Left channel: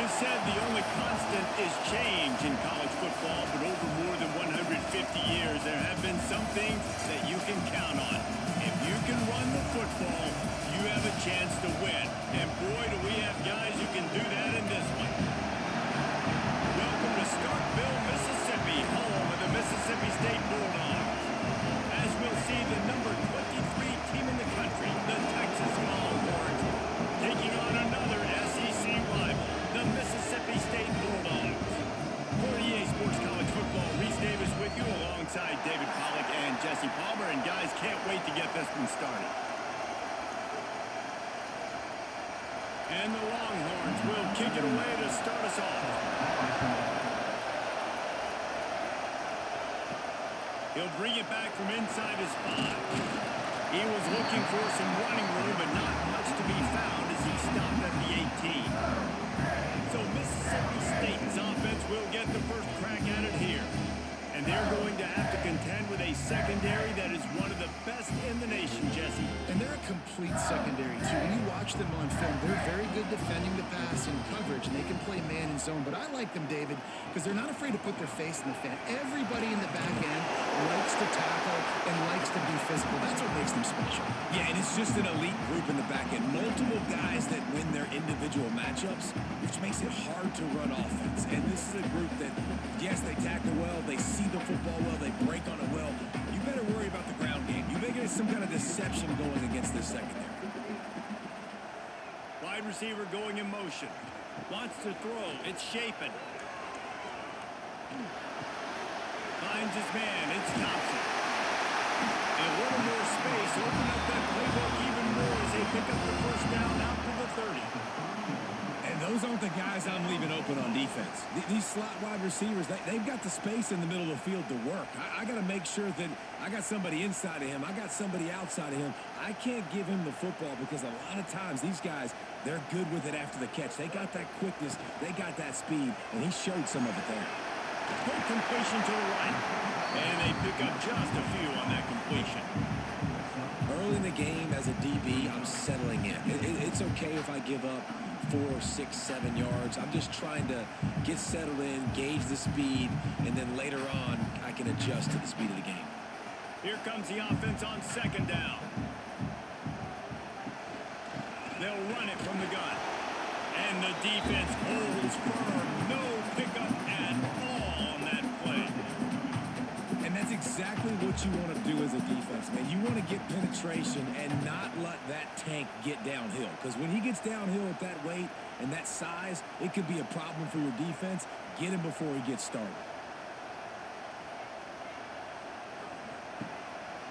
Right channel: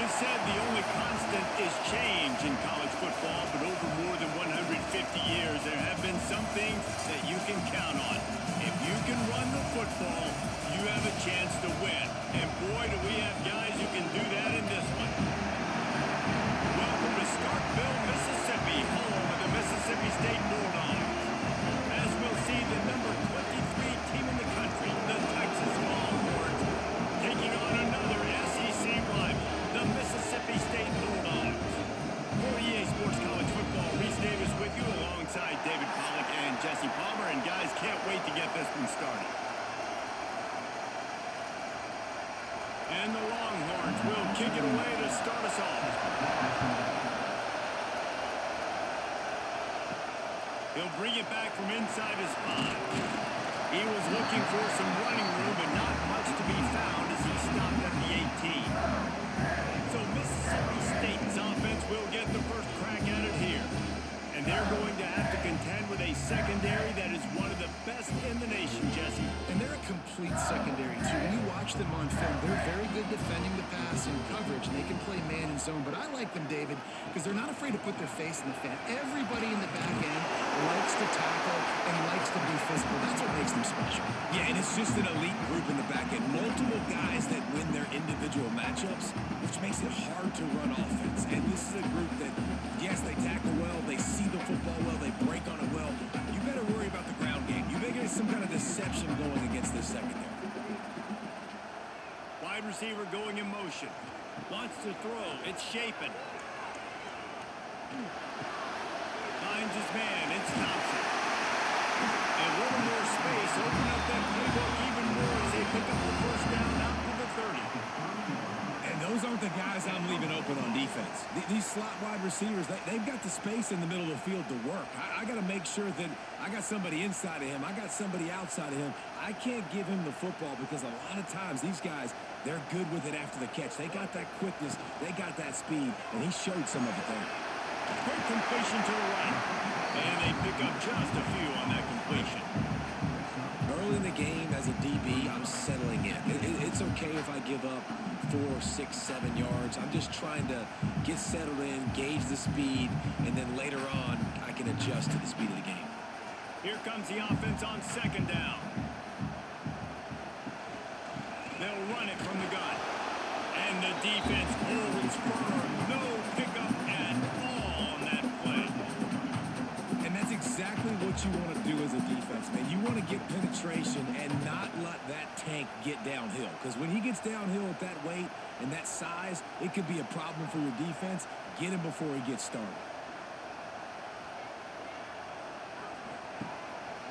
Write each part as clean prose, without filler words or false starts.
It is said the only constant is change in college football, but over more than 150 years, there have been some things that you can count on. If you can run the football, you have a chance to win. And boy, do we have guys who can do that in this one. Welcome to Starkville, Mississippi, home of the Mississippi State Bulldogs. As we'll see, the number 23 team in the country, the Texas Longhorns, taking on another SEC rival, the Mississippi State Bulldogs. For EA Sports College Football, Reese Davis with you alongside David Pollack and Jesse Palmer. And guys, can't wait to get this one started. And the Longhorns will kick it away to start us off. He'll bring it back from inside his 5. He was looking for some running room, but not much to be found as he stopped at the 18. So Mississippi State's offense will get the first crack at it here. And they're going to have to contend with a secondary that is one of the best in the nation, Jesse. And they're a complete secondary, too. When you watch them on film, they're very good defending the pass in coverage, and they can play man and zone. But I like them, David, because they're not afraid to put their face in the fan. Everybody in the back end likes to tackle and likes to be physical. That's what makes them special. Yeah, and it's just an elite group in the back end. Multiple guys that win their individual matchups, which makes it hard to run offense. And this is a group that, yes, they tackle well, they see the football well, they break on it well. You better worry about the ground game. You better get some kind of deception going against this secondary. Wide receiver going in motion. Wants to throw. It's Shapen. Finds his man. It's Thompson. A little more space. Open up that playbook even more as they pick up the first down out to the 30. And those aren't the guys I'm leaving open on defense. These slot wide receivers, they've got the space in the middle of the field to work. I got to make sure that I got somebody inside of him. I got somebody outside of him. I can't give him the football because a lot of times these guys, they're good with it after the catch. They got that quickness. They got that speed, and he showed some of it there. Quick completion to the right. And they pick up just a few on that completion. Early in the game as a DB, I'm settling in. It's okay if I give up 4, 6, 7 yards. I'm just trying to get settled in, gauge the speed, and then later on, I can adjust to the speed of the game. Here comes the offense on second down. They'll run it from the gun. And the defense holds firm. No pickup at all on that play. And that's exactly what you want to do as a defense, man. You want to get penetration and not let that tank get downhill. Because when he gets downhill at that weight and that size, it could be a problem for your defense. Get him before he gets started.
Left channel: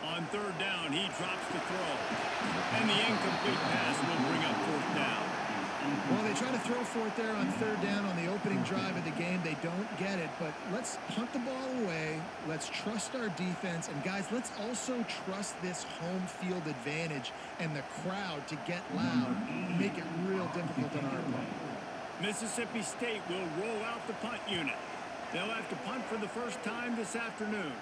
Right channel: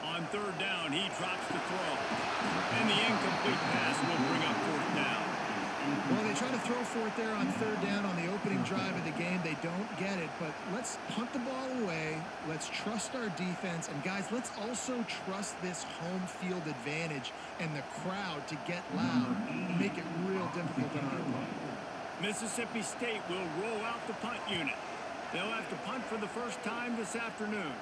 On third down, he drops the throw. And the incomplete pass will bring up fourth down. Well, they try to throw for it there on third down on the opening drive of the game. They don't get it, but let's punt the ball away. Let's trust our defense. And, guys, let's also trust this home field advantage and the crowd to get loud and make it real difficult on our opponent. Mississippi State will roll out the punt unit. They'll have to punt for the first time this afternoon.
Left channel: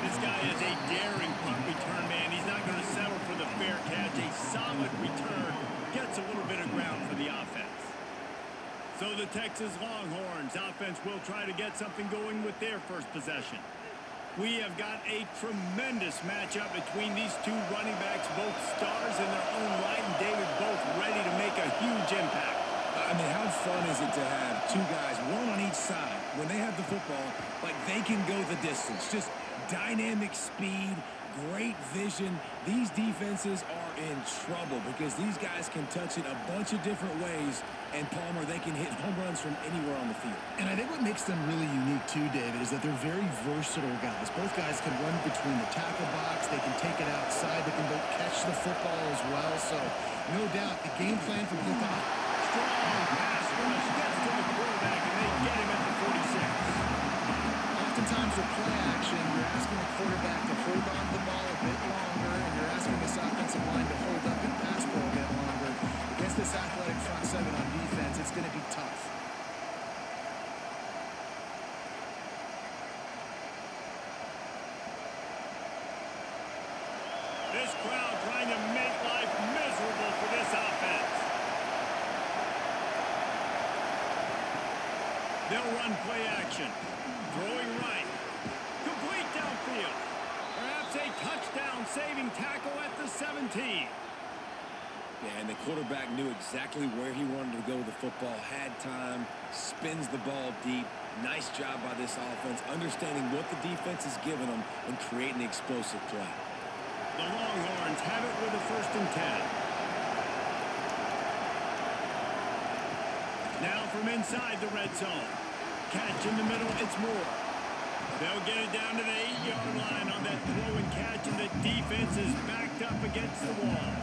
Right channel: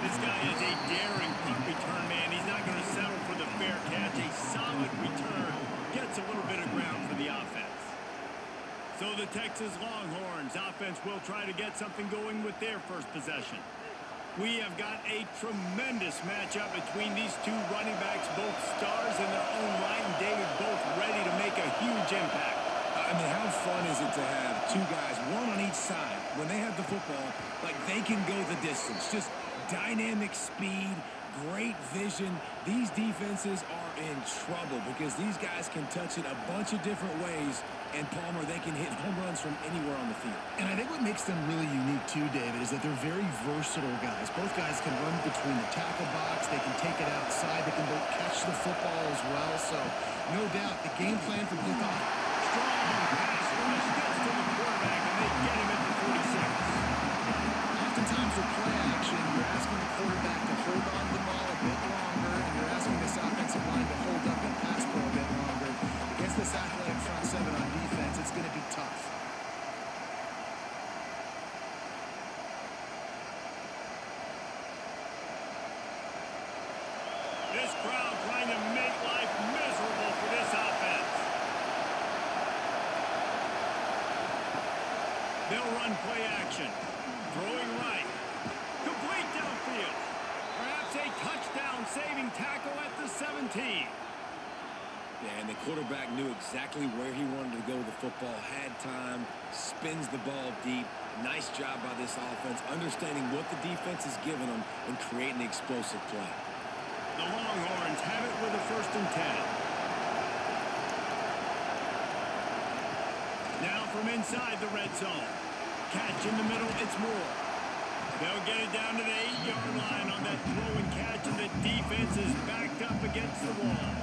This guy is a daring punt return man. He's not going to settle for the fair catch. A solid return gets a little bit of ground for the offense. So the Texas Longhorns offense will try to get something going with their first possession. We have got a tremendous matchup between these two running backs, both stars in their own right, and David, both ready to make a huge impact. I mean, how fun is it to have two guys, one on each side, when they have the football, like they can go the distance. Just dynamic speed, great vision. These defenses are in trouble because these guys can touch it a bunch of different ways, and Palmer, they can hit home runs from anywhere on the field. And I think what makes them really unique too, David, is that they're very versatile guys. Both guys can run between the tackle box. They can take it outside. They can both catch the football as well. So no doubt the game plan for both. Strong pass rush gets to the quarterback, and they get him at the 46. Oftentimes with play action, you're asking the quarterback to hold on to the ball a bit longer, and you're asking this offensive line to hold up and pass pro a bit longer. Against this athletic front seven on defense, it's going to be tough. This crowd trying to make life miserable for this offense. They'll run play action. Throwing right. Complete downfield. Perhaps a touchdown-saving tackle at the 17. Yeah, and the quarterback knew exactly where he wanted to go with the football, had time, spins the ball deep. Nice job by this offense, understanding what the defense is giving them and creating the explosive play. The Longhorns have it with a 1st and 10. Now from inside the red zone. Catch in the middle, it's Moore. They'll get it down to the 8-yard line on that throw and catch, and the defense is backed up against the wall.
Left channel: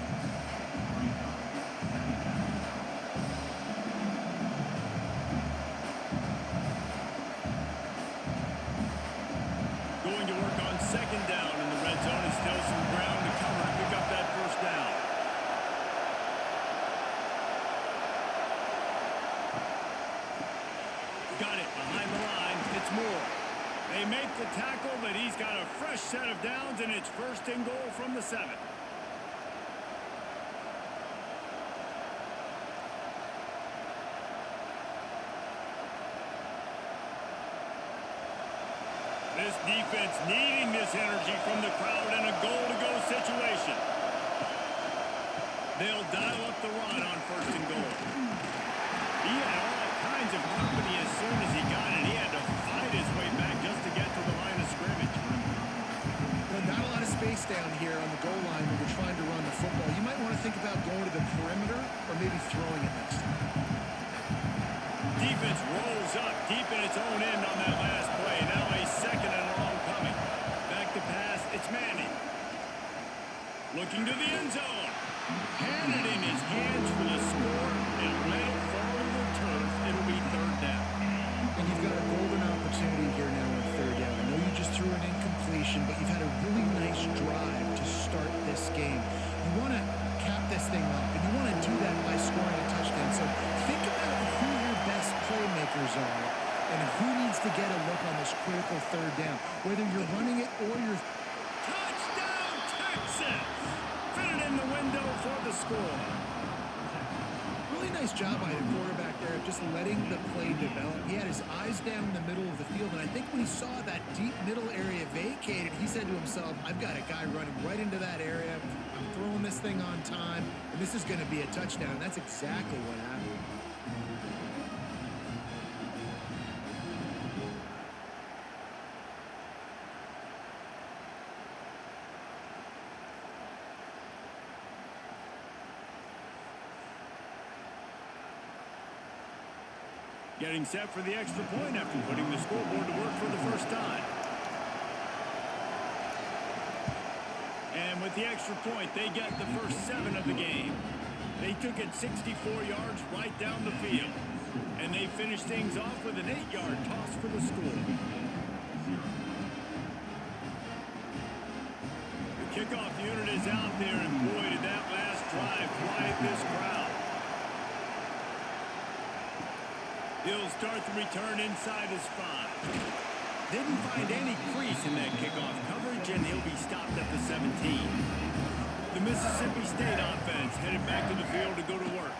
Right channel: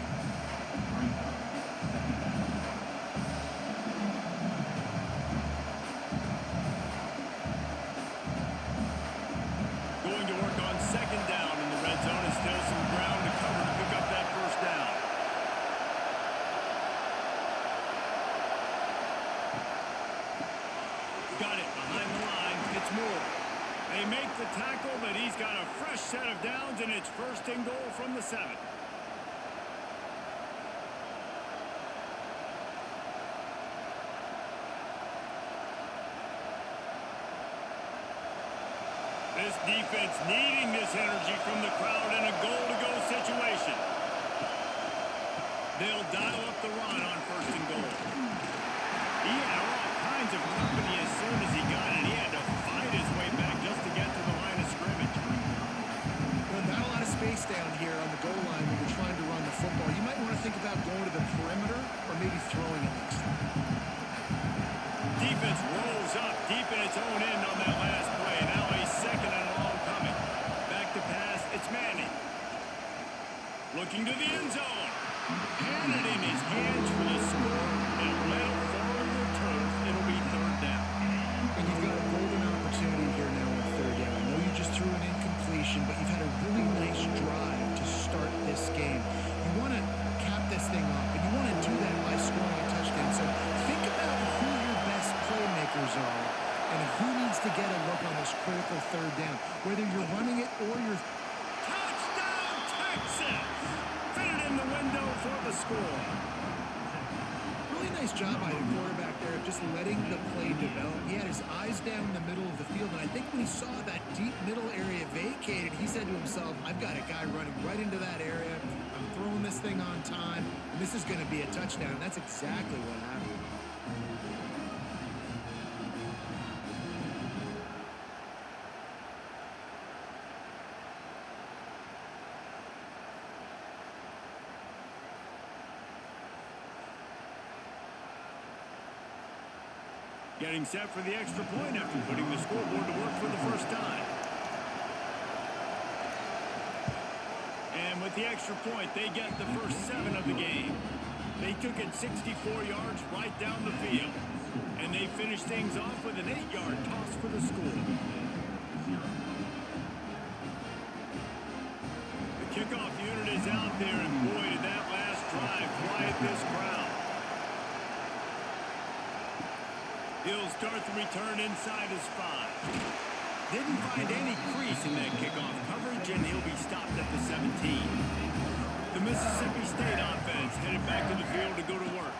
Going to work on 2nd down in the red zone, and still some ground to cover to pick up that 1st down. Got it behind the line. It's Moore. They make the tackle, but he's got a fresh set of downs, and it's 1st and goal from the 7. This defense needing this energy from the crowd in a goal-to-go situation. They'll dial up the run on 1st and goal. He had all kinds of company as soon as he got it. He had to fight his way back just to get to the line of scrimmage. Not a lot of space down here on the goal line when you're trying to run the football. You might want to think about going to the perimeter or maybe throwing it next time. Defense rolls up deep in its own end on that last play. Now a 2nd and long coming. Back to pass, it's Manning. Looking to the end zone. Had it in his hands for the score and let it fall to the turf. It'll be 3rd down. And you've got a golden opportunity here now on 3rd down. I know you just threw an incompletion, but you've had a really nice drive to start this game. You want to cap this thing off, and you want to do that by scoring a touchdown. So think about who your best playmakers are and who needs to get a look on this critical 3rd down, whether you're running it or you're... Touchdown, Texas! Fit it in the window for the score. Really nice job by the quarterback there of just letting the play develop. He had his eyes down the middle of the field, and I think when he saw that deep middle area vacated, he said to himself, I've got a guy running right into that area. I'm throwing this thing on time, and this is going to be a touchdown. And that's exactly what happened. Getting set for the extra point after putting the scoreboard to work for the 1st time. And with the extra point, they get the first 7 of the game. They took it 64 yards right down the field. And they finished things off with an 8-yard toss for the score. The kickoff unit is out there, and boy, did that last drive quiet this crowd. He'll start the return inside his 5. Didn't find any crease in that kickoff coverage, and he'll be stopped at the 17. The Mississippi State offense headed back to the field to go to work.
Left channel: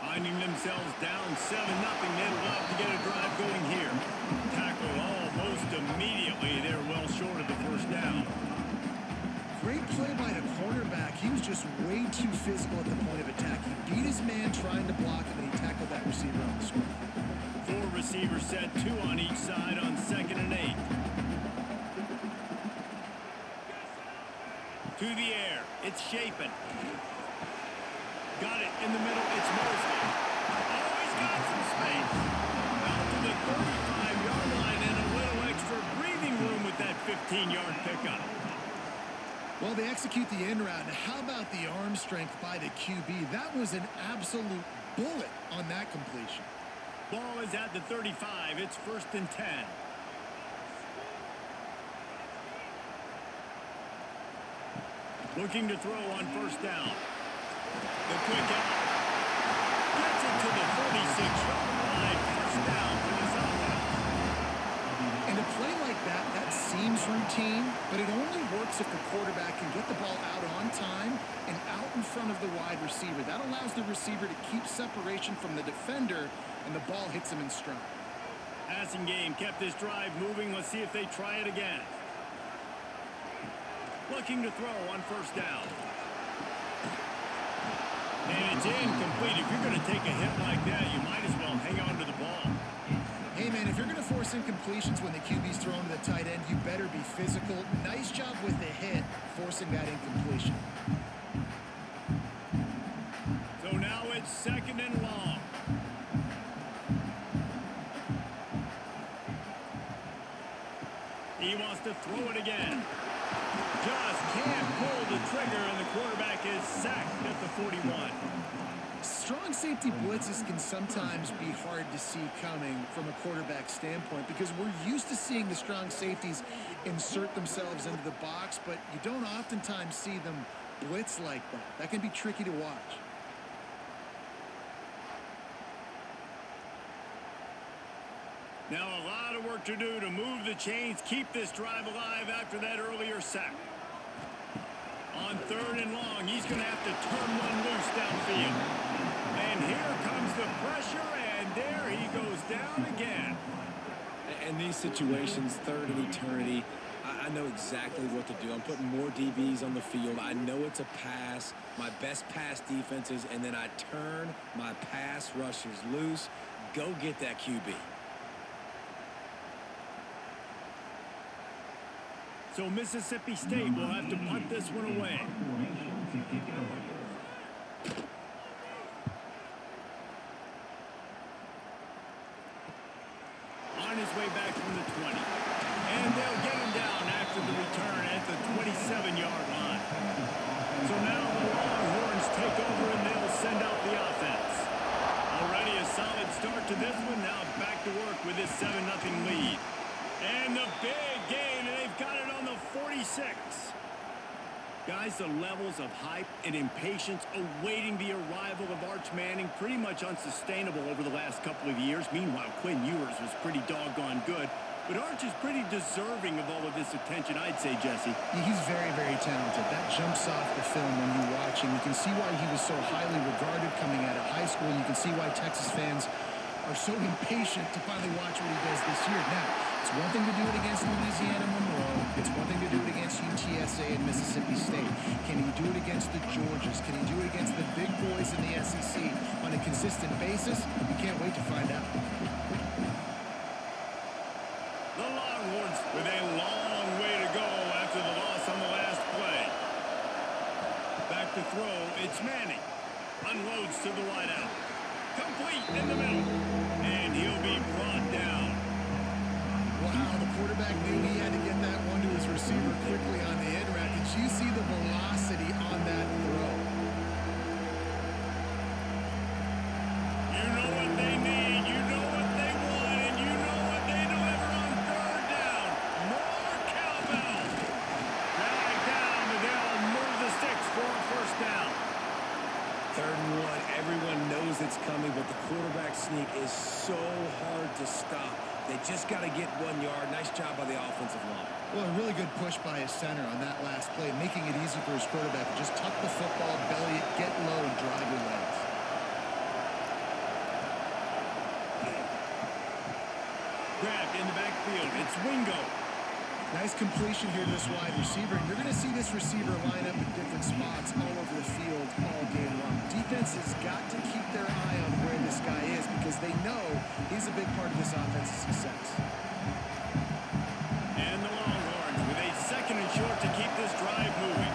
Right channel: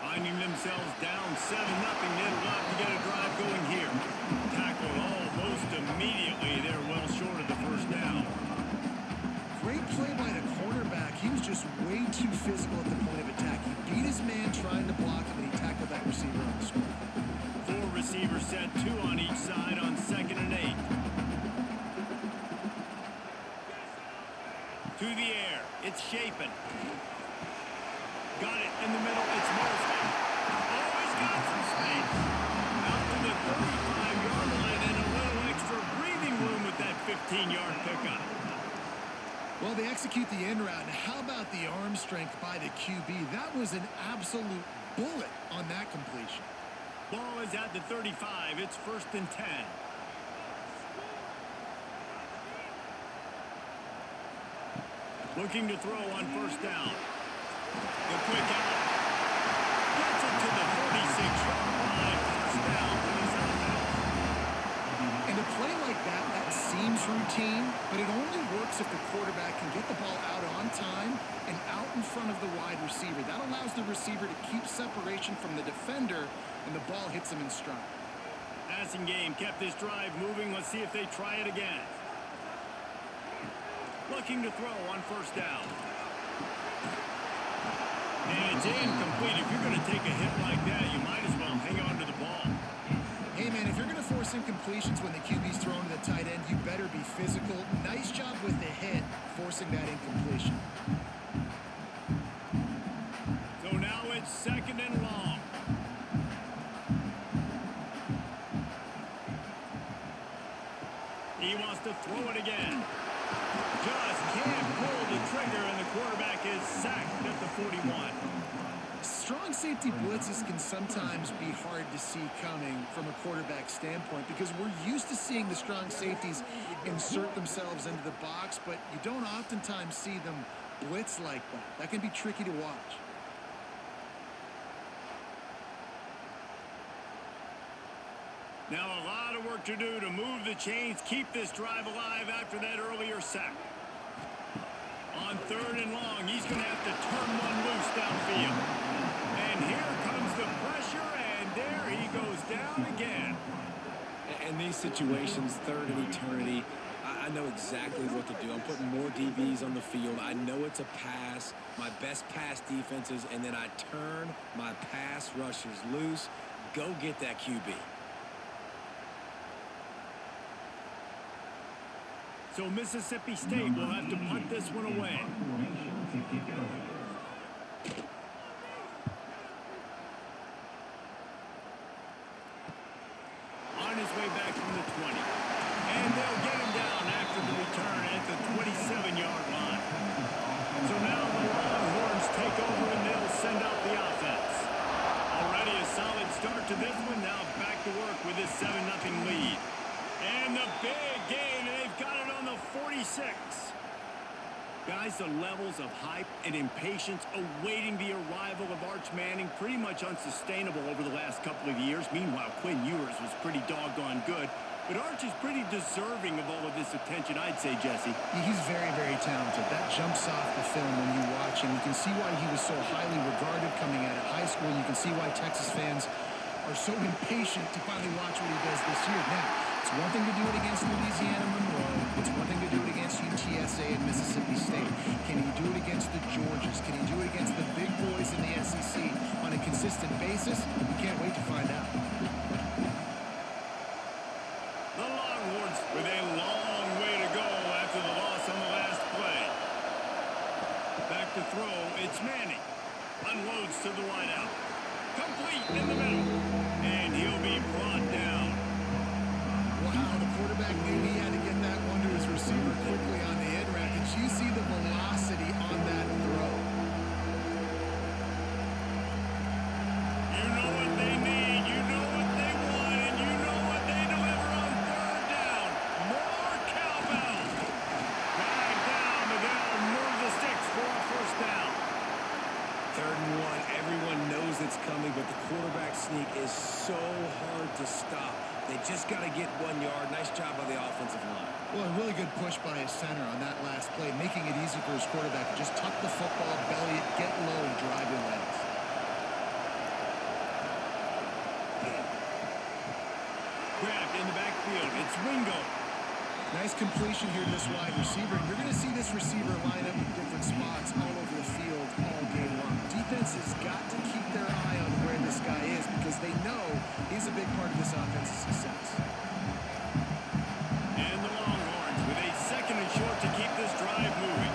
Finding themselves down 7-0, they'd love to get a drive going here. Tackled almost immediately. They're well short of the 1st down. Great play by the cornerback. He was just way too physical at the point of attack. He beat his man trying to block him, and he tackled that receiver on the screen. 4 receivers set, 2 on each side on 2nd and 8. To the air, it's Shapen. Got it in the middle, it's Mosley. Oh, he's got some space. Out to the 35-yard line and a little extra breathing room with that 15-yard pickup. Well, they execute the end route. Now, how about the arm strength by the QB? That was an absolute bullet on that completion. Ball is at the 35. It's 1st and 10. Looking to throw on 1st down. The quick out. Gets it to the 46-yard line. 1st down for this offense. And a play like that, that's seems routine, but it only works if the quarterback can get the ball out on time and out in front of the wide receiver. That allows the receiver to keep separation from the defender, and the ball hits him in stride. Passing game kept this drive moving. Let's see if they try it again. Looking to throw on first down. And it's incomplete. If you're going to take a hit like that, you might as well hang on to the ball. Hey, man, if you're going to force incompletions when the QB's thrown to the tight end, you better be physical. Nice job with the hit, forcing that incompletion. So now it's second and long. He wants to throw it again. Just can't pull the trigger, and the quarterback is sacked at the 41. Strong safety blitzes can sometimes be hard to see coming from a quarterback standpoint because we're used to seeing the strong safeties insert themselves into the box, but you don't oftentimes see them blitz like that. That can be tricky to watch. Now a lot of work to do to move the chains, keep this drive alive after that earlier sack. On third and long, he's going to have to turn one loose downfield. And here comes the pressure, and there he goes down again. In these situations, third and eternity, I know exactly what to do. I'm putting more DBs on the field. I know it's a pass, my best pass defenses, and then I turn my pass rushers loose. Go get that QB. So Mississippi State will have to punt this one away. On his way back from the 20. And they'll get him down after the return at the 27-yard line. So now the Longhorns take over and they'll send out the offense. Already a solid start to this one. Now back to work with this 7-0 lead. And the big game, and they've got it on the 46. Guys, the levels of hype and impatience awaiting the arrival of Arch Manning pretty much unsustainable over the last couple of years. Meanwhile, Quinn Ewers was pretty doggone good. But Arch is pretty deserving of all of this attention, I'd say, Jesse. He's very, very talented. That jumps off the film when you watch him. You can see why he was so highly regarded coming out of high school. You can see why Texas fans are so impatient to finally watch what he does this year. Now, it's one thing to do it against Louisiana Monroe. It's one thing to do it against UTSA and Mississippi State. Can he do it against the Georgias? Can he do it against the big boys in the SEC on a consistent basis? We can't wait to find out. The Longhorns with a long way to go after the loss on the last play. Back to throw, it's Manning. Unloads to the wideout. Complete in the middle. And he'll be brought down. Wow, the quarterback knew he had to get that one to his receiver quickly on the end route. Did you see the velocity on that throw? You know what they need, you know what they want, and you know what they deliver on third down. More cowbell. Dragged down, but they'll move the sticks for a first down. 3rd and 1, everyone knows it's coming, but the quarterback sneak is so hard to stop. They just got to get 1 yard. Nice job by the offensive line. Well, a really good push by his center on that last play, making it easy for his quarterback to just tuck the football, belly it, get low, and drive your legs. Grabbed in the backfield. It's Wingo. Nice completion here to this wide receiver, and you're going to see this receiver line up in different spots all over the field all game long. Defense has got to keep their eye on where this guy is because they know he's a big part of this offense's success. And the Longhorns with a 2nd and short to keep this drive moving.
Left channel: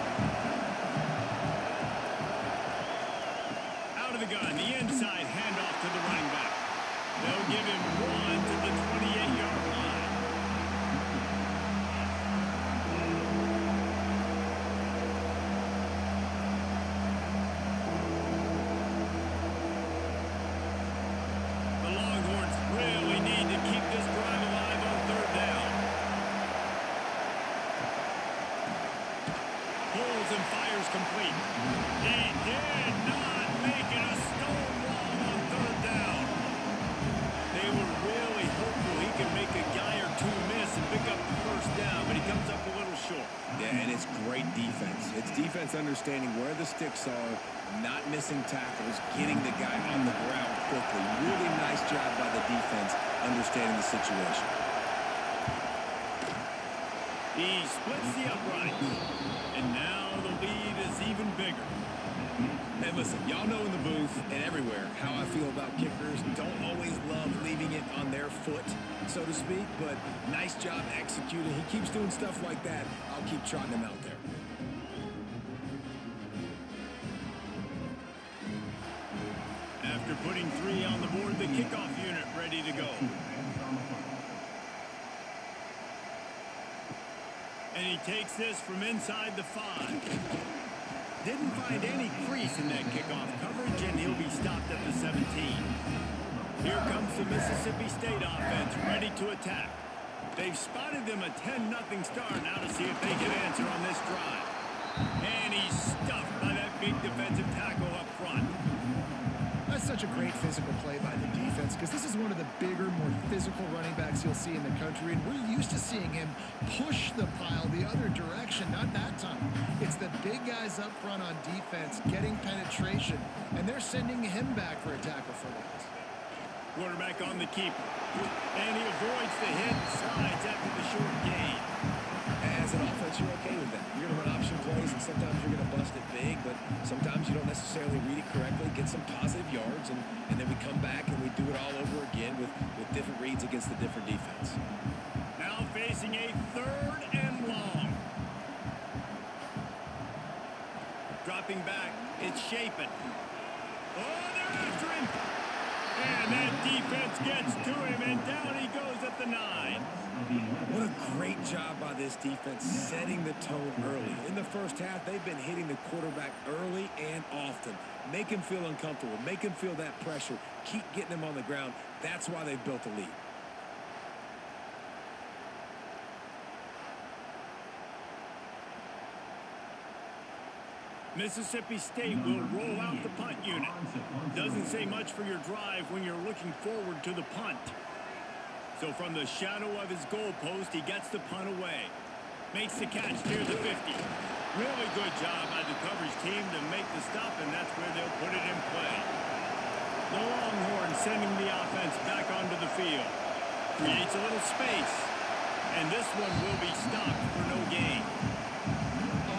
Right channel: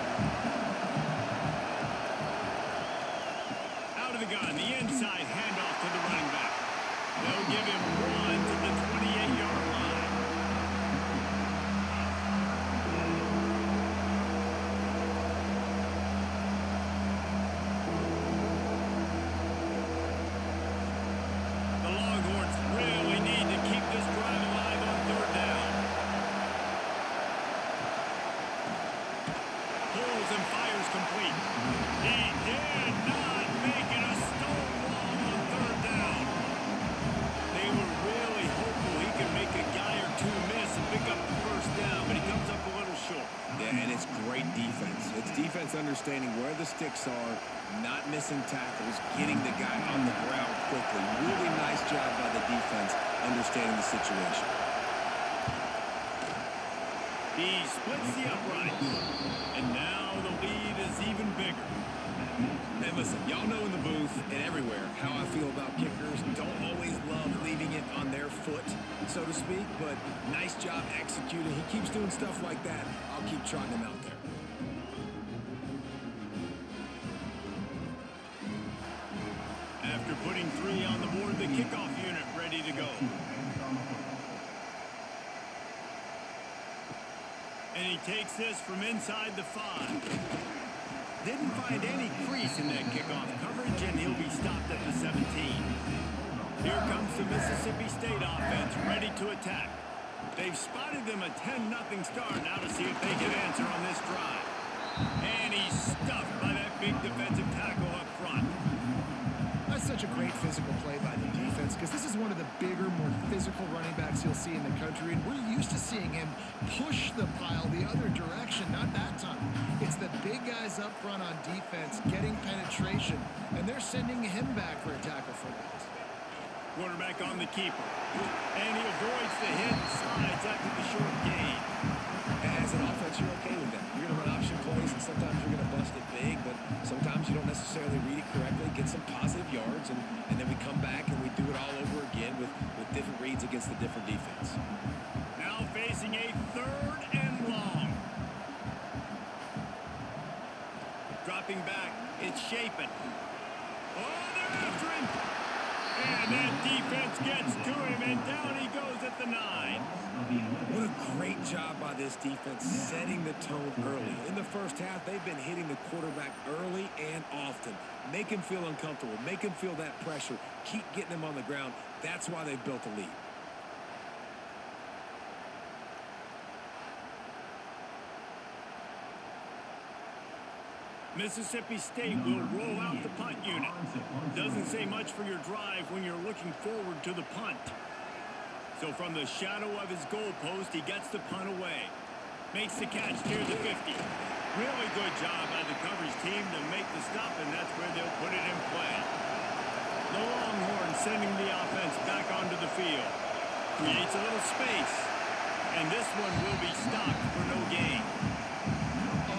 Out of the gun, the inside handoff to the running back. They'll give him 1 to the 28-yard line. The Longhorns really need to keep this drive alive on 3rd down. Pulls and fires complete. He did not make it a stone wall on 3rd down. They were really hopeful he could make a guy or two miss and pick up the first down, but he comes up a little short. Yeah, and it's great defense. It's defense understanding where the sticks are, not missing tackles, getting the guy on the ground quickly. Really nice job by the defense understanding the situation. He splits the uprights, and now the lead is even bigger. And listen, y'all know in the booth and everywhere how I feel about kickers. Don't always love leaving it on their foot, so to speak, but nice job executing. He keeps doing stuff like that. I'll keep trotting him out there. After putting 3 on the board, the kickoff unit ready to go. And he takes this from inside the 5. Didn't find any crease in that kickoff coverage, and he'll be stopped at the 17. Here comes the Mississippi State offense, ready to attack. They've spotted them a 10-0 start. Now to see if they can answer on this drive. And he's stuffed by that big defensive tackle up front. That's such a great physical play by the defense because this is one of the bigger, more physical running backs you'll see in the country, and we're used to seeing him push the pile the other direction. Not that time. It's the big guys up front on defense getting penetration, and they're sending him back for a tackle for loss. Quarterback on the keeper, and he avoids the hit and slides after the short gain. As an offense, you're okay with that. You're going to run option plays, and sometimes you're going to bust it big, but sometimes you don't necessarily read it correctly, get some positive yards, and then we come back and we do it all over again with different reads against the different defense. Now facing a 3rd and long. Dropping back, it's Shapen. Oh, they're after him. And that defense gets to him, and down he goes at the 9. What a great job by this defense setting the tone early. In the first half, they've been hitting the quarterback early and often. Make him feel uncomfortable. Make him feel that pressure. Keep getting him on the ground. That's why they've built a lead. Mississippi State will roll out the punt unit. Doesn't say much for your drive when you're looking forward to the punt. So from the shadow of his goal post, he gets the punt away. Makes the catch near the 50. Really good job by the coverage team to make the stop, and that's where they'll put it in play. The Longhorns sending the offense back onto the field. Creates a little space. And this one will be stopped for no gain.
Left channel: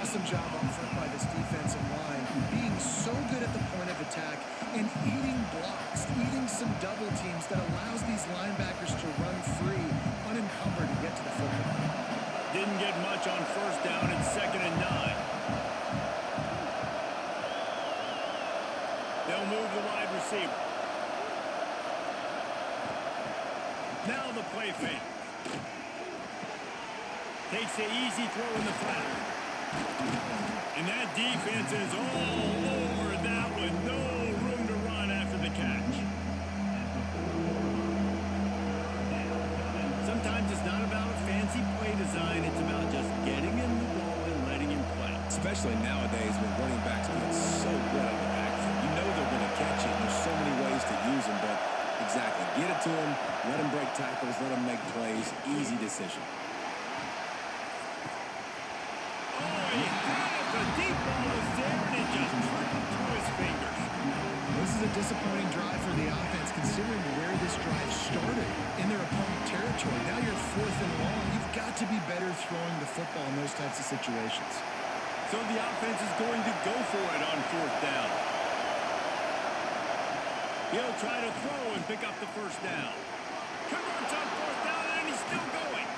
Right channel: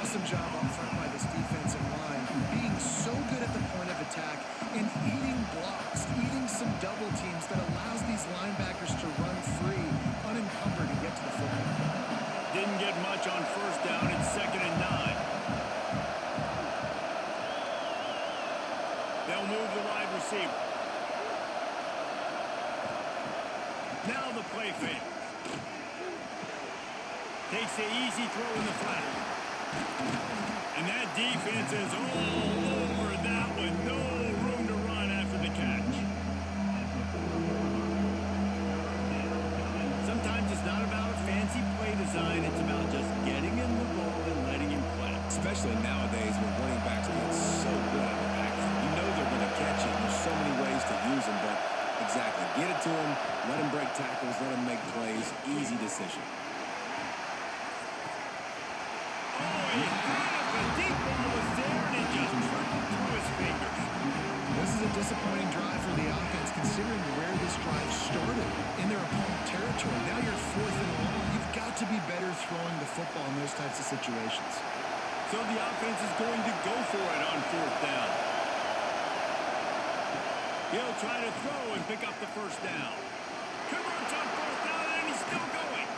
Awesome job up front by this defensive line, being so good at the point of attack and eating blocks, eating some double teams that allows these linebackers to run free, unencumbered, and get to the football. Didn't get much on first down. It's 2nd and 9. They'll move the wide receiver. Now the play fake. Takes the easy throw in the flat. And that defense is all over that one. No room to run after the catch. Sometimes it's not about a fancy play design. It's about just getting him the ball and letting him play. Especially nowadays with running backs being so good out of the backfield. You know they're going to catch it. There's so many ways to use them, but exactly. Get it to him. Let him break tackles. Let him make plays. Easy decision. Oh, he had it. The deep ball was there, and it just trickled through his fingers. This is a disappointing drive for the offense, considering where this drive started, in their opponent territory. Now you're 4th and long. You've got to be better throwing the football in those types of situations. So the offense is going to go for it on 4th down. He'll try to throw and pick up the first down. Converts on 4th down, and he's still going.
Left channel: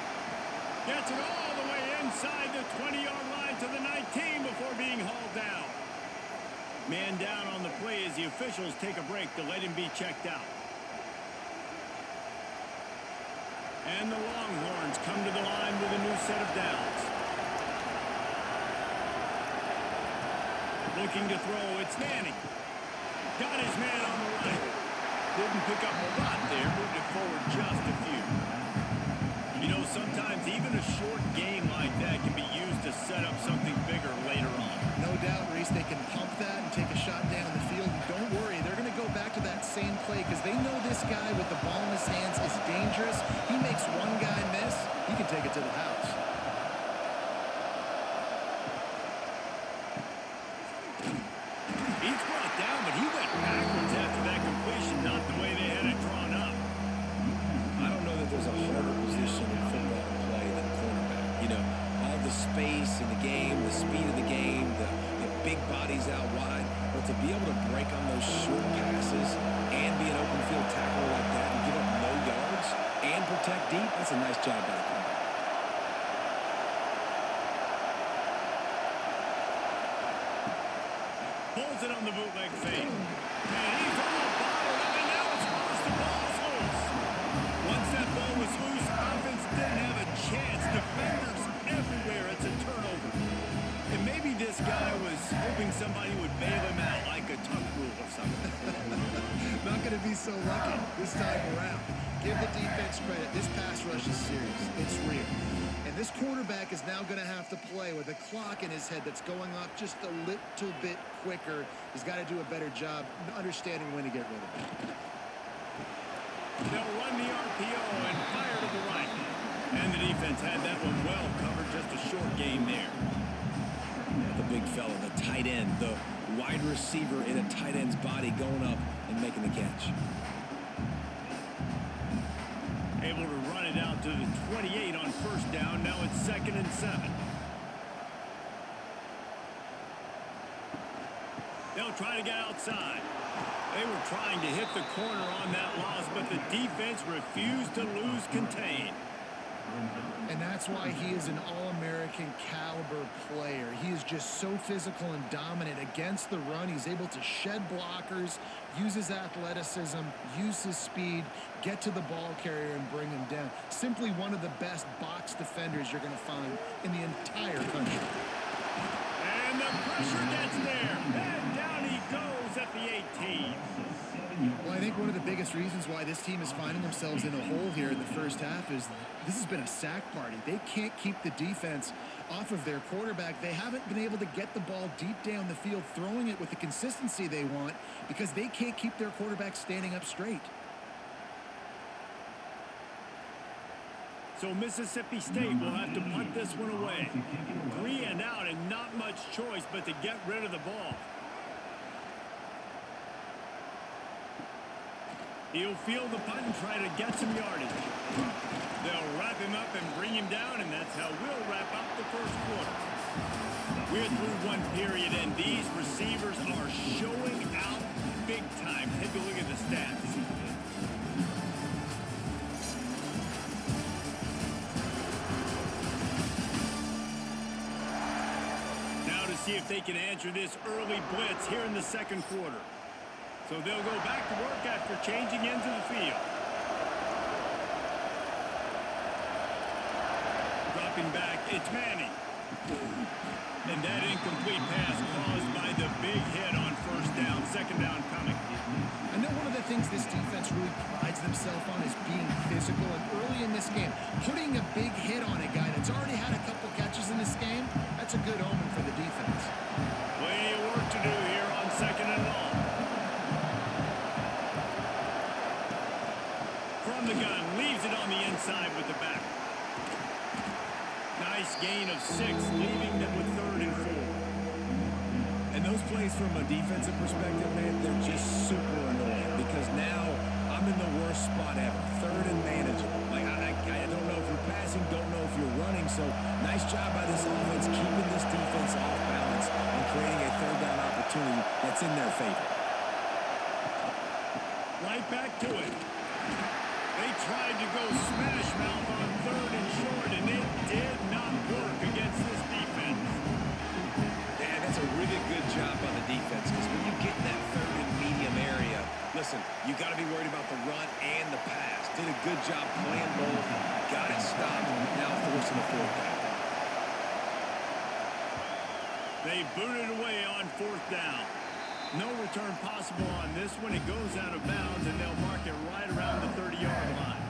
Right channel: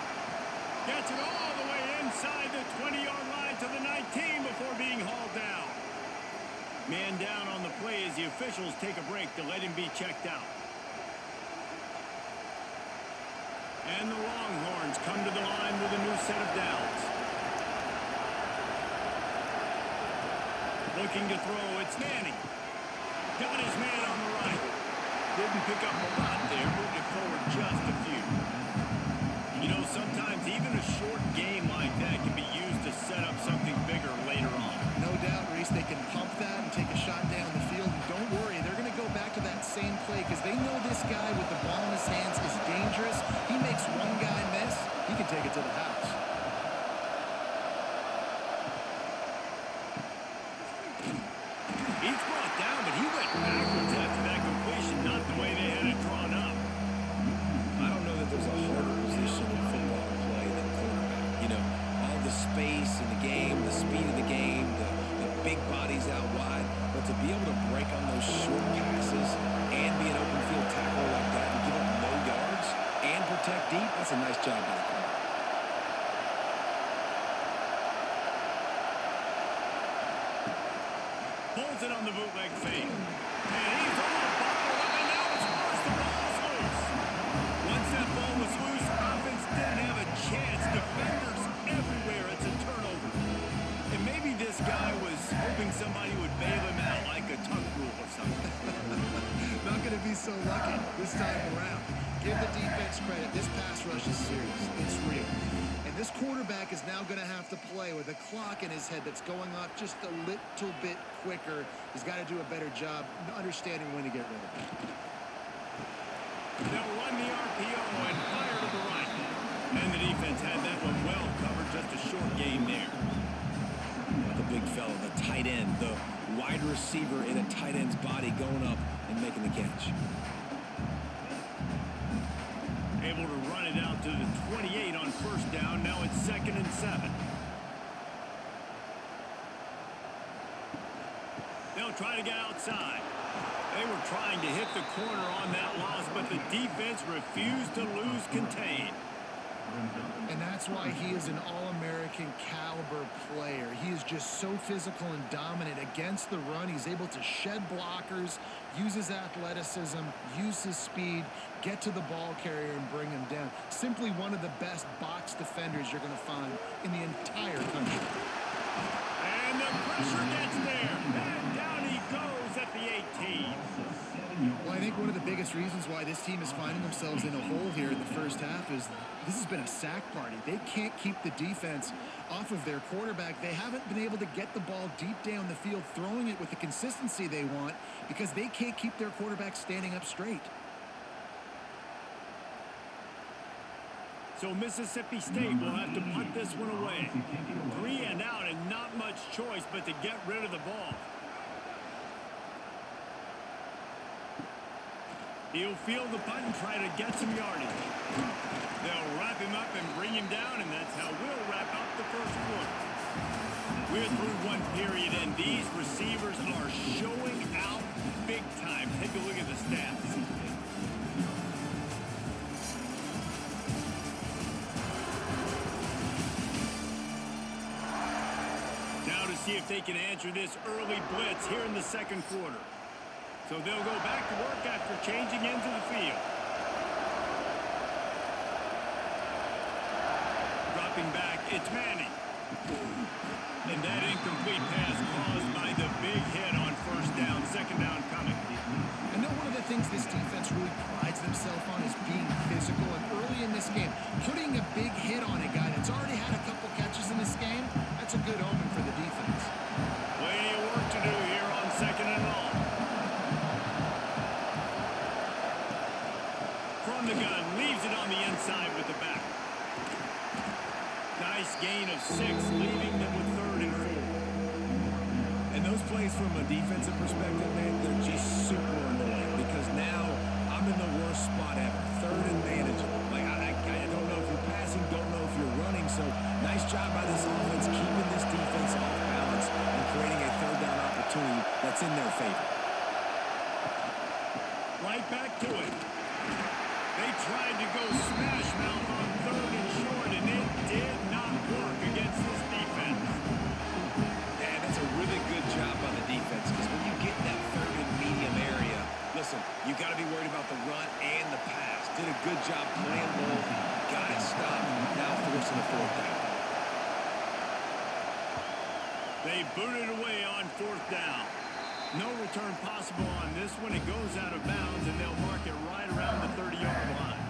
Gets it all the way inside the 20-yard line to the 19 before being hauled down. Man down on the play as the officials take a break to let him be checked out. And the Longhorns come to the line with a new set of downs. Looking to throw, it's Manning. Got his man on the right. Didn't pick up a lot there, moved it forward just a few. You know, sometimes even a short game like that can be used to set up something bigger later on. No doubt, Reese, they can pump that and take a shot down the field. And don't worry, they're going to go back after that same play because they know this guy with the ball in his hands is dangerous. He makes one guy miss, he can take it to the house. He's brought down, but he went backwards after that completion, not the way they had it drawn up. I don't know that there's a harder position in football to play than cornerback. You know, all the space in the game, the speed of the game, the big bodies out wide, but to be able to break on those short passes and be an open field tackler like that and give up no yards and protect deep, that's a nice job by the corner. Pulls it on the bootleg fake. And he's all bottled up, and now it's worse. The ball's loose. Once that ball was loose, offense didn't have a chance. Defenders everywhere. It's a turnover. And maybe this guy was hoping somebody would bail him out, like a tuck rule or something. Not going to be so lucky this time around. Give the defense credit. This pass rush is serious. It's real. And this quarterback is now going to have to play with a clock in his head that's going off just a little bit quicker. He's got to do a better job understanding when to get rid of it. They'll run the RPO and fire to the right. And the defense had that one well covered. Just a short gain there. The big fella, the tight end, the wide receiver in a tight end's body going up and making the catch. Able to run it out to the 28 on first down. Now it's 2nd and 7. They'll try to get outside. They were trying to hit the corner on that loss, but the defense refused to lose contain. And that's why he is an All-American caliber player. He is just so physical and dominant against the run. He's able to shed blockers, use his athleticism, use his speed, get to the ball carrier and bring him down. Simply one of the best box defenders you're going to find in the entire country. And the pressure gets there. And down he goes at the 18. Well, I think one of the biggest reasons why this team is finding themselves in a hole here in the first half is this has been a sack party. They can't keep the defense off of their quarterback. They haven't been able to get the ball deep down the field, throwing it with the consistency they want because they can't keep their quarterback standing up straight. So Mississippi State will have to punt this one away. 3 and out and not much choice but to get rid of the ball. He'll field the punt and try to get some yardage. They'll wrap him up and bring him down, and that's how we'll wrap up the first quarter. We're through one period, and these receivers are showing out big time. Take a look at the stats. Now to see if they can answer this early blitz here in the second quarter. So they'll go back to work after changing into the field. Dropping back, it's Manning. And that incomplete pass caused by the big hit on first down, 2nd down coming. I know one of the things this defense really prides themselves on is being physical, and early in this game, putting a big hit on a guy that's already had a couple catches in this game, that's a good omen for the defense. Plenty of work to do here on 2nd and long. From the gun, leaves it on the inside with the back. Nice gain of 6, leaving them with 3rd and 4. And those plays from a defensive perspective, man, they're just super annoying because now I'm in the worst spot ever. 3rd and manageable. Like, I don't know if you're passing, don't know if you're running. So nice job by this offense keeping this defense off balance and creating a 3rd down opportunity that's in their favor. Right back to it. They tried to go smash mouth on 3rd and short, and it did not work against this defense. Yeah, that's a really good job by the defense because when you get in that 3rd and medium area, listen, you got to be worried about the run and the pass. Did a good job playing both, got it stopped, now forcing a 4th down. They booted away on 4th down. No return possible on this one. It goes out of bounds, and they'll mark it right around the 30-yard line.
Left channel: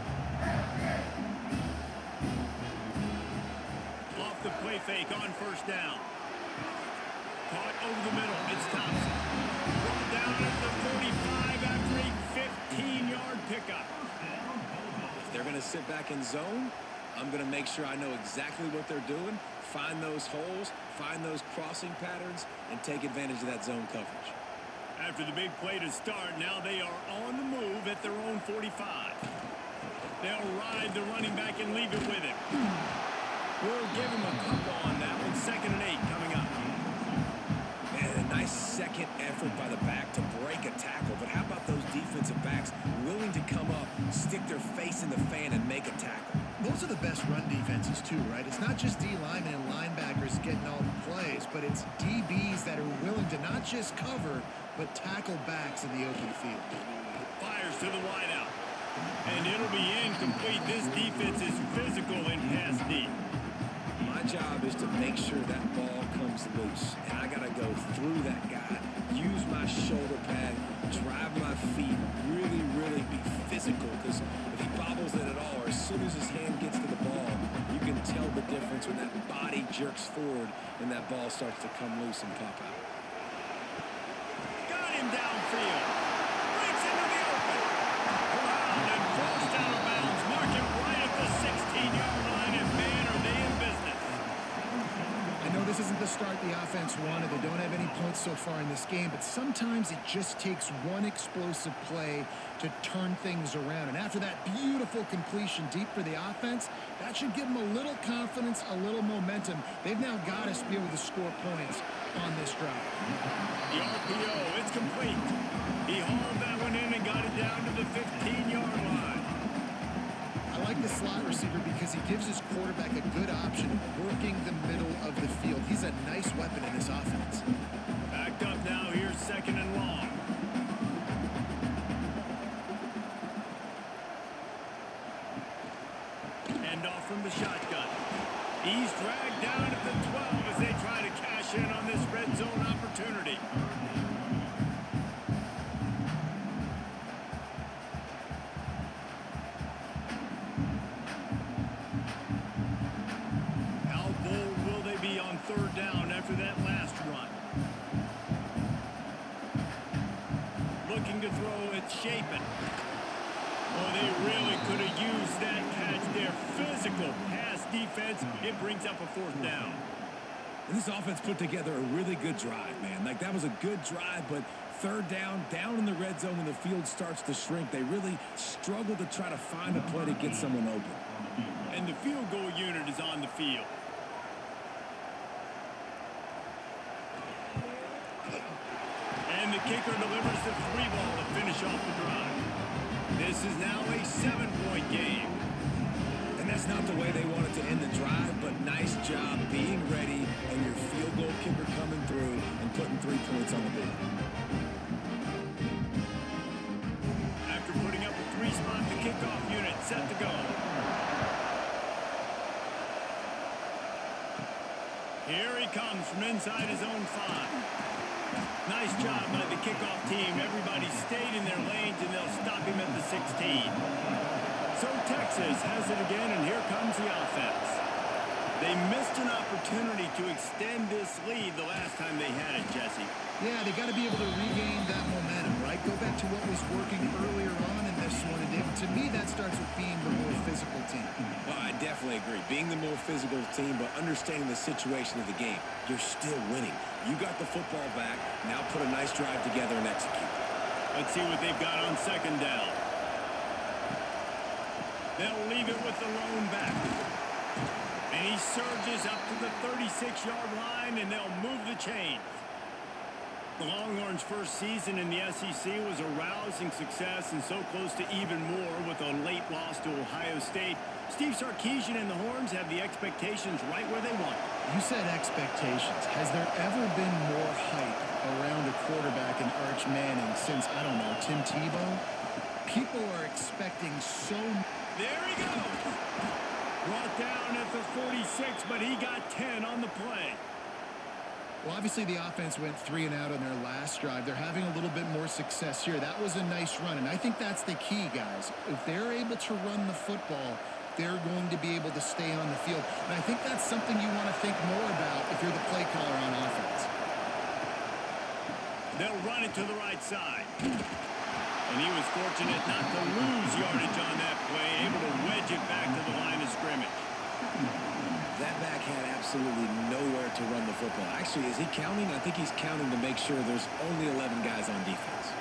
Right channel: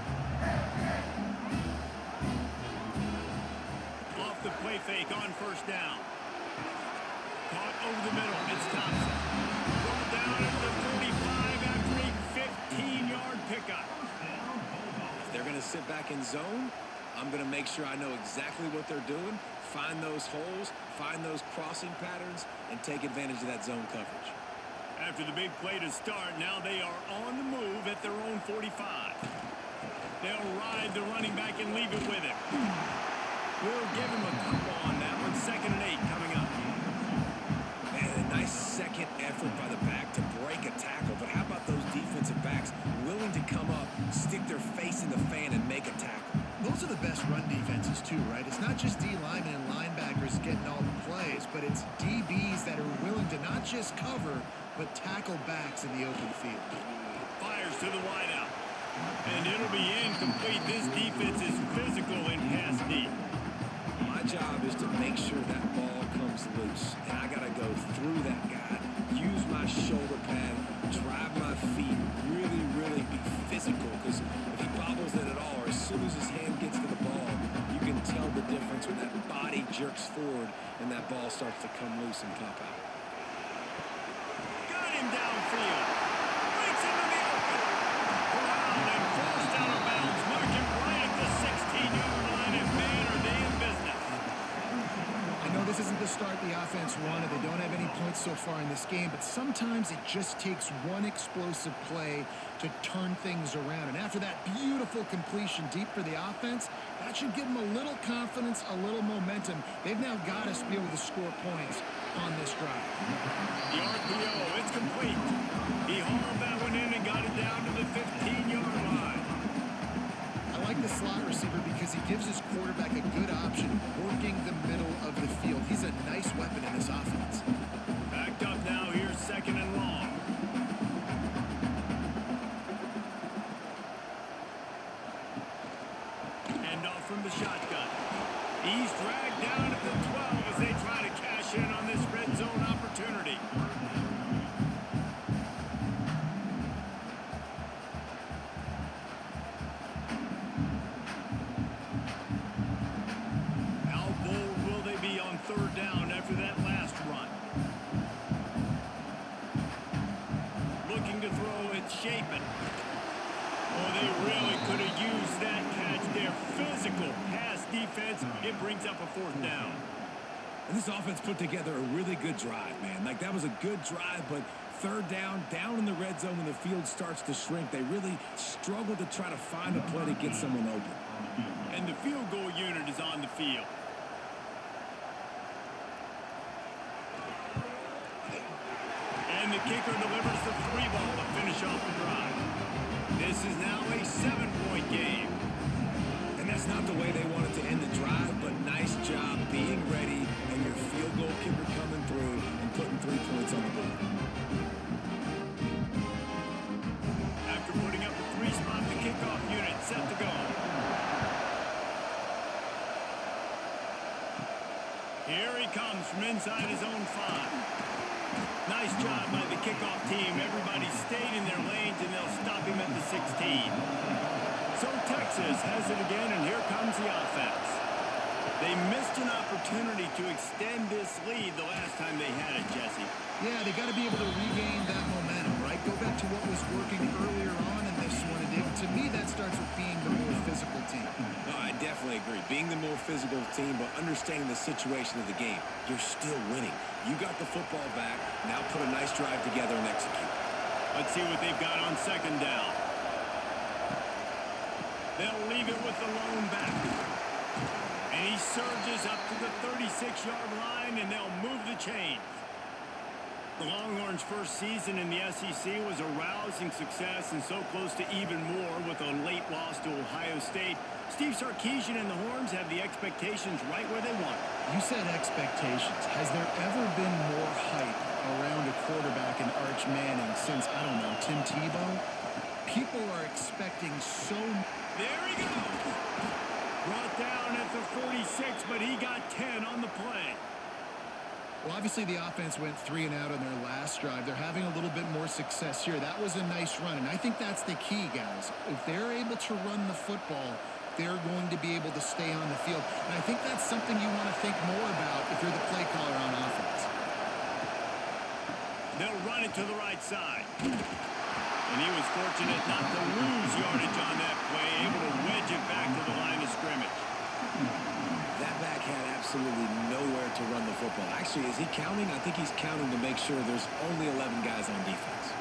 Off the play fake on first down. Caught over the middle. It's Thompson. Brought down at the 45 after a 15-yard pickup. If they're going to sit back in zone, I'm going to make sure I know exactly what they're doing, find those holes, find those crossing patterns, and take advantage of that zone coverage. After the big play to start, now they are on the move at their own 45. They'll ride the running back and leave it with him. We'll give him a couple on that one. 2nd and 8 coming up. Man, a nice second effort by the back to break a tackle. But how about those defensive backs willing to come up, stick their face in the fan, and make a tackle? Those are the best run defenses too, right? It's not just D linemen and linebackers getting all the plays, but it's DBs that are willing to not just cover, but tackle backs in the open field. Fires to the wideout. And it'll be incomplete. This defense is physical in pass deep. My job is to make sure that ball comes loose, and I got to go through that guy, use my shoulder pad, drive my feet, really, really be physical, because if he bobbles it at all, or as soon as his hand gets to the ball, you can tell the difference when that body jerks forward and that ball starts to come loose and pop out. Got him downfield. Breaks into the open. Corralled and forced out of bounds. Mark it right at the 16-yard line, and man, are they in business. I know this isn't the start the offense wanted. They don't have any points so far in this game, but sometimes it just takes one explosive play to turn things around. And after that beautiful completion deep for the offense, that should give them a little confidence, a little momentum. They've now got us to be able to score points on this drive. The RPO, it's complete. He hauled that one in and got it down to the 15-yard line. I like the slot receiver because he gives his quarterback a good option of working the middle of the field. He's a nice weapon in this offense. Backed up now. Here's 2nd and long. Hand off from the shotgun. He's dragged down at the 12 as they try to cash in on this red zone opportunity. How bold will they be on 3rd down after that last run? Looking to throw, it's Shapen. Oh, they really could have used that catch there. Physical pass defense. It brings up a 4th down. And this offense put together a really good drive, man. Like, that was a good drive, but 3rd down in the red zone when the field starts to shrink, they really struggle to try to find a play to get someone open. And the field goal unit is on the field. And the kicker delivers the 3 ball to finish off the drive. This is now a 7-point game. And that's not the way they wanted to end the drive, but nice job being ready and your field goal kicker coming through and putting 3 points on the board. After putting up a 3-spot, the kickoff unit set to go. Here he comes from inside his own 5. Nice job by the kickoff team. Everybody stayed in their lanes, and they'll stop him at the 16. So Texas has it again, and here comes the offense. They missed an opportunity to extend this lead the last time they had it, Jesse. Yeah, they got to be able to regain that momentum, right? Go back to what was working earlier on in this one. And David, to me, that starts with being the more physical team. No, I definitely agree. Being the more physical team, but understanding the situation of the game. You're still winning. You got the football back. Now put a nice drive together and execute. Let's see what they've got on 2nd down. They'll leave it with the lone back. And he surges up to the 36-yard line, and they'll move the chains. The Longhorns' first season in the SEC was a rousing success and so close to even more with a late loss to Ohio State. Steve Sarkisian and the Horns have the expectations right where they want. You said expectations. Has there ever been more hype around a quarterback in Arch Manning since, I don't know, Tim Tebow? People are expecting so much. There he goes. Brought down at the 46, but he got 10 on the play. Well, obviously the offense went 3 and out on their last drive. They're having a little bit more success here. That was a nice run, and I think that's the key, guys. If they're able to run the football, they're going to be able to stay on the field. And I think that's something you want to think more about if you're the play caller on offense. They'll run it to the right side. And he was fortunate not to lose yardage on that play, able to wedge it back to the line of scrimmage. That back had absolutely nowhere to run the football. Actually, is he counting? I think he's counting to make sure there's only 11 guys on defense.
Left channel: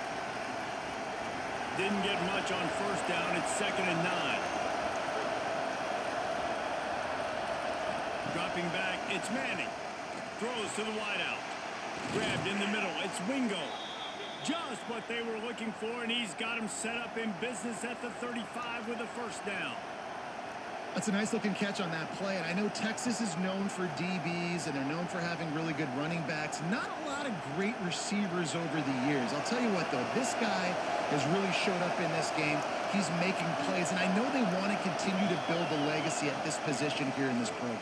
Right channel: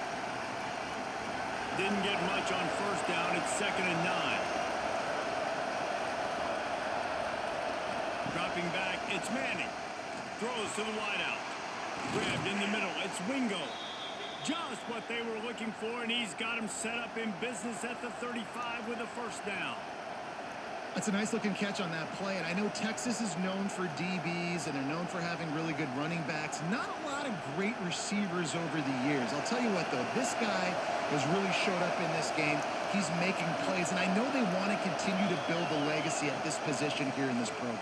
Didn't get much on first down. It's 2nd and 9. Dropping back, it's Manning. Throws to the wideout. Grabbed in the middle, it's Wingo. Just what they were looking for, and he's got him set up in business at the 35 with a first down. That's a nice-looking catch on that play, and I know Texas is known for DBs, and they're known for having really good running backs. Not a lot of great receivers over the years. I'll tell you what, though, this guy has really showed up in this game. He's making plays, and I know they want to continue to build a legacy at this position here in this program.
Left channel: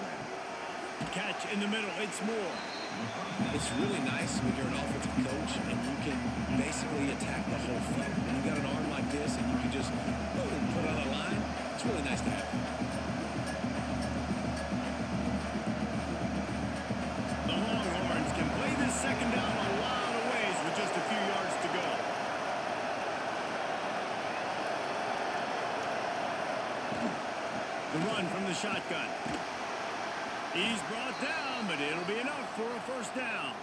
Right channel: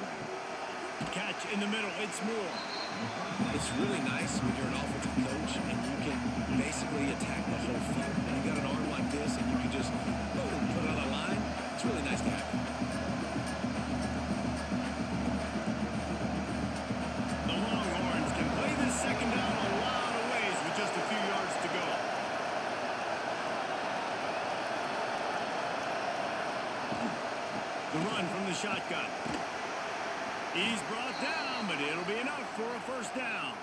Catch in the middle, it's Moore. It's really nice when you're an offensive coach and you can basically attack the whole field. And you've got an arm like this and you can just boom, put it on the line. It's really nice to have that. The Longhorns can play this second down a lot of ways with just a few yards to go. The run from the shotgun. He's brought down, but it'll be enough for a first down.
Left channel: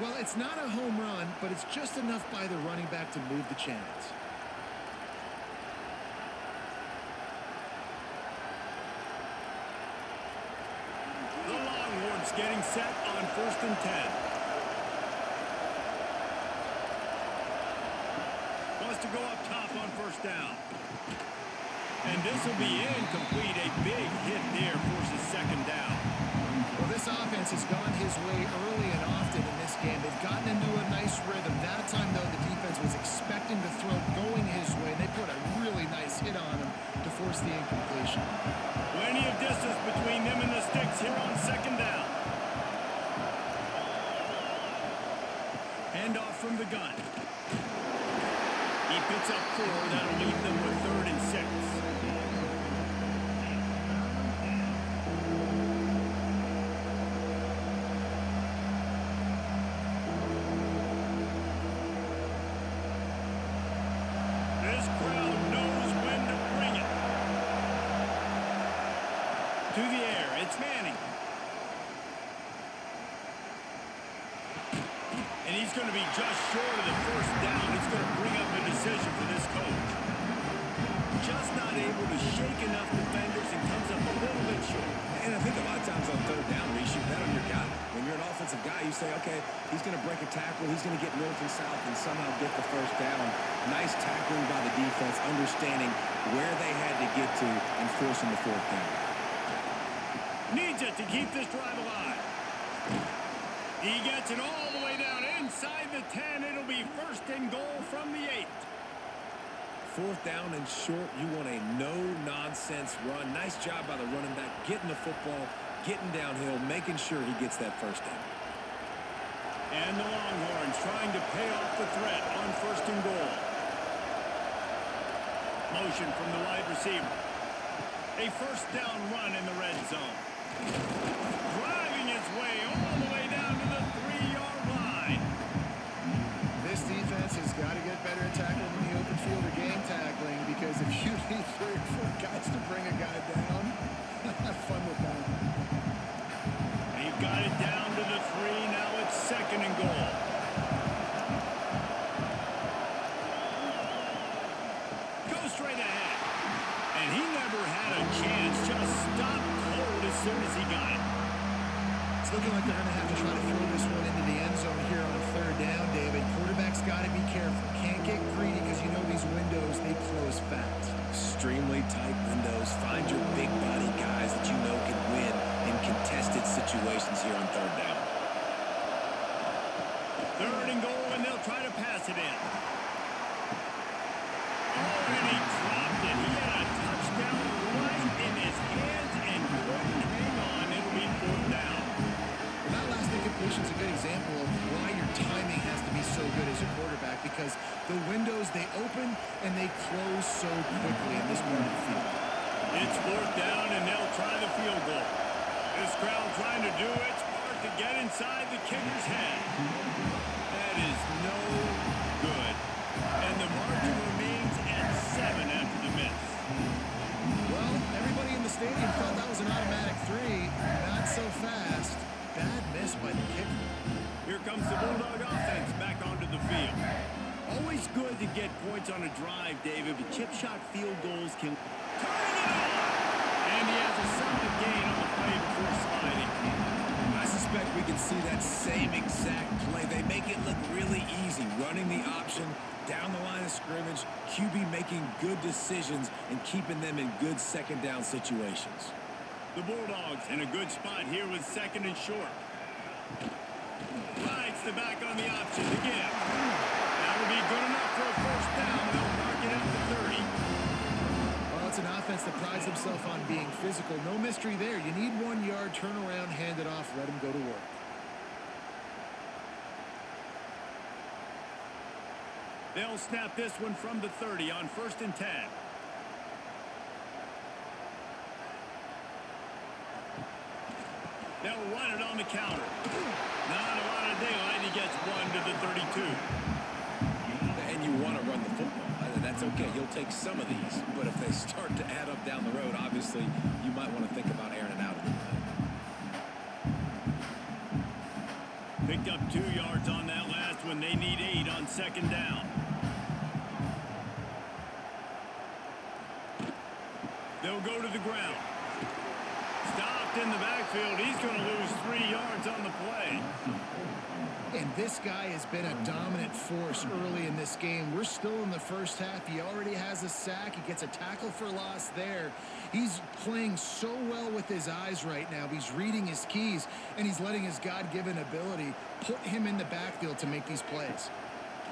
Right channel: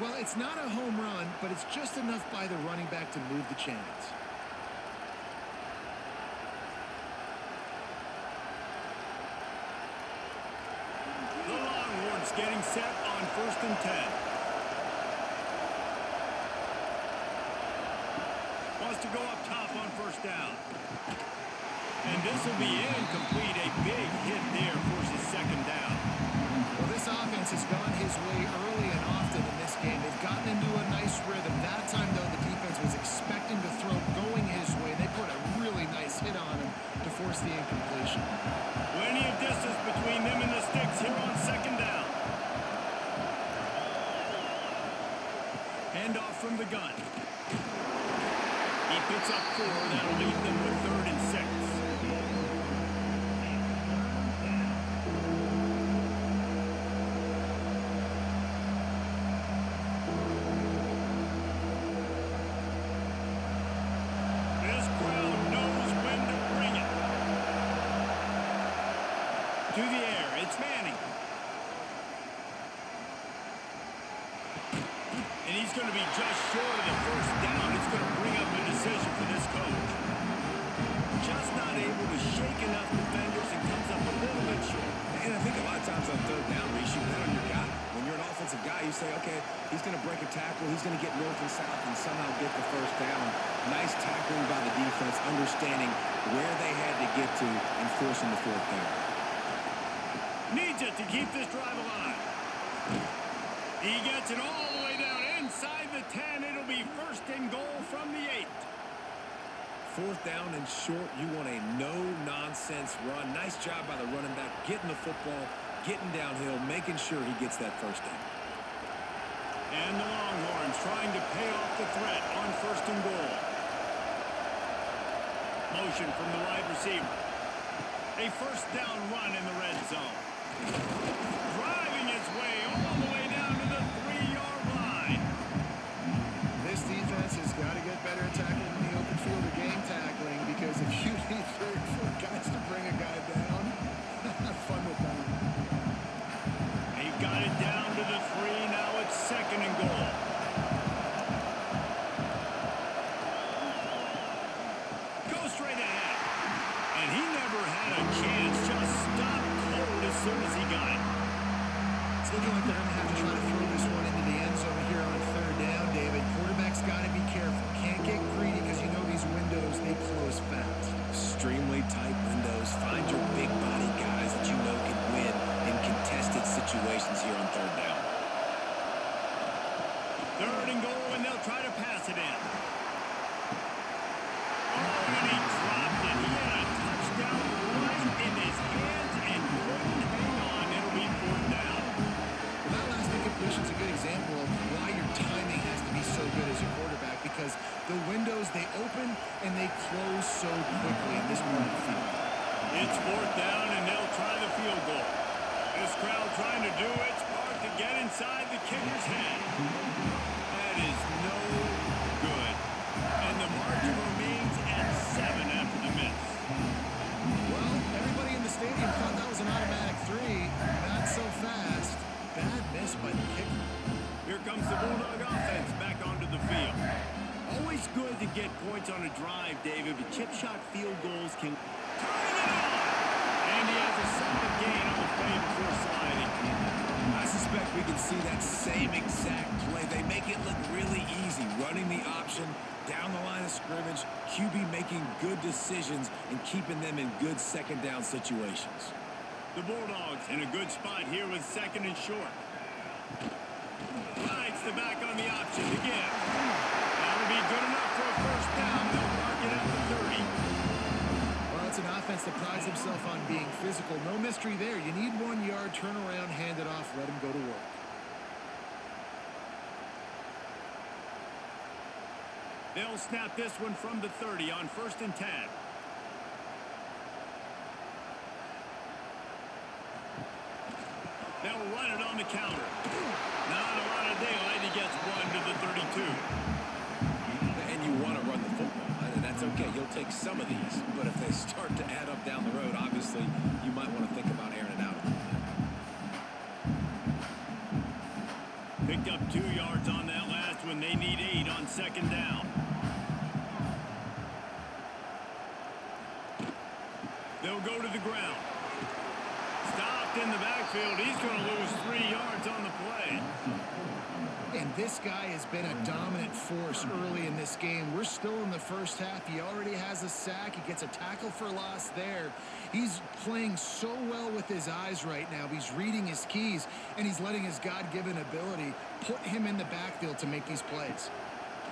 Well, it's not a home run, but it's just enough by the running back to move the chains. The Longhorns getting set on 1st and 10. Wants to go up top on first down. And this will be incomplete. A big hit there forces 2nd down. Well, this offense has gone his way early and often in this game. They've gotten into a nice rhythm. That time, though, the defense was expecting to throw going his way. They put a really nice hit on him to force the incompletion. Plenty of distance between them and the sticks here on 2nd down. Handoff from the gun. He picks up 4. That'll leave them with 3rd and 6. This crowd knows when to bring it. To the air, it's Manning. And he's going to be just short of the first down. It's going to bring up a decision for this coach. Just not able to shake enough defenders and comes up a little bit short. And I think a lot of times on 3rd down, Reese, you bet on your guy. When you're an offensive guy, you say, okay, he's going to break a tackle. He's going to get north and south and somehow get the first down. Nice tackling by the defense, understanding where they had to get to and forcing the 4th down. Needs it to keep this drive alive. He gets it all the way down inside the 10. It'll be 1st and goal from the 8. 4th down and short. You want a no-nonsense run. Nice job by the running back, getting the football, getting downhill, making sure he gets that first down. And the Longhorns trying to pay off the threat on 1st and goal. Motion from the wide receiver. A first down run in the red zone. Driving his way all the way down to the 3-yard line. This defense has got to get better at tackling in the open field or game tackling, because if you need 3 or 4 guys to bring a guy down, have fun with that. They've got it down to the 3. Now it's 2nd and goal. Go straight ahead. And he never had a chance. Just stopped cold as soon as he got it. It's looking like they're going to have to try to throw this one into the end zone here on 3rd down, David. Quarterback's got to be careful. Can't get greedy, because you know these windows, they close fast. Extremely tight windows. Find your big body guys that you know can win in contested situations here on 3rd down. 3rd and goal, and they'll try to pass it in. Oh, and he dropped it. He had a touchdown right in his hands and couldn't hang on. It'll be 4th down. Well, that last incompletion is a good example of why your timing has to be so good as a quarterback, because the windows, they open and they close so quickly in this part of the field. It's 4th down, and they'll try the field goal. This crowd trying to do its part to get inside the kicker's head. That is no good. And the margin remains at 7 after the miss. Well, everybody in the stadium thought that was an automatic 3. Not so fast. Bad miss by the kicker. Here comes the Bulldog offense back onto the field. Always good to get points on a drive, David, but chip shot field goals can... Turning it on! And he has a solid gain on the play before sliding. I suspect we can see that same exact play. They make it look really easy, running the option down the line of scrimmage, QB making good decisions and keeping them in good second down situations. The Bulldogs in a good spot here with 2nd and short. Rides the back on the option to give. That'll be good enough for a first down. They'll mark it at the 30. Well, it's an offense that prides themselves on being physical. No mystery there. You need 1 yard, turn around, hand it off, let him go to work. They'll snap this one from the 30 on 1st and 10. They'll run it on the counter. Not a lot of daylight. He gets 1 to the 32. And you want to run the football. That's okay. You'll take some of these. But if they start to add up down the road, obviously, you might want to think about airing it out a little bit. Picked up 2 yards on that last one. They need 8 on 2nd down. They'll go to the ground. Stopped in the backfield. He's going to lose 3 yards on the play. And this guy has been a dominant force early in this game. We're still in the first half. He already has a sack. He gets a tackle for loss there. He's playing so well with his eyes right now. He's reading his keys, and he's letting his God-given ability put him in the backfield to make these plays.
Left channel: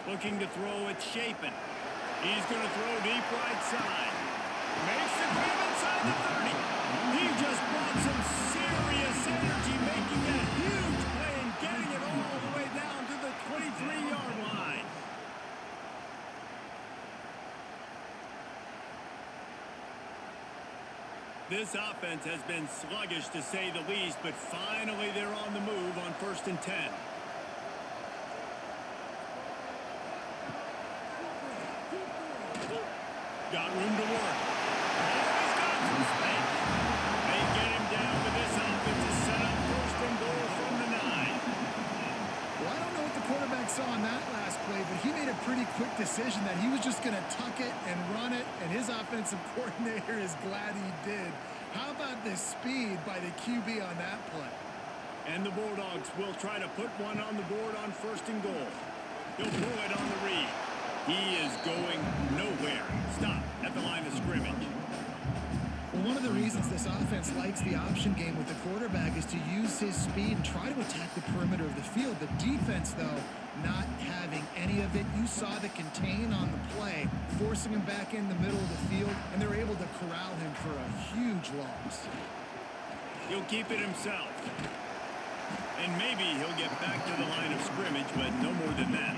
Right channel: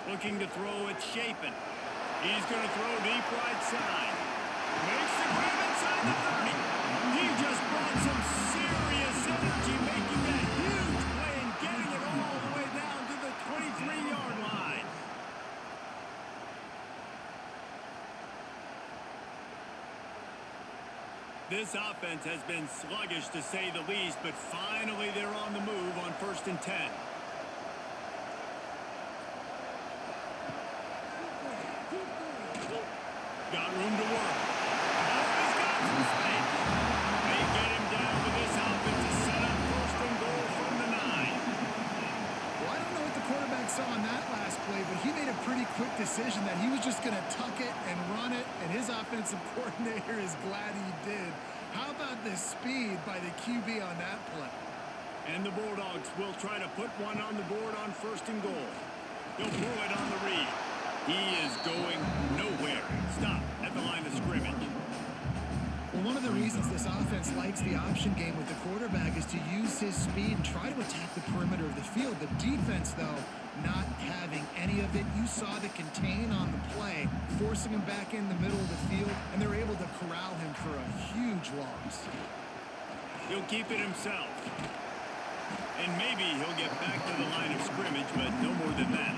Looking to throw it, Chapin. He's going to throw deep right side. Makes the grab inside the 30. He just brought some serious energy, making that huge play and getting it all the way down to the 23-yard line. This offense has been sluggish to say the least, but finally they're on the move on 1st and 10. Got room to work. Oh, he's got some space. They get him down, but this offense is set up 1st and goal from the 9. Well, I don't know what the quarterback saw on that last play, but he made a pretty quick decision that he was just going to tuck it and run it, and his offensive coordinator is glad he did. How about the speed by the QB on that play? And the Bulldogs will try to put one on the board on 1st and goal. He'll pull it on the read. He is going nowhere. Stop at the line of scrimmage. Well, one of the reasons this offense likes the option game with the quarterback is to use his speed and try to attack the perimeter of the field. The defense, though, not having any of it. You saw the contain on the play, forcing him back in the middle of the field, and they're able to corral him for a huge loss. He'll keep it himself. And maybe he'll get back to the line of scrimmage, but no more than that.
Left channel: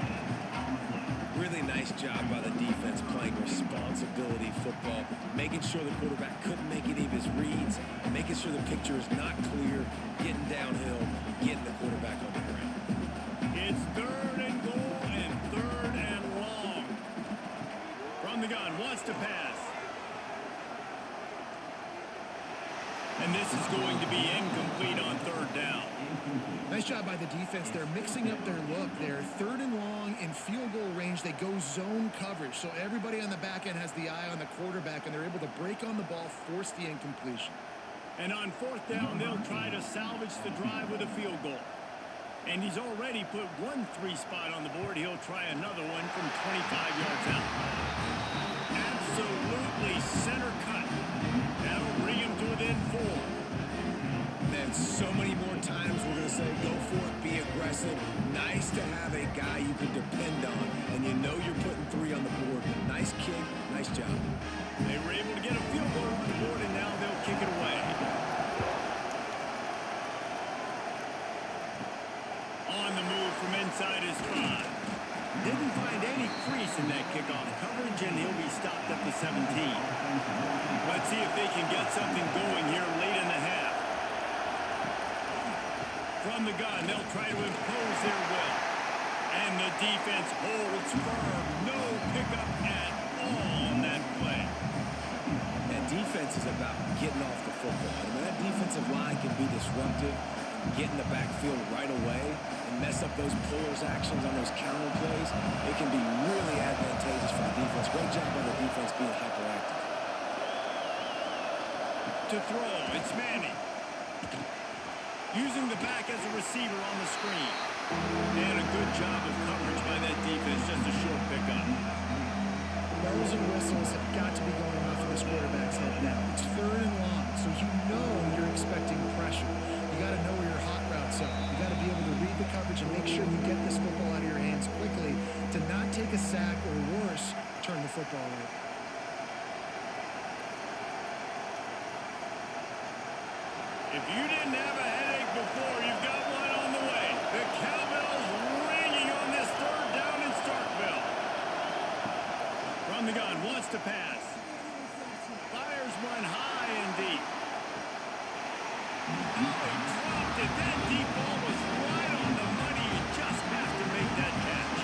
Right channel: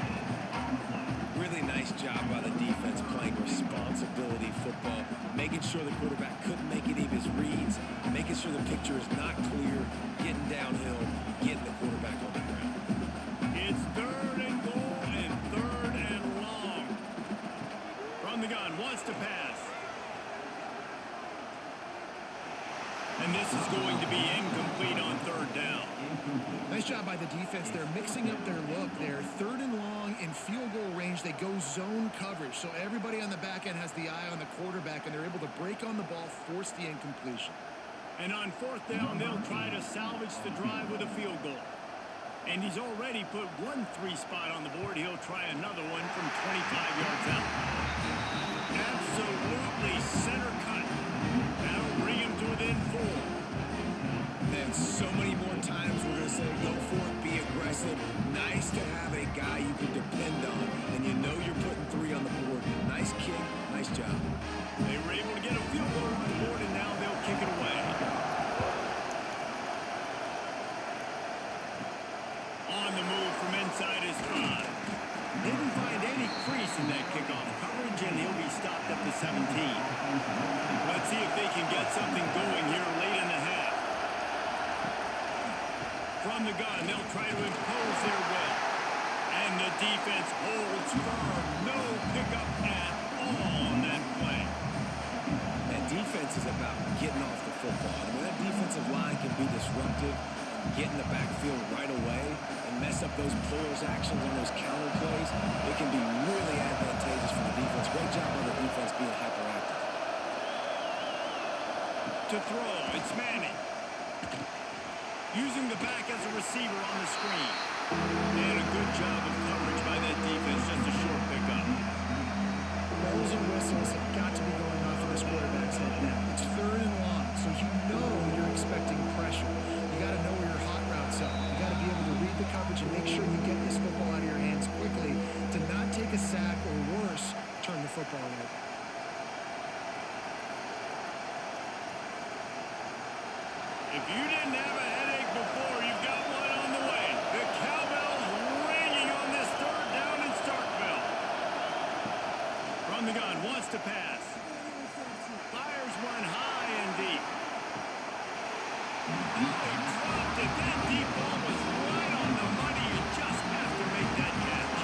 Really nice job by the defense playing responsibility football, making sure the quarterback couldn't make any of his reads, making sure the picture is not clear, getting downhill, getting the quarterback on the ground. It's 3rd and goal and 3rd and long. From the gun, wants to pass. And this is going to be incomplete on 3rd down. Nice job by the defense. They're mixing up their look. They're 3rd and long in field goal range. They go zone coverage. So everybody on the back end has the eye on the quarterback, and they're able to break on the ball, force the incompletion. And on 4th down, they'll try to salvage the drive with a field goal. And he's already put 1 3 spot on the board. He'll try another one from 25 yards out. Absolutely center cut. That'll bring him to within 4. Man, so many more times we're going to say, go for it, be aggressive. Nice to have a guy you can depend on, and you know you're putting 3 on the board. Nice kick, nice job. They were able to get a field goal on the board, and now they'll kick it away. On the move from inside his 5. Didn't find any crease in that kickoff coverage, and he'll be stopped at the 17. Let's see if they can get something going here late in the half. From the gun, they'll try to impose their will. And the defense holds firm. No pickup at all on that play. And defense is about getting off the football. And when that defensive line can be disruptive and get in the backfield right away and mess up those pullers actions on those counter plays, it can be really advantageous for the defense. Great job by the defense being hyperactive. To throw, it's Manning. Using the back as a receiver on the screen. And a good job of coverage by that defense. Just a short pickup. Bells and whistles have got to be going off in this quarterback's head now. It's 3rd and long, so you know you're expecting pressure. You got to know where your hot routes are. You got to be able to read the coverage and make sure you get this football out of your hands quickly to not take a sack or worse, turn the football over. If you didn't have a headache before, you've got one on the way. The cowbell's ringing on this 3rd down in Starkville. From the gun, wants to pass. Fires one high and deep. Oh, he dropped it. That deep ball was right on the money. You just have to make that catch.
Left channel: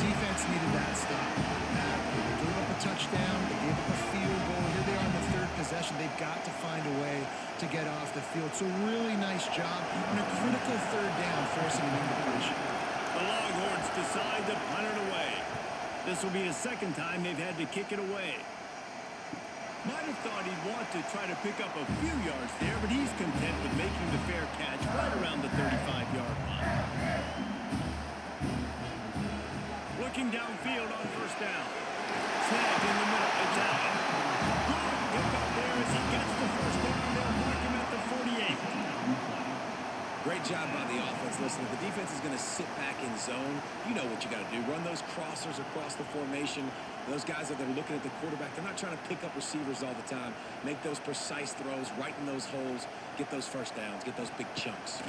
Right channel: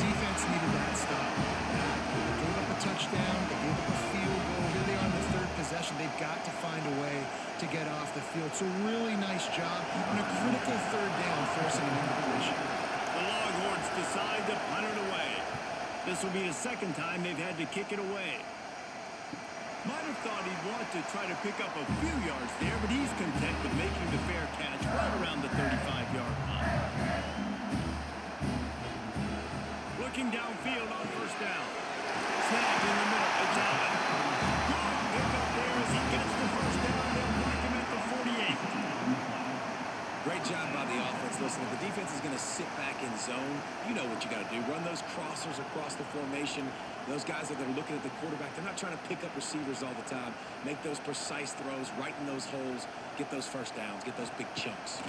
Defense needed that stop badly. They gave up a touchdown. They gave up a field goal. Here they are in the 3rd possession. They've got to find a way to get off the field. So really nice job on a critical 3rd down, forcing an incompletion. The Longhorns decide to punt it away. This will be the 2nd time they've had to kick it away. Might have thought he'd want to try to pick up a few yards there, but he's content with making the fair catch right around the 35-yard line. Looking downfield on 1st down. Snagged in the middle. It's Allen. Good pickup there as he gets the 1st down. They'll mark him at the 48. Great job by the offense. Listen, if the defense is going to sit back in zone, you know what you got to do. Run those crossers across the formation. Those guys that are looking at the quarterback, they're not trying to pick up receivers all the time. Make those precise throws, right in those holes, get those 1st downs, get those big chunks.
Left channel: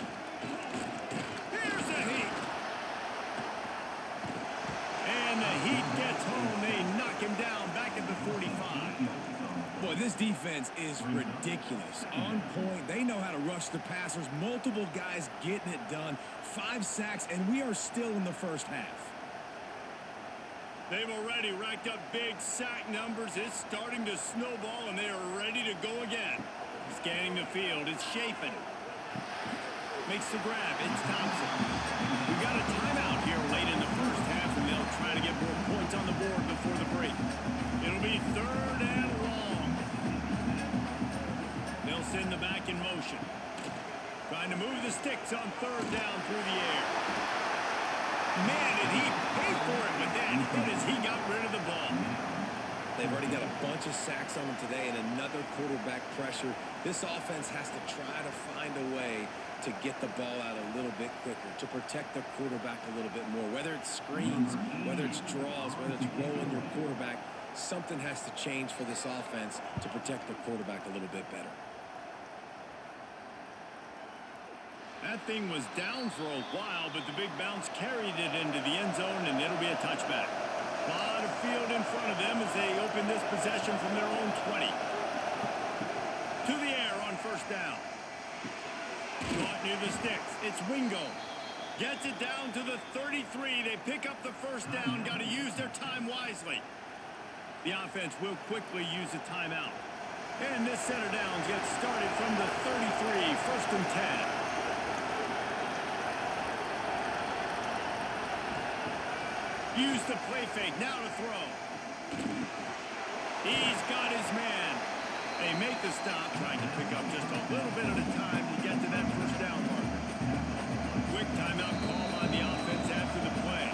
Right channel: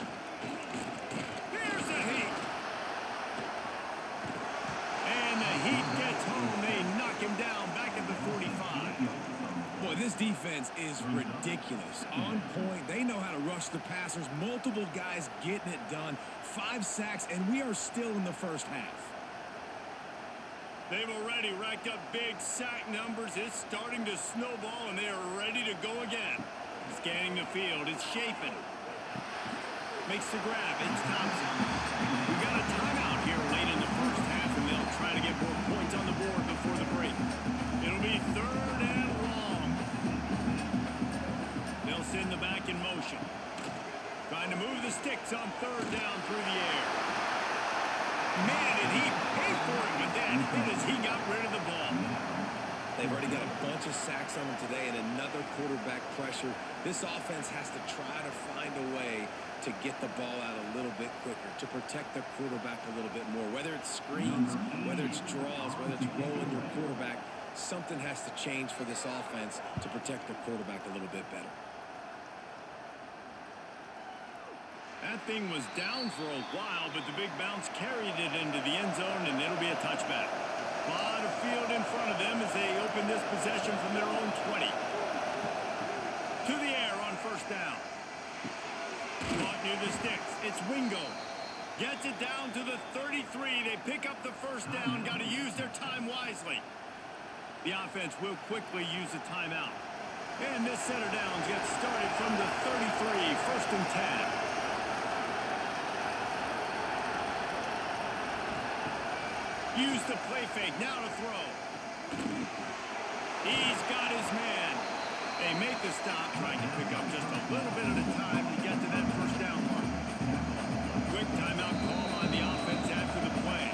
Here's the Heat. And the Heat gets home. They knock him down back at the 45. Boy, this defense is ridiculous. On point. They know how to rush the passers. Multiple guys getting it done. 5 sacks, and we are still in the 1st half. They've already racked up big sack numbers. It's starting to snowball, and they are ready to go again. Scanning the field. It's Chapin. Makes the grab. It's Thompson. We've got a timeout here late in the 1st half, and they'll try to get more points on the board before the break. It'll be 3rd and long. They'll send the back in motion. Trying to move the sticks on 3rd down through the air. Man, did he pay for it with that hit as he got rid of the ball. They've already got a bunch of sacks on them today and another quarterback pressure. This offense has to try to find a way to get the ball out a little bit quicker, to protect their quarterback a little bit more. Whether it's screens, whether it's draws, whether it's rolling your quarterback, something has to change for this offense to protect their quarterback a little bit better. That thing was down for a while, but the big bounce carried it into the end zone, and it'll be a touchback. A lot of field in front of them as they open this possession from their own 20. To the air on 1st down. Caught near the sticks. It's Wingo. Gets it down to the 33. They pick up the 1st down. Got to use their time wisely. The offense will quickly use a timeout. And this set of downs gets started from the 33, 1st and 10. Use the play fake. Now to throw. He's got his man. They make the stop, trying to pick up just a little bit at a time to get to that 1st down marker. Quick timeout call by the offense after the play.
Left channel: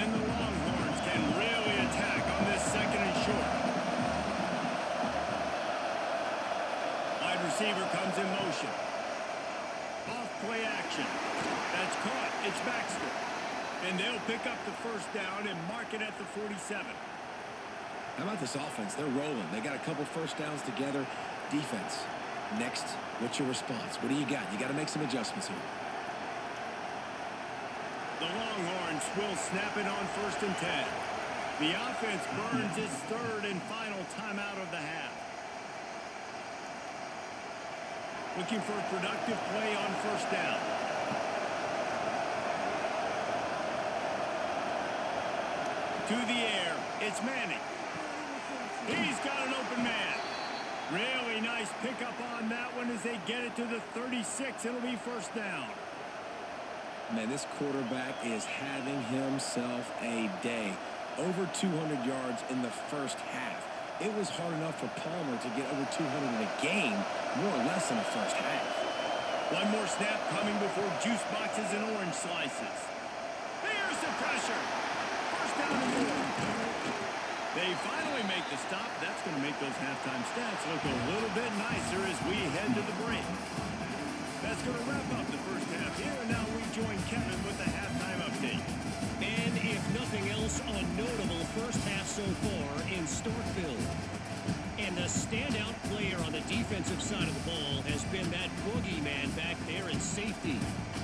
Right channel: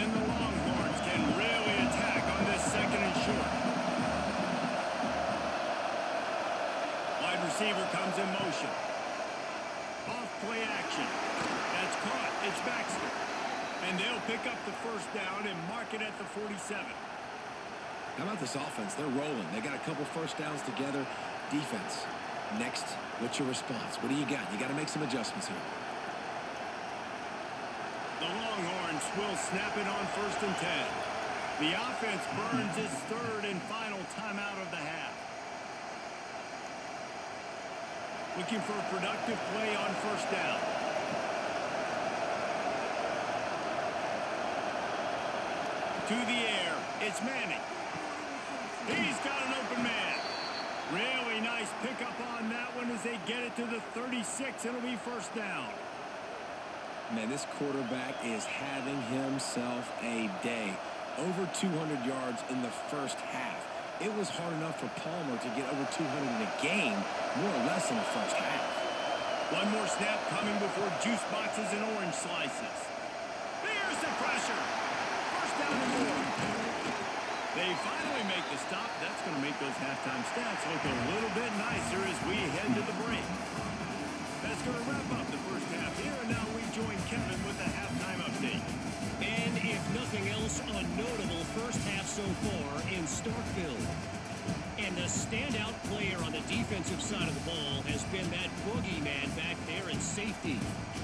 And the Longhorns can really attack on this 2nd and short. Wide receiver comes in motion. Off play action. That's caught. It's Baxter. And they'll pick up the 1st down and mark it at the 47. How about this offense? They're rolling. They got a couple 1st downs together. Defense. Next, what's your response? What do you got? You got to make some adjustments here. The Longhorns will snap it on 1st and 10. The offense burns its 3rd and final timeout of the half. Looking for a productive play on first down. To the air, it's Manning. He's got an open man. Really nice pickup on that one as they get it to the 36. It'll be first down. Man, this quarterback is having himself a day. Over 200 yards in the first half. It was hard enough for Palmer to get over 200 in a game, more or less in the first half. One more snap coming before juice boxes and orange slices. There's the pressure. First down and more. They finally make the stop. That's going to make those halftime stats look a little bit nicer as we head to the break. That's going to wrap up the first half here, and now we join Kevin with the halftime update. And if nothing else, a notable first half so far in Starkville. And the standout player on the defensive side of the ball has been that boogeyman back there in safety.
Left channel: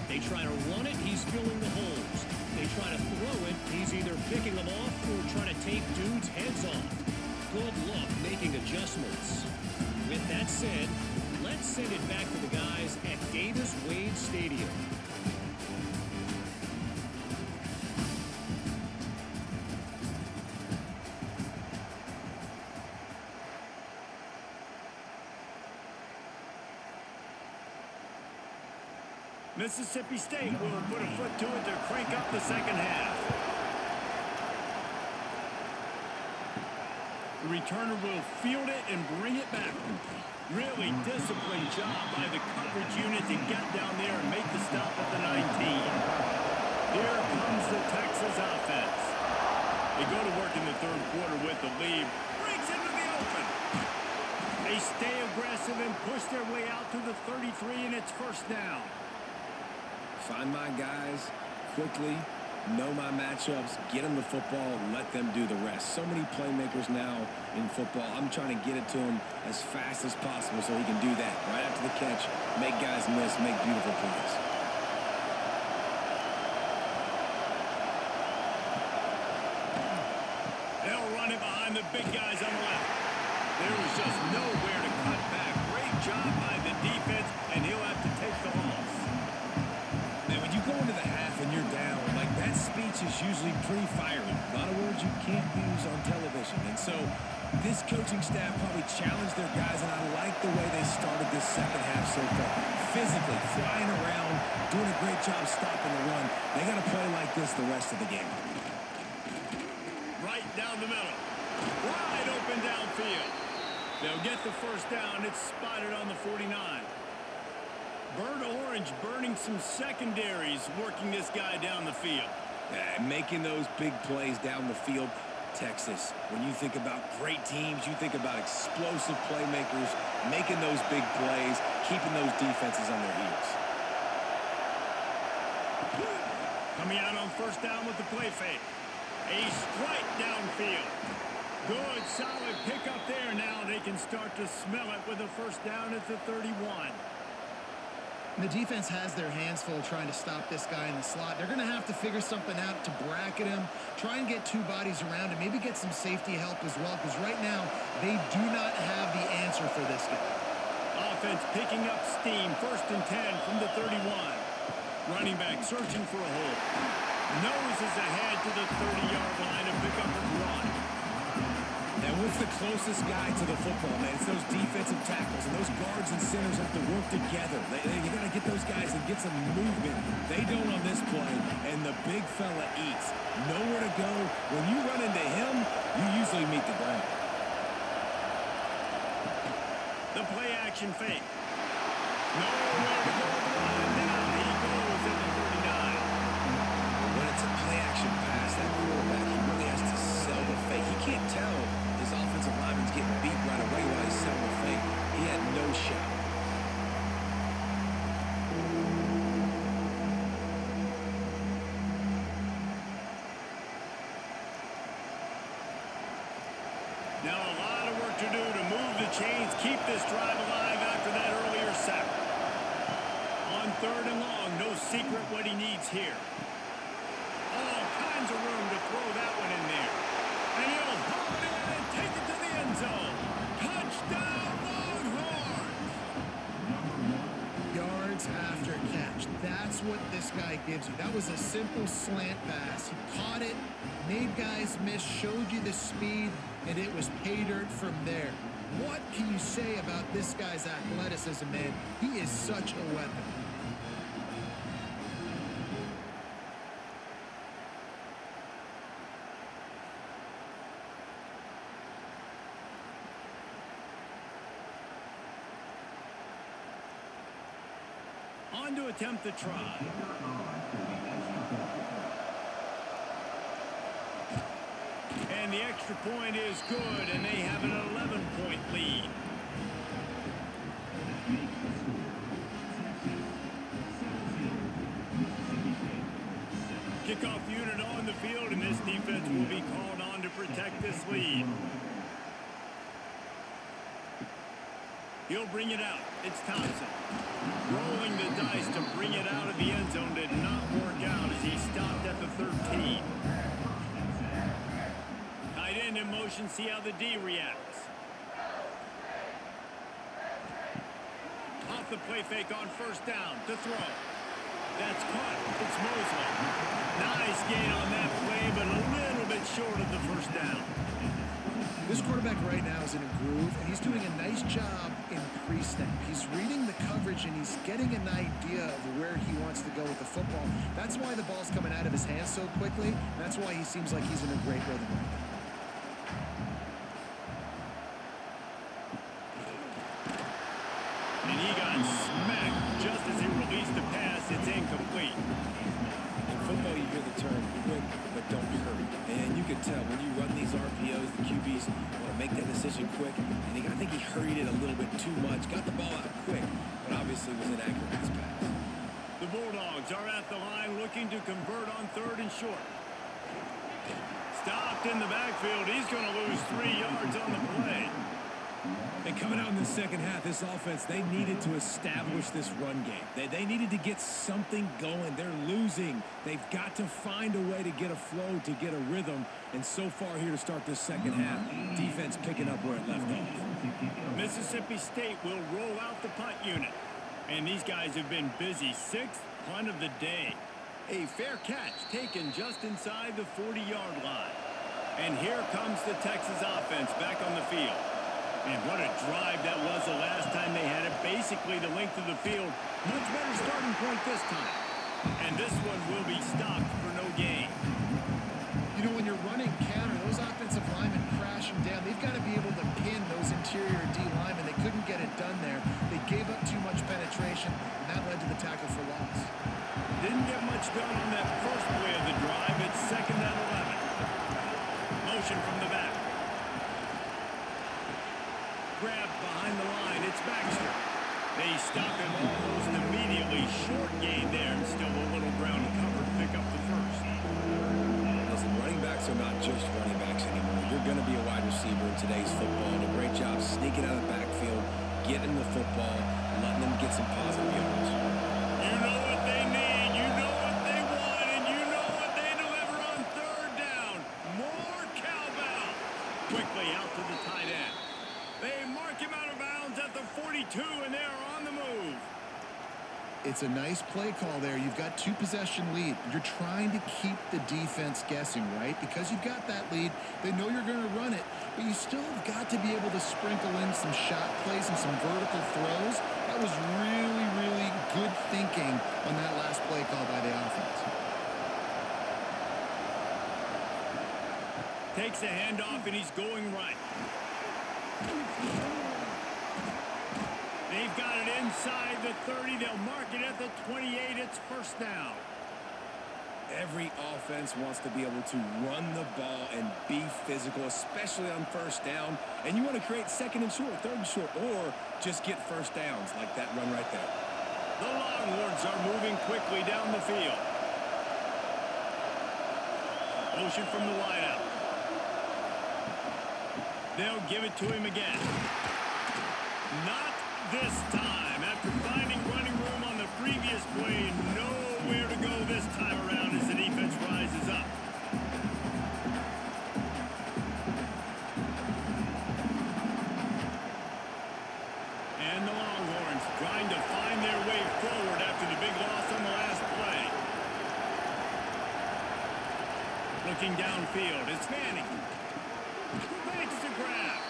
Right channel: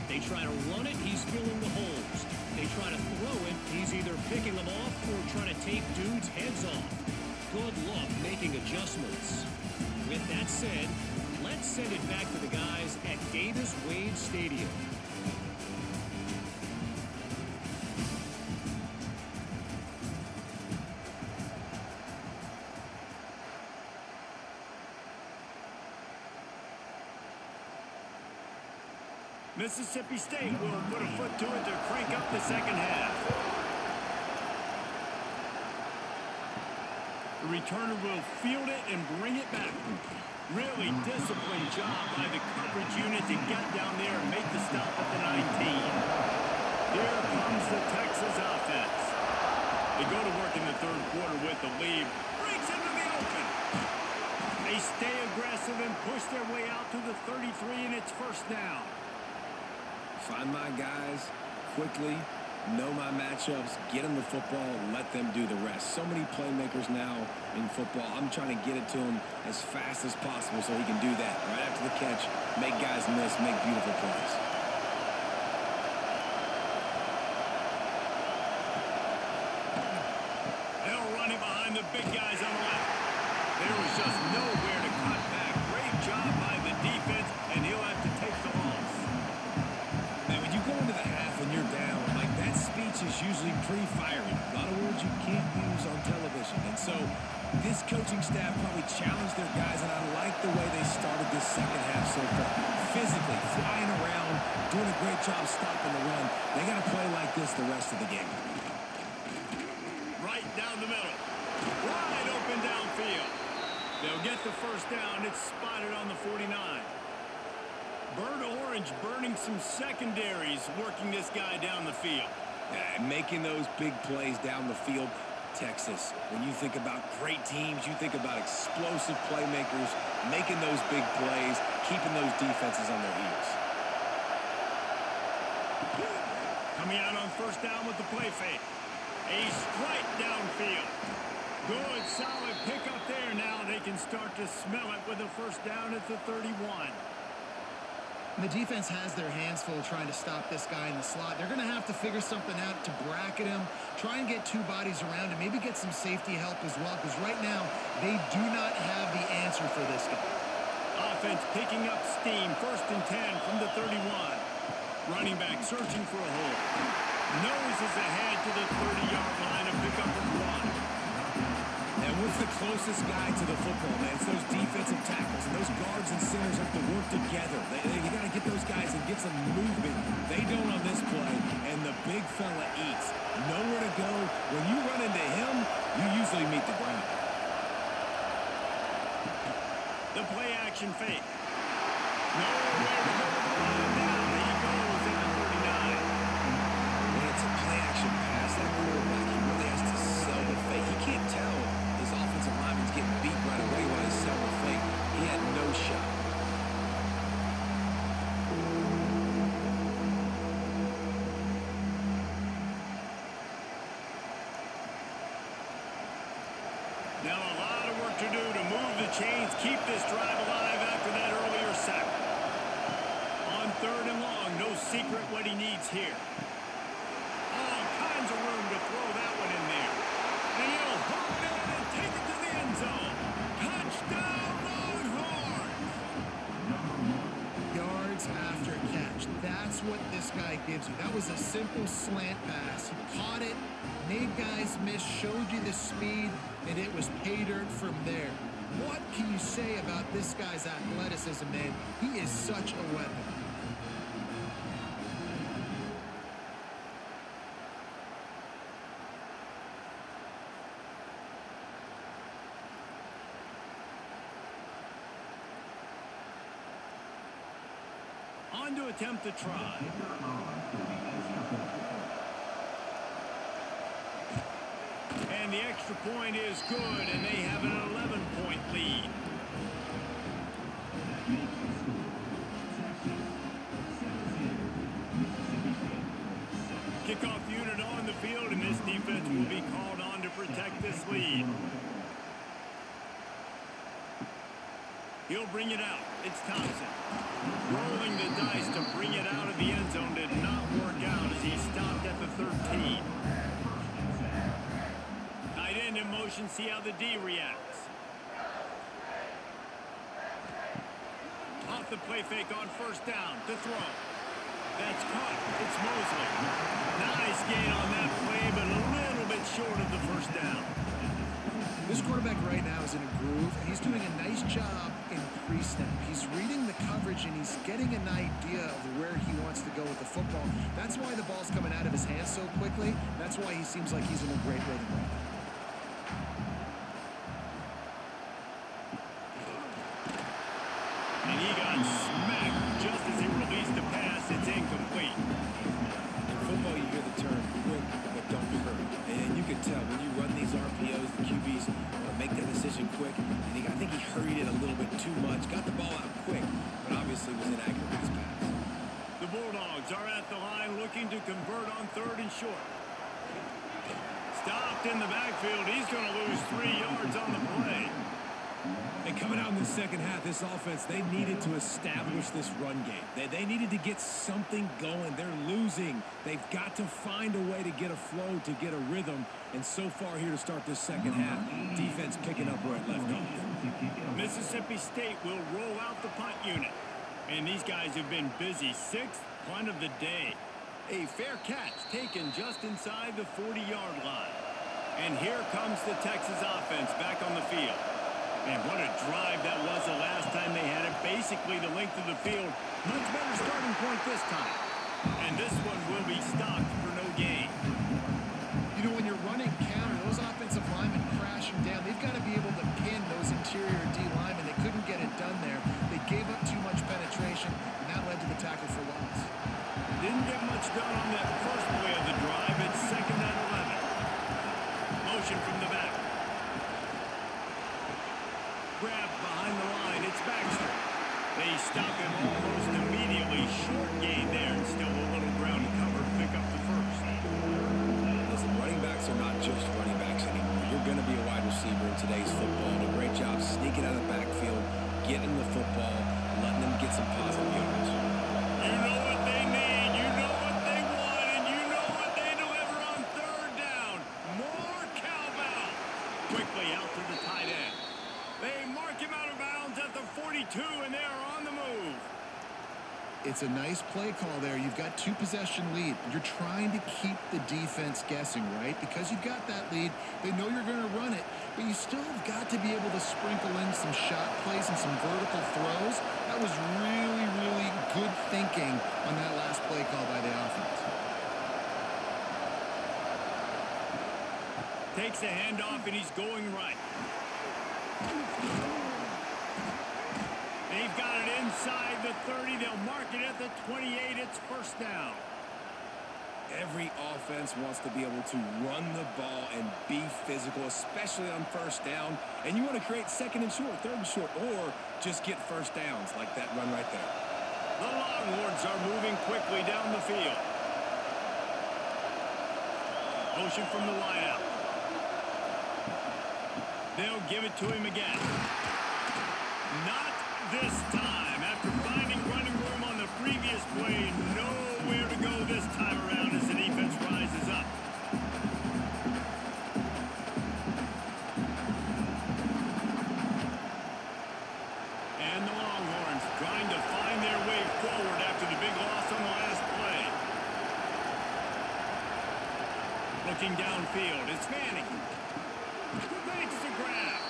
They try to run it, he's filling the holes. They try to throw it, he's either picking them off or trying to take dudes' heads off. Good luck making adjustments. With that said, let's send it back to the guys at Davis-Wade Stadium. Mississippi State will put a foot to it to crank up the second half. The returner will field it and bring it back. Really disciplined job by the coverage unit to get down there and make the stop at the 19. Here comes the Texas offense. They go to work in the third quarter with the lead. Breaks into the open. They stay aggressive and push their way out to the 33, and it's first down. Find my guys quickly, know my matchups, get them the football, let them do the rest. So many playmakers now in football. I'm trying to get it to him as fast as possible so he can do that. Right after the catch, make guys miss, make beautiful plays. They'll run it behind the big guys on the left. There was just nowhere to cut back. Great job by the defense, and he'll have to take the loss. Man, when you go into the half and you're down, like that speech is usually pretty fiery. A lot of words you can't use on television. And so this coaching staff probably challenged their guys, and I like the way they started this second half so far. Physically, flying around, doing a great job stopping the run. They got to play like this the rest of the game. Right down the middle. Wide open downfield. They'll get the first down. It's spotted on the 49. Burnt orange burning some secondaries, working this guy down the field. Yeah, making those big plays down the field. Texas, when you think about great teams, you think about explosive playmakers, making those big plays, keeping those defenses on their heels. Coming out on first down with the play fake. A strike downfield. Good, solid pickup there. Now they can start to smell it with a first down at the 31. The defense has their hands full trying to stop this guy in the slot. They're going to have to figure something out to bracket him, try and get two bodies around him, maybe get some safety help as well, because right now they do not have the answer for this guy. Offense picking up steam. First and 10 from the 31. Running back searching for a hole. Noses ahead to the 30-yard line, a pickup of 1. And what's the closest guy to the football, man? It's those defensive tackles, and those guards and centers have to work together. You got to get those guys and get some movement. They don't on this play, and the big fella eats. Nowhere to go. When you run into him, you usually meet the ground. The play action fake. Nowhere to go with the ball, and down he goes at the 39. When it's a play-action pass, that quarterback, he really has to sell the fake. He can't tell his offensive lineman's getting beat right away while he's selling the fake. He had no shot. Now a lot of work to do to move the chains, keep this drive alive after that earlier sack. On third and long, no secret what he needs here. All kinds of room to throw that one in there. And he'll haul it in and take it to the end zone. Touchdown, Longhorns! That's what this guy gives you. That was a simple slant pass. He caught it, made guys miss, showed you the speed, and it was pay dirt from there. What can you say about this guy's athleticism, man? He is such a weapon. On to attempt the try. And the extra point is good, and they have an 11-point lead. That makes the score Texas 17, Mississippi State 6. Kickoff unit on the field, and this defense will be called on to protect this lead. He'll bring it out. It's Thompson. Rolling the dice to bring it out of the end zone did not work out as he stopped at the 13. Tight end in motion, see how the D reacts. Off the play fake on first down to throw. That's caught. It's Mosley. Nice gain on that play, but a little bit short of the first down. This quarterback right now is in a groove, and he's doing a nice job in pre-snap. He's reading the coverage, and he's getting an idea of where he wants to go with the football. That's why the ball's coming out of his hands so quickly, and that's why he seems like he's in a great rhythm right now. And he got smacked just as he released the pass. It's incomplete. In football, you hear the term quick, but don't hurry. And you can tell when you run these RPOs, the QBs want to make that decision quick. And I think he hurried it a little bit too much. Got the ball out quick, but obviously was inaccurate with his pass. The Bulldogs are at the line looking to convert on 3rd and short. Stopped in the backfield. He's going to lose 3 yards on the play. And coming out in the second half, this offense, they needed to establish this run game. They needed to get something going. They're losing. They've got to find a way to get a flow, to get a rhythm. And so far here to start this second half, defense picking up where it left off. Mississippi State will roll out the punt unit. And these guys have been busy. 6th punt of the day. A fair catch taken just inside the 40-yard line. And here comes the Texas offense back on the field. Man, what a drive that was the last time they had it. Basically the length of the field. Much better starting point this time. And this one will be stopped for no gain. You know, when you're running counter, those offensive linemen crashing down, they've got to be able to pin those interior D linemen. They couldn't get it done there. They gave up too much penetration, and that led to the tackle for loss. Didn't get much done on that first play of the drive. It's 2nd and 11. Motion from the back. Grabbed behind the line. It's Baxter. They stop him almost immediately. Short gain there and still a little ground to cover to pick up the first. Listen, running backs are not just running backs anymore. You're going to be a wide receiver in today's football. And a great job sneaking out of the backfield, getting the football, letting them get some positive yards. You know what they need. You know what they want. And you know what they deliver on 3rd down. More cowbell. Quickly out to the tight end. They mark him out of bounds at the 42, and they are on the move. It's a nice play call there. You've got 2-possession lead. You're trying to keep the defense guessing, right? Because you've got that lead. They know you're going to run it, but you still have got to be able to sprinkle in some shot plays and some vertical throws. That was really, really good thinking on that last play call by the offense. Takes a handoff, and he's going right. They've got it inside the 30. They'll mark it at the 28. It's 1st down. Every offense wants to be able to run the ball and be physical, especially on 1st down. And you want to create 2nd and short, 3rd and short, or just get 1st downs like that run right there. The Longhorns are moving quickly down the field. Motion from the wideout. They'll give it to him again. Not this time. After finding running room on the previous play, nowhere to go this time around as the defense rises up. And the Longhorns trying to find their way forward after the big loss on the last play. Looking downfield, it's Manning. Makes the grab.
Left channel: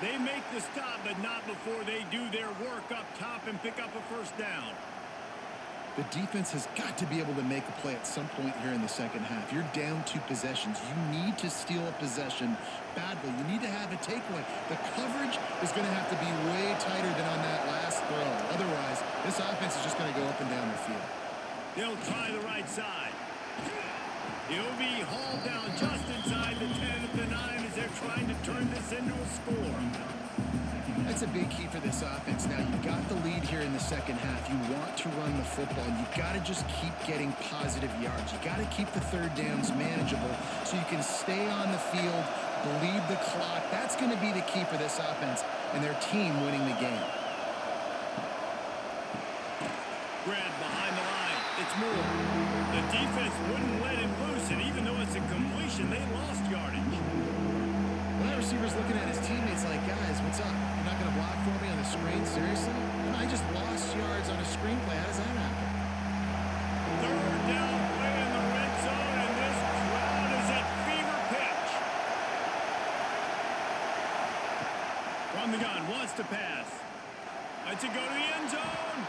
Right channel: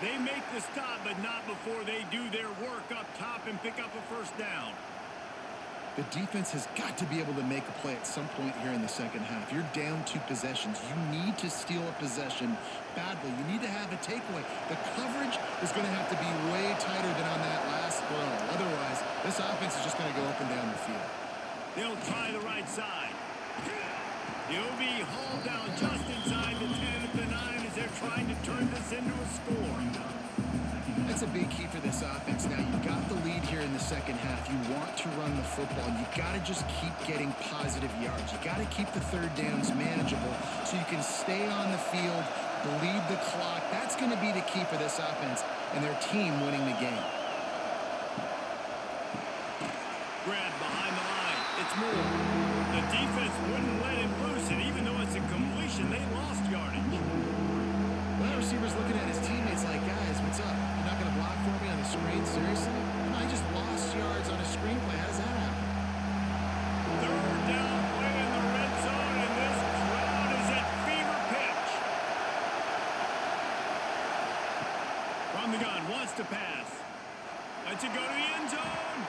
They make the stop, but not before they do their work up top and pick up a first down. The defense has got to be able to make a play at some point here in the second half. You're down 2 possessions. You need to steal a possession badly. You need to have a takeaway. The coverage is going to have to be way tighter than on that last throw. Otherwise, this offense is just going to go up and down the field. They'll try the right side. He'll be hauled down just inside the 10 at the 9 as they're trying to turn this into a score. That's a big key for this offense. Now, you've got the lead here in the second half. You want to run the football. You've got to just keep getting positive yards. You got to keep the third downs manageable so you can stay on the field, bleed the clock. That's going to be the key for this offense and their team winning the game. Grab behind the line. It's Moore. The defense wouldn't let him loose, and even though it's a completion, they lost yardage. Well, that receiver's looking at his teammates like, guys, what's up? You're not going to block for me on the screen? Seriously? And I just lost yards on a screenplay. How does that happen? Third down play in the red zone, and this crowd is at fever pitch. From the gun, wants to pass. Lets it go to the end zone.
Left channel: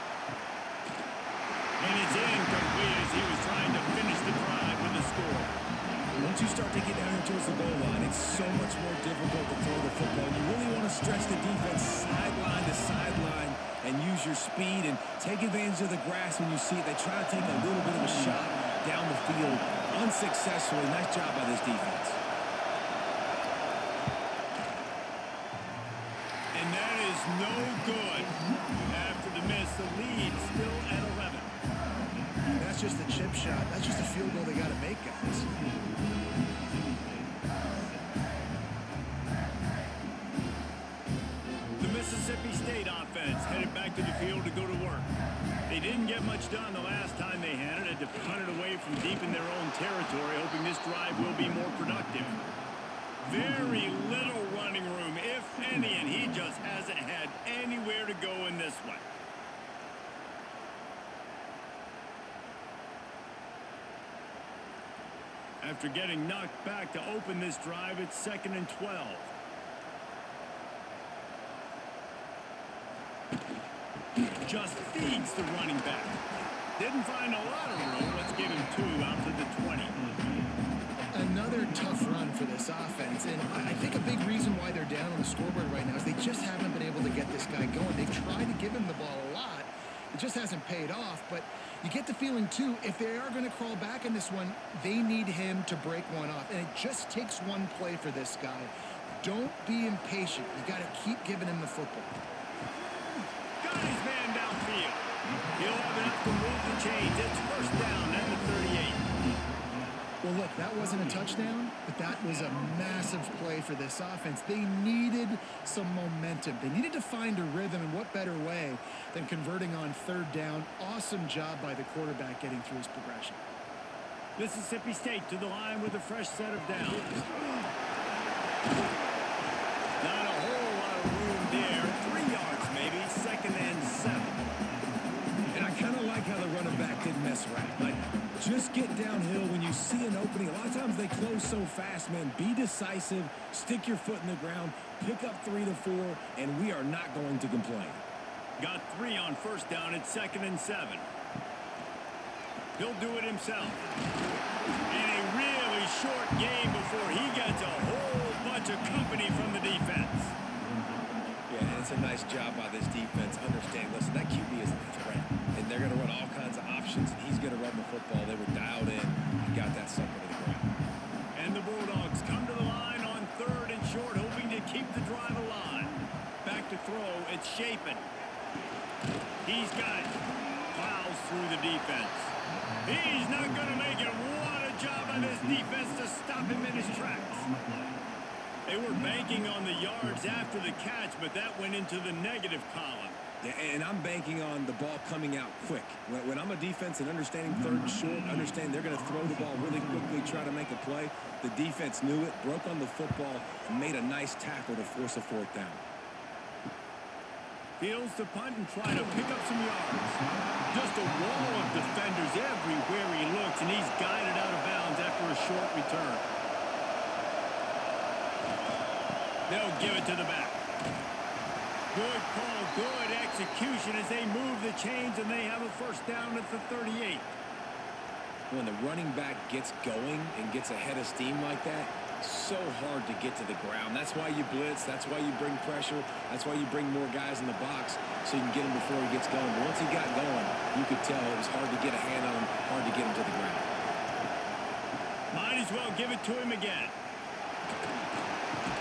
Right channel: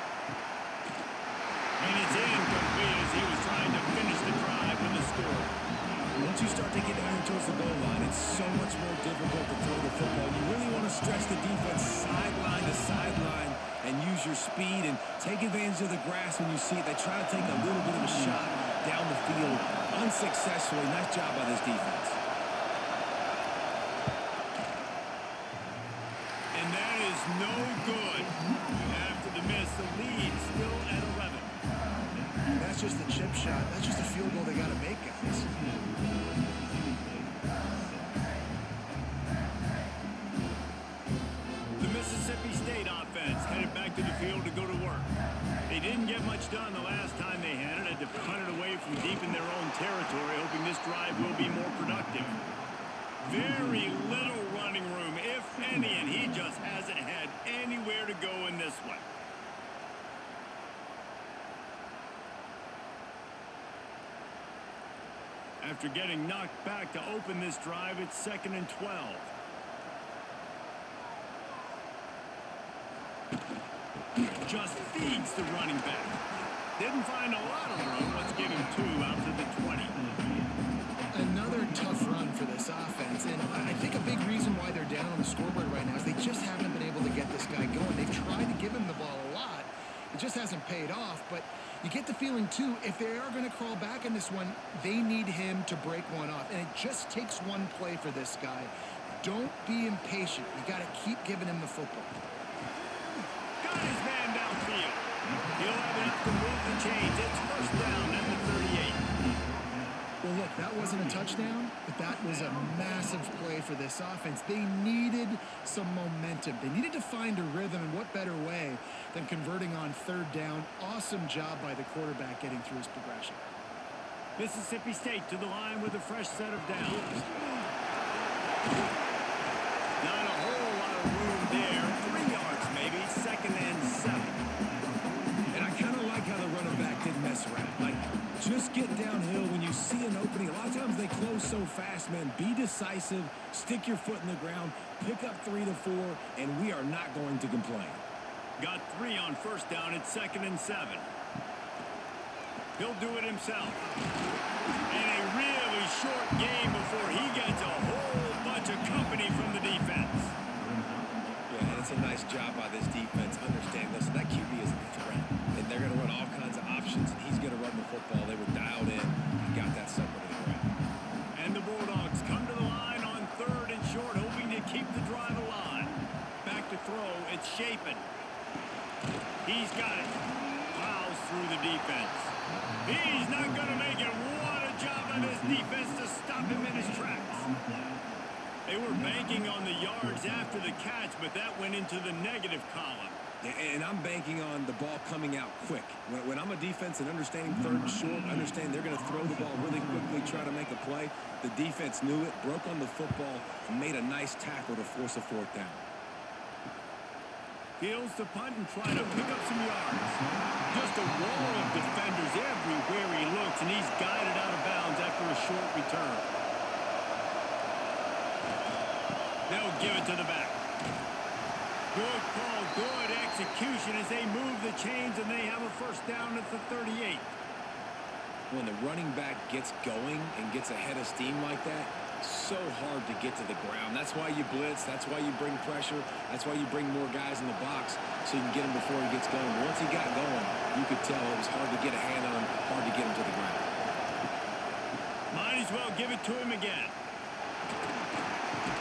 And it's incomplete as he was trying to finish the drive with a score. Once you start to get down here towards the goal line, it's so much more difficult to throw the football. You really want to stretch the defense sideline to sideline and use your speed and take advantage of the grass when you see it. They try to take a little bit of a shot down the field unsuccessfully. Nice job by this defense. And that is no good. After the miss, the lead still at 11. And that's just a chip shot. That's just a field goal they got to make, guys. The Mississippi State offense headed back to the field to go to work. They didn't get much done the last time they had it. Had to punt it away from deep in their own territory, hoping this drive will be more productive. Very little running room, if any, and he just hasn't had anywhere to go in this one. After getting knocked back to open this drive, it's 2nd and 12. Just feeds the running back. Didn't find a lot of room. Let's give him 2 out to the 20. Another tough run for this offense, and I think a big reason why they're down on the scoreboard right now is they just haven't been able to get this guy going. They've tried to give him the ball a lot. It just hasn't paid off, but you get the feeling, too, if they are going to crawl back in this one, they need him to break one off, and it just takes one play for this guy. Don't be impatient. You got to keep giving him the football. Got his man downfield. He'll have enough to move the chains. It's first down at the 38. Well, look, that wasn't a touchdown, but that was a massive play for this offense. They needed some momentum. They needed to find a rhythm, and what better way than converting on 3rd down. Awesome job by the quarterback getting through his progression. Mississippi State to the line with a fresh set of downs. Not a whole lot of room there. 3 yards maybe, 2nd and 7. And I kind of like how the running back didn't mess around. Like, just get downhill when you see an opening. A lot of times they close so fast, man. Be decisive, stick your foot in the ground, pick up 3 to 4, and we are not going to complain. Got 3 on first down. It's 2nd and 7. He'll do it himself. And a really short game before he gets a whole bunch of company from the defense. Yeah, and it's a nice job by this defense understanding, listen, that QB is a threat, and they're going to run all kinds of options, and he's going to run the football. They were dialed in and got that sucker to the ground. And the Bulldogs come to the line on 3rd and short, hoping to keep the drive alive. Back to throw, it's Shapen. He's got it. Plows through the defense. He's not going to make it. What a job by this defense to stop him in his tracks. They were banking on the yards after the catch, but that went into the negative column. Yeah, and I'm banking on the ball coming out quick. When I'm a defense and understanding 3rd and short, understand they're going to throw the ball really quickly, try to make a play. The defense knew it, broke on the football, and made a nice tackle to force a 4th down. Fields to punt and try to pick up some yards. Just a wall of defenders everywhere he looks, and he's guided out of bounds after a short return. They'll give it to the back. Good call, good execution as they move the chains, and they have a first down at the 38. When the running back gets going and gets ahead of steam like that, so hard to get to the ground. That's why you blitz. That's why you bring pressure. That's why you bring more guys in the box so you can get him before he gets going. But once he got going, you could tell it was hard to get a hand on him, hard to get him to the ground. Might as well give it to him again.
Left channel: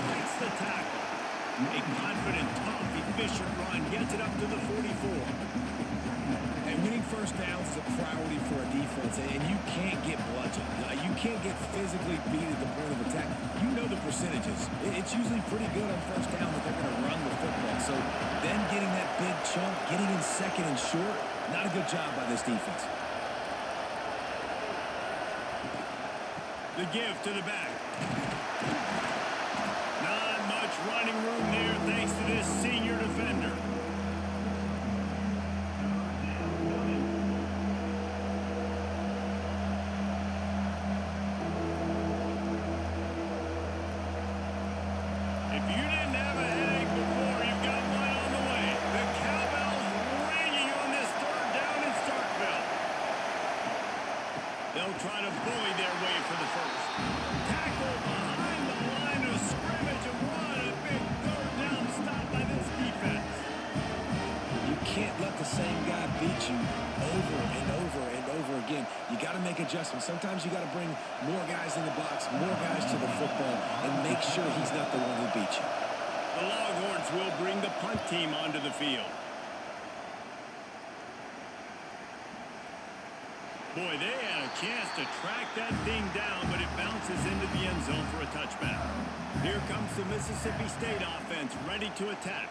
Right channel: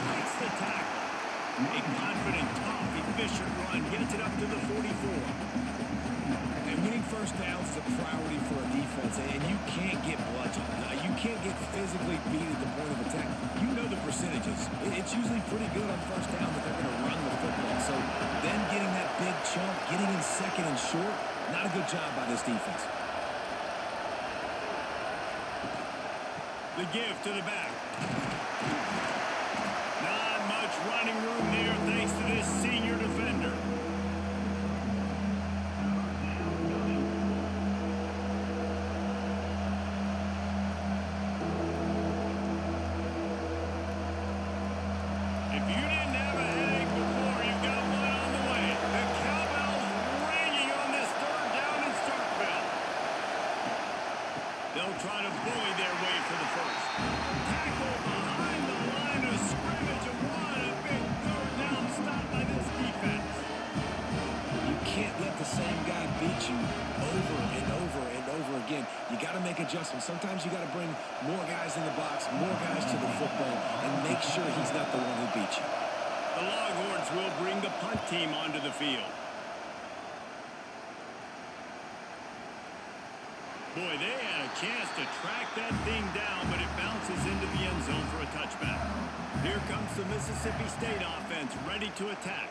Breaks the tackle. A confident, tough, efficient run gets it up to the 44. And winning first downs is a priority for a defense, and you can't get bludgeoned. You can't get physically beat at the point of attack. You know the percentages. It's usually pretty good on first down that they're going to run the football. So them getting that big chunk, getting in second and short, not a good job by this defense. The give to the back. Not much running room there thanks to this senior defender. If you didn't have a headache before, you've got one on the way. The cowbell's ringing on this third down in Starkville. They'll try to bully their way for the first. Tackle behind the line of scrimmage, and what a big third down stop by this defense. You can't let the same guy beat you over and over and over again. You got to make adjustments. Sometimes you got to bring more guys in the box, more guys to the football, and make sure he's not the one who beat you. The Longhorns will bring the punt team onto the field. Boy, they had a chance to track that thing down, but it bounces into the end zone for a touchback. Here comes the Mississippi State offense, ready to attack.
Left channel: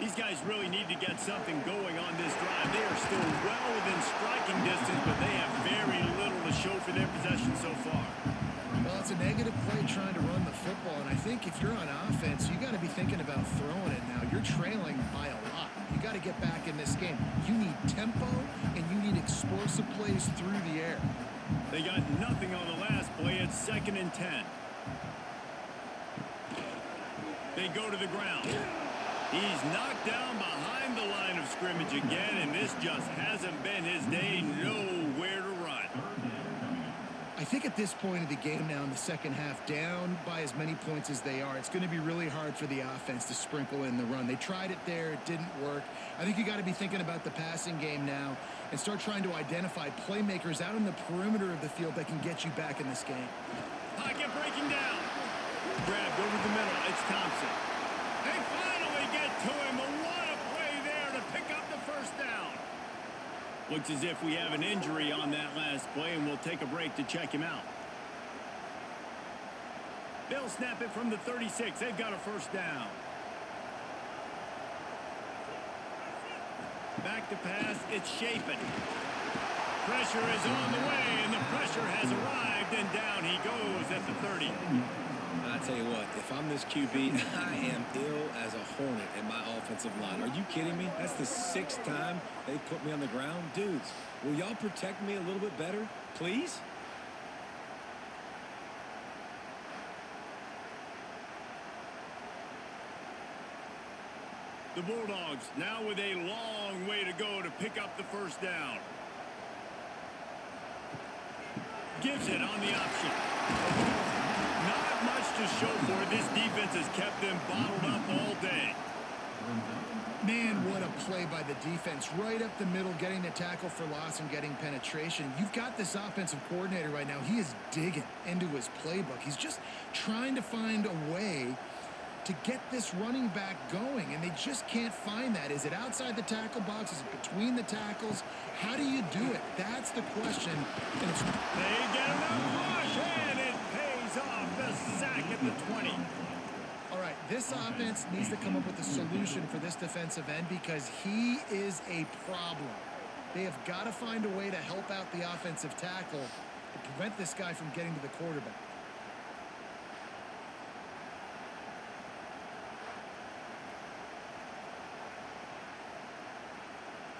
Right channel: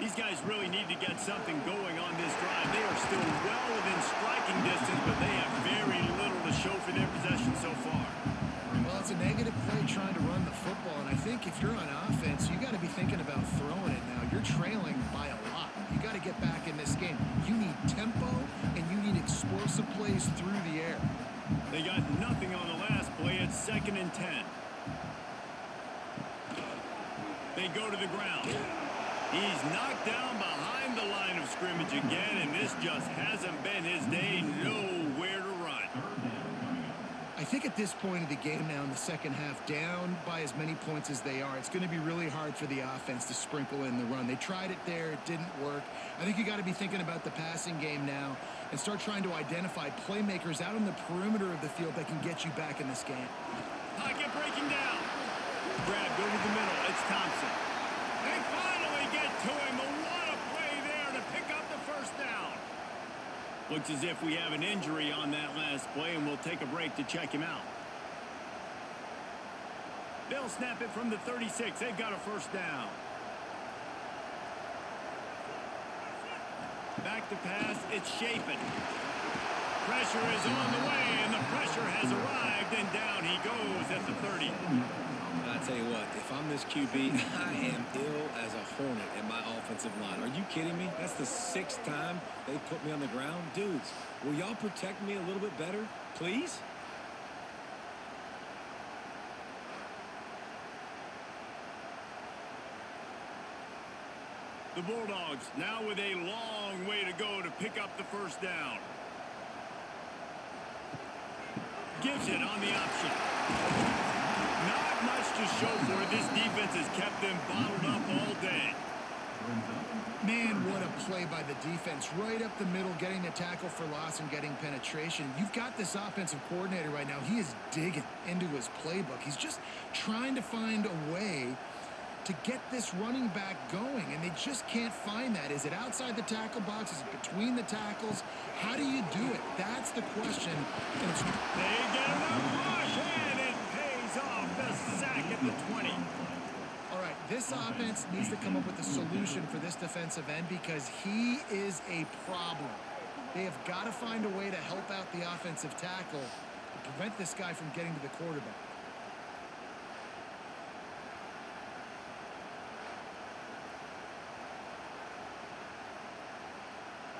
These guys really need to get something going on this drive. They are still well within striking distance, but they have very little to show for their possession so far. Well, it's a negative play trying to run the football, and I think if you're on offense, you got to be thinking about throwing it now. You're trailing by a lot. You got to get back in this game. You need tempo, and you need explosive plays through the air. They got nothing on the last play. It's 2nd and 10. They go to the ground. He's knocked down behind the line of scrimmage again, and this just hasn't been his day. Nowhere to run. I think at this point of the game now in the second half, down by as many points as they are, it's going to be really hard for the offense to sprinkle in the run. They tried it there. It didn't work. I think you got to be thinking about the passing game now and start trying to identify playmakers out on the perimeter of the field that can get you back in this game. Pocket breaking down. Grabbed over the middle. It's Thompson. They finally get to him. What a play there to pick up the first down. Looks as if we have an injury on that last play, and we'll take a break to check him out. They'll snap it from the 36. They've got a first down. Back to pass. It's Shapen. Pressure is on the way, and the pressure has arrived, and down he goes at the 30. And I tell you what, if I'm this QB, I am ill as a hornet at my offensive line. Are you kidding me? That's the 6th time they've put me on the ground. Dudes, will y'all protect me a little bit better, please? The Bulldogs now with a long way to go to pick up the first down. Gives it on the option. Not much to show for it. This defense has kept them bottled up all day. Man, what a play by the defense. Right up the middle, getting the tackle for loss and getting penetration. You've got this offensive coordinator right now. He is digging into his playbook. He's just trying to find a way to get this running back going, and they just can't find that. Is it outside the tackle box? Is it between the tackles? How do you do it? That's the question. And it's they get enough rush, and it pays off. The sack at the 20. All right, this offense needs to come up with a solution for this defensive end because he is a problem. They have got to find a way to help out the offensive tackle to prevent this guy from getting to the quarterback.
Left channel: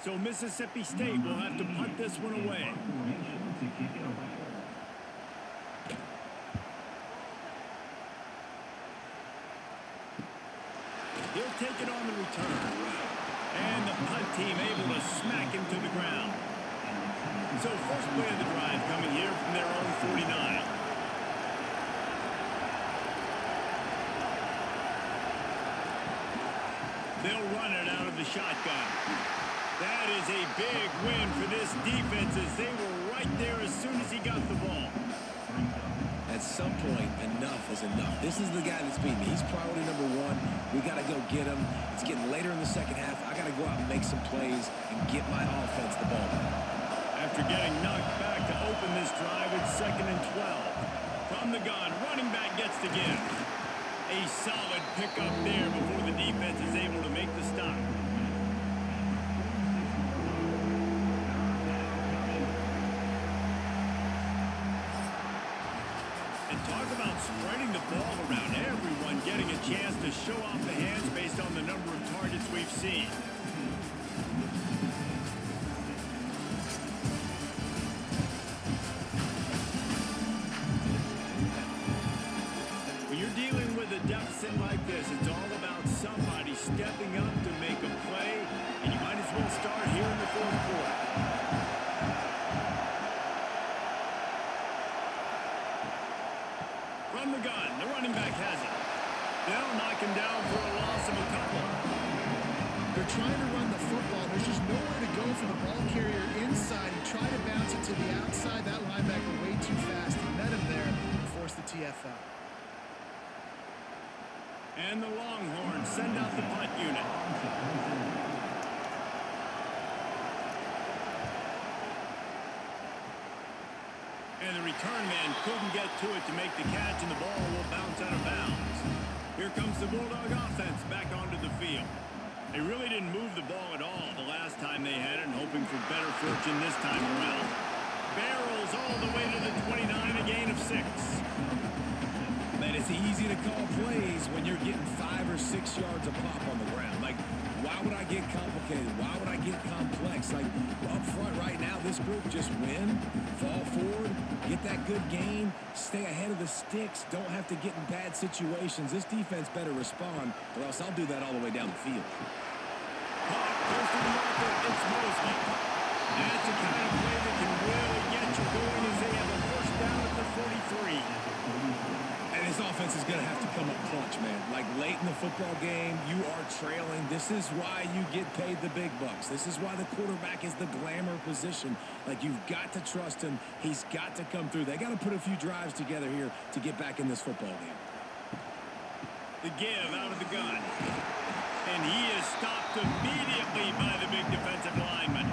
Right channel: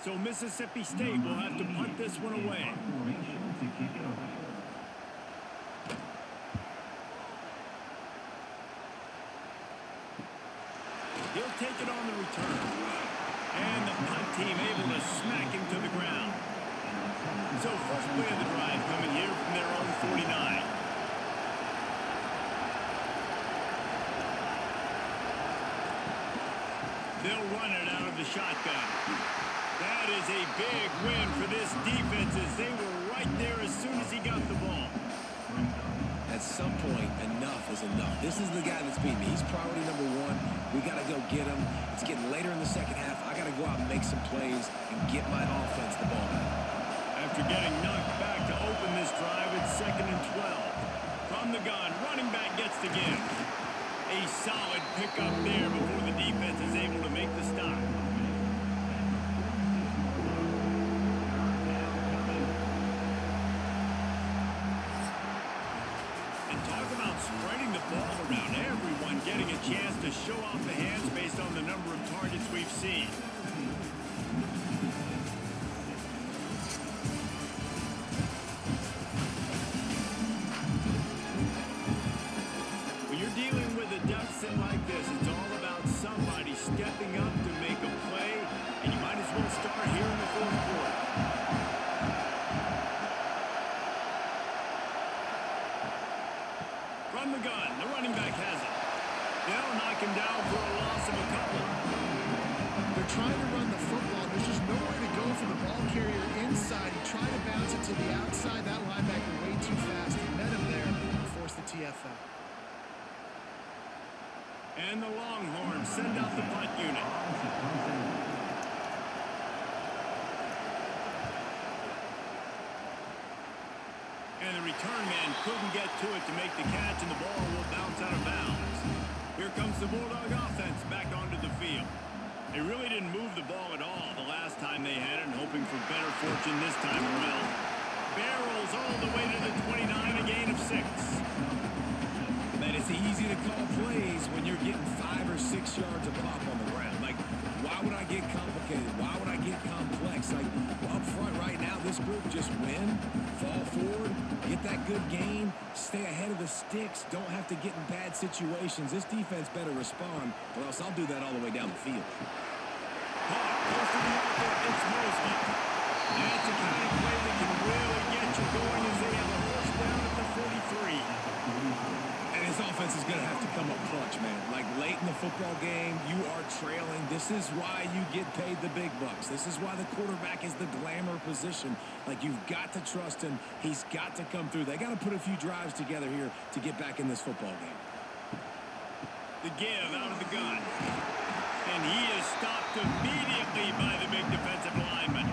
So Mississippi State will have to punt this one away. Formation to kick it away. He'll take it on the return. And the punt team able to smack him to the ground. So first play of the drive coming here from their own 49. They'll run it out of the shotgun. That is a big win for this defense as they were right there as soon as he got the ball. At some point, enough is enough. This is the guy that's beating me. He's priority number one. We got to go get him. It's getting later in the second half. I got to go out and make some plays and get my offense the ball back. After getting knocked back to open this drive, it's 2nd and 12. From the gun, running back gets the give. A solid pickup there before the defense is able to make the stop. And talk about spreading the ball around. Everyone getting a chance to show off the hands based on the number of targets we've seen. When you're dealing with a deficit like this, it's all about somebody stepping up to make a play, and you might as well start here in the fourth quarter. From the gun, the running back has it. They'll knock him down for a loss of a couple. They're trying to run the football. There's just nowhere to go for the ball carrier inside. He tried to bounce it to the outside. That linebacker way too fast. He met him there and forced the TFL. And the Longhorns send out the punt unit. And the return man couldn't get to it to make the catch, and the ball will bounce out of bounds. Here comes the Bulldog offense back onto the field. They really didn't move the ball at all the last time they had it, and hoping for better fortune this time around. Barrels all the way to the 29, a gain of 6. Man, it's easy to call plays when you're getting 5 or 6 yards a pop on the ground. Like, why would I get complicated? Why would I get complex? Like, up front right now, this group just win, fall forward, get that good gain, stay ahead of the sticks, don't have to get in bad situations. This defense better respond, or else I'll do that all the way down the field. Caught close to the marker, it's Mosley. That's the kind of play that can really get you going as they have a first down at the 43. And this offense is going to have to come up clutch, man. Like, late in the football game, you are trailing. This is why you get paid the big bucks. This is why the quarterback is the glamour position. Like, you've got to trust him. He's got to come through. They got to put a few drives together here to get back in this football game. The give out of the gun. And he is stopped immediately by the big defensive lineman.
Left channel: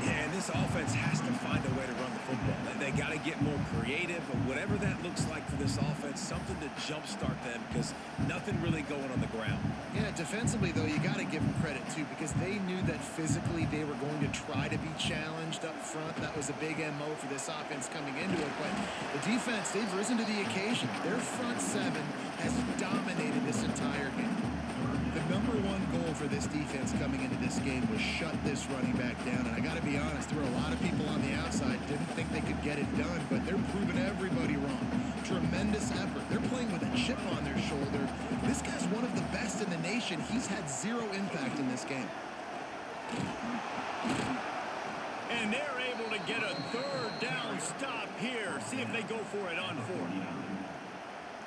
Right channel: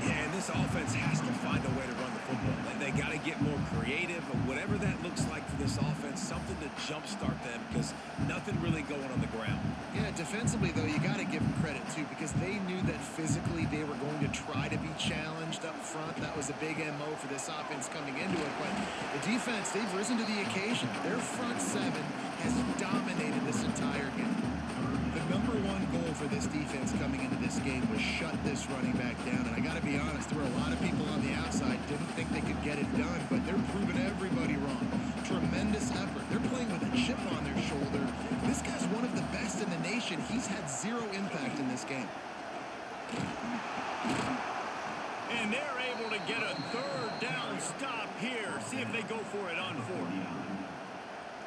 Yeah, and this offense has to find a way to run the football. They got to get more creative, whatever that looks like for this offense, something to jumpstart them, because nothing really going on the ground. Yeah, defensively, though, you got to give them credit, too, because they knew that physically they were going to try to be challenged up front. That was a big MO for this offense coming into it. But the defense, they've risen to the occasion. Their front seven has dominated this entire game. The number one goal for this defense coming into this game was shut this running back down. And I got to be honest, there were a lot of people on the outside didn't think they could get it done, but they're proving everybody wrong. Tremendous effort. They're playing with a chip on their shoulder. This guy's one of the best in the nation. He's had zero impact in this game. And they're able to get a third down stop here. See if they go for it on 4th.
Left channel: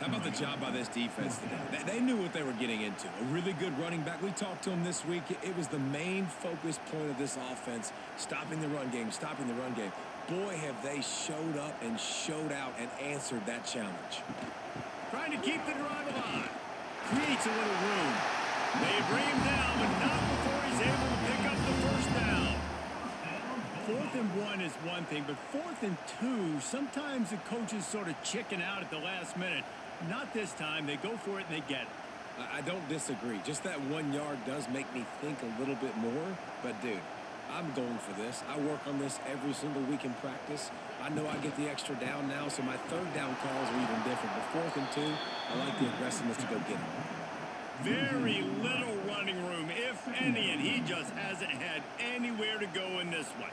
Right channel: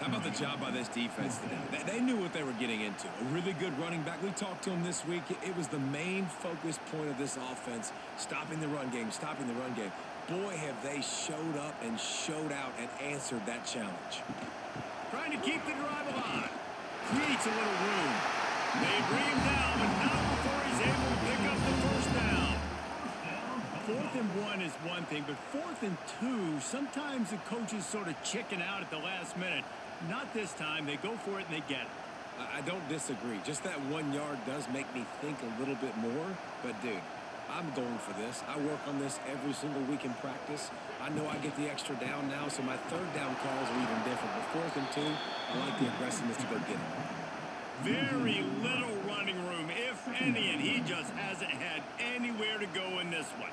How about the job by this defense today? They knew what they were getting into. A really good running back. We talked to him this week. It was the main focus point of this offense, stopping the run game, stopping the run game. Boy, have they showed up and showed out and answered that challenge. Trying to keep the drive alive. Creates a little room. They bring him down, but not before he's able to pick up the first down. 4th and 1 is one thing, but 4th and 2, sometimes the coaches sort of chicken out at the last minute. Not this time. They go for it and they get it. I don't disagree. Just that 1 yard does make me think a little bit more. But, dude, I'm going for this. I work on this every single week in practice. I know I get the extra down now, so my third down calls are even different. But 4th and 2, I like the aggressiveness to go get it. very little running room, if any, and he just hasn't had anywhere to go in this one.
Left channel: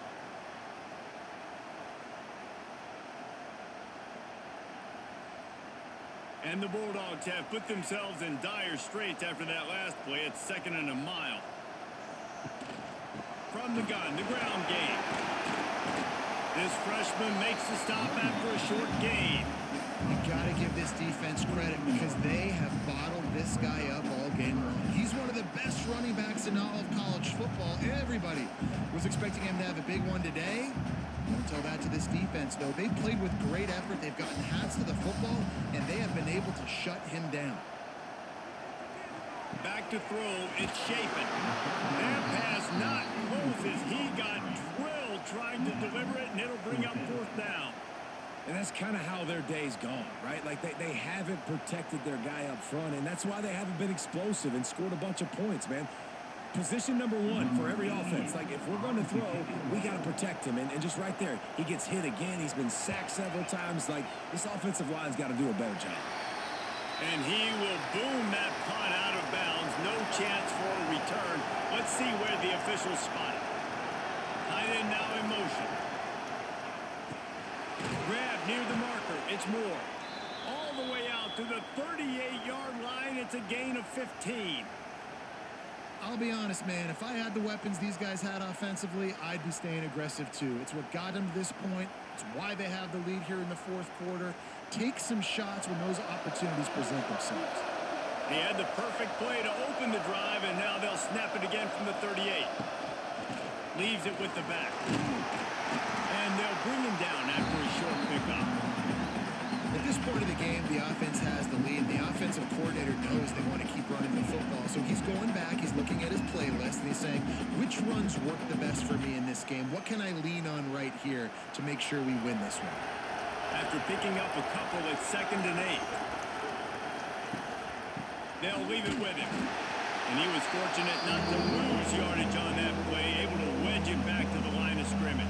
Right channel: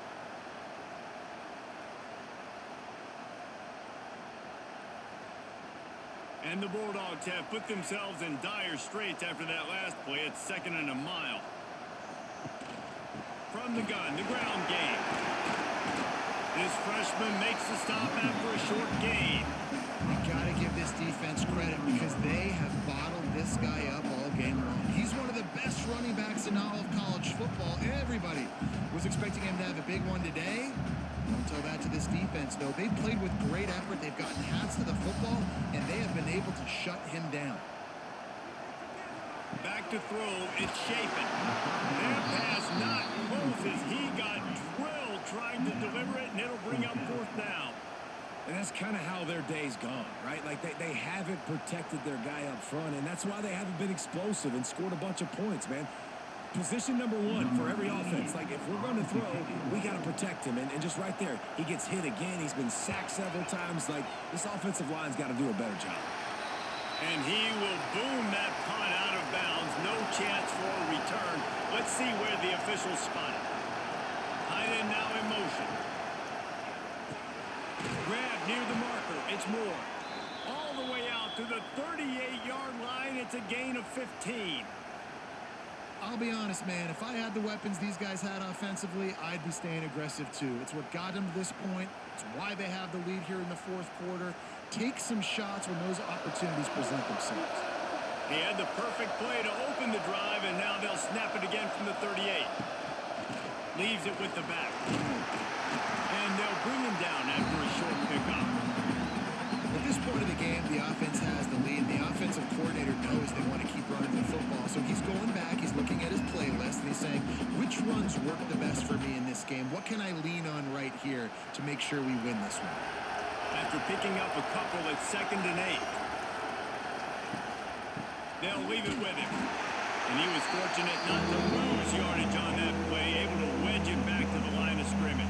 And the Bulldogs have put themselves in dire straits after that last play. It's 2nd and a mile. From the gun, the ground game. This freshman makes the stop after a short gain. You got to give this defense credit because they have bottled this guy up all game long. He's one of the best running backs in all of college football. Everybody was expecting him to have a big one today. Don't tell that to this defense, though. They've played with great effort. They've gotten hats to the football, and they have been able to shut him down. Back to throw. It's Chapin. That pass not close as he got drilled trying to deliver it, and it'll bring up 4th down. And that's kind of how their day's gone, right? Like they haven't protected their guy up front, and that's why they haven't been explosive and scored a bunch of points, man. Position number 1 for every offense. Like, if we're going to throw, we got to protect him. And just right there, he gets hit again. He's been sacked several times. Like, this offensive line's got to do a better job. And he will boom that punt out of bounds. No chance for a return. Let's see where the officials spot it. Tight end now in motion. Grab near the marker. It's Moore. All the way out to the 38-yard line. It's a gain of 15. I'll be honest, man. If I had the weapons these guys had offensively, I'd be staying aggressive too. It's what got them to this point. It's why they have the lead here in the 4th quarter. Take some shots when those opportunities present themselves. He had the perfect play to open the drive, and now they'll snap it again from the 38. Leaves it with the back. And they'll bring him down after a short pickup. At this point of the game, the offense has the lead. The offensive coordinator knows they want to keep running the football. So he's going back, he's looking at his playlist, and he's saying, which runs work the best for me in this game? What can I lean on right here to make sure we win this one? After picking up a couple, it's 2nd and 8. They'll leave it with him. And he was fortunate not to lose yardage on that play, able to wedge it back to the line of scrimmage.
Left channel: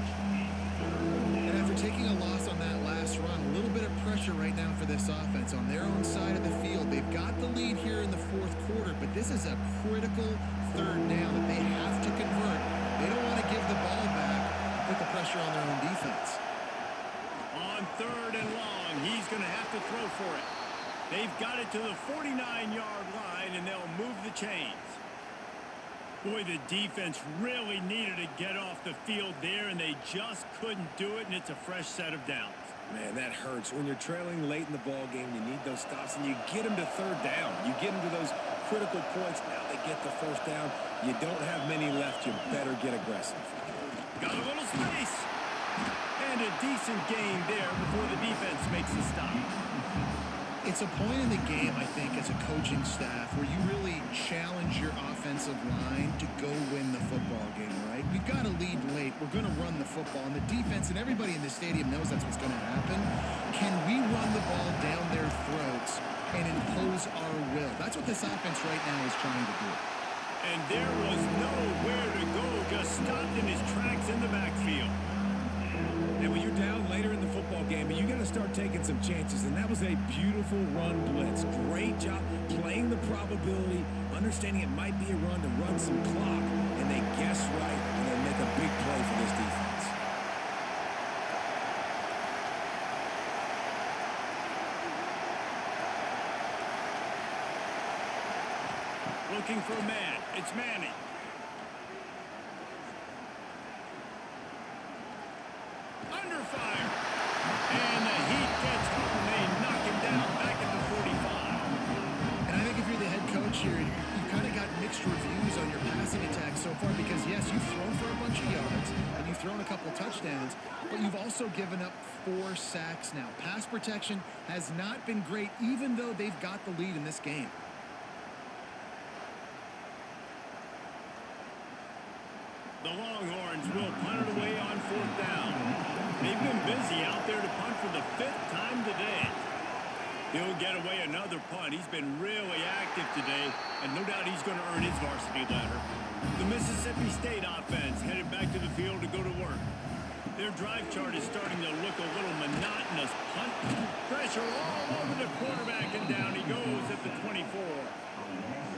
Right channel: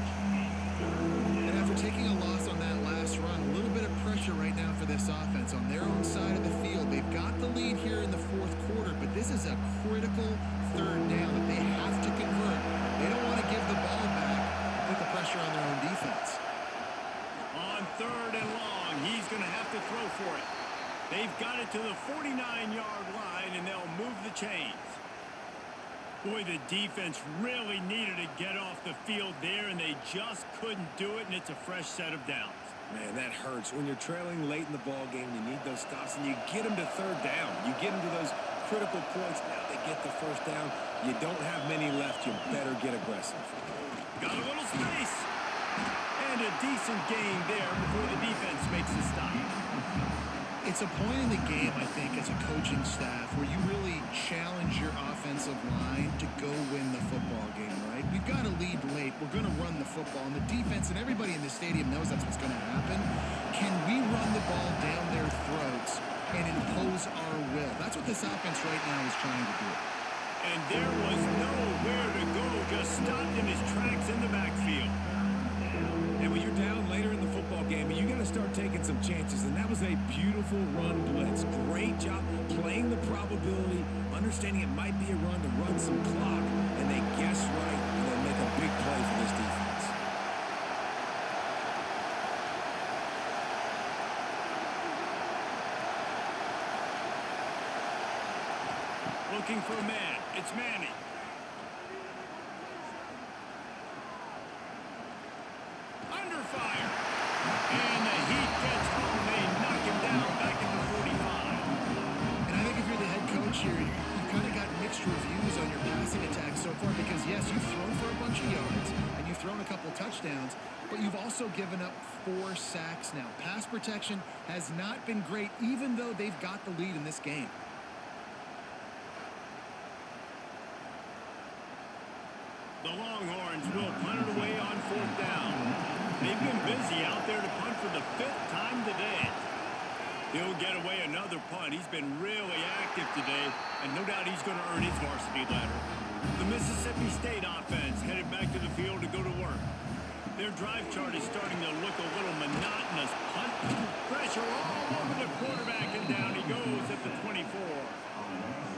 And after taking a loss on that last run, a little bit of pressure right now for this offense on their own side of the field. They've got the lead here in the 4th quarter, but this is a critical 3rd down that they have to convert. They don't want to give the ball back and put the pressure on their own defense. On 3rd and long, he's going to have to throw for it. They've got it to the 49-yard line, and they'll move the chains. Boy, the defense really needed to get off the field there, and they just couldn't do it, and it's a fresh set of downs. Man, that hurts. When you're trailing late in the ball game, you need those stops, and you get them to 3rd down. You get them to those critical points. Now they get the 1st down. You don't have many left. You better get aggressive. Got a little space. And a decent gain there before the defense makes the stop. It's a point in the game, I think, as a coaching staff where you really challenge your offensive line to go win the football game, right? We've got to lead late. We're going to run the football. And the defense and everybody in the stadium knows that's what's going to happen. Can we run the ball down their throats and impose our will? That's what this offense right now is trying to do. And there was nowhere to go, just stopped in his tracks in the backfield. And when you're down later in the football game, you got to start taking some chances. And that was a beautiful run blitz. Great job playing the probability, understanding it might be a run to run some clock. And they guess right, and they make a big play for this defense. Looking for a man. It's Manning. Under fire. And the Heat gets home. They knock him down back at the 45. And I think if you're the head coach here, you've kind of got mixed reviews on your passing attack so far because, yes, you've thrown for a bunch of yards and you've thrown a couple touchdowns, but you've also given up 4 sacks now. Pass protection has not been great, even though they've got the lead in this game. The Longhorns will punt it away on 4th down. They've been busy out there to punt for the 5th time today. He'll get away another punt. He's been really active today, and no doubt he's going to earn his varsity ladder. The Mississippi State offense headed back to the field to go to work. Their drive chart is starting to look a little monotonous. Punt pressure all over the quarterback, and down he goes at the 24.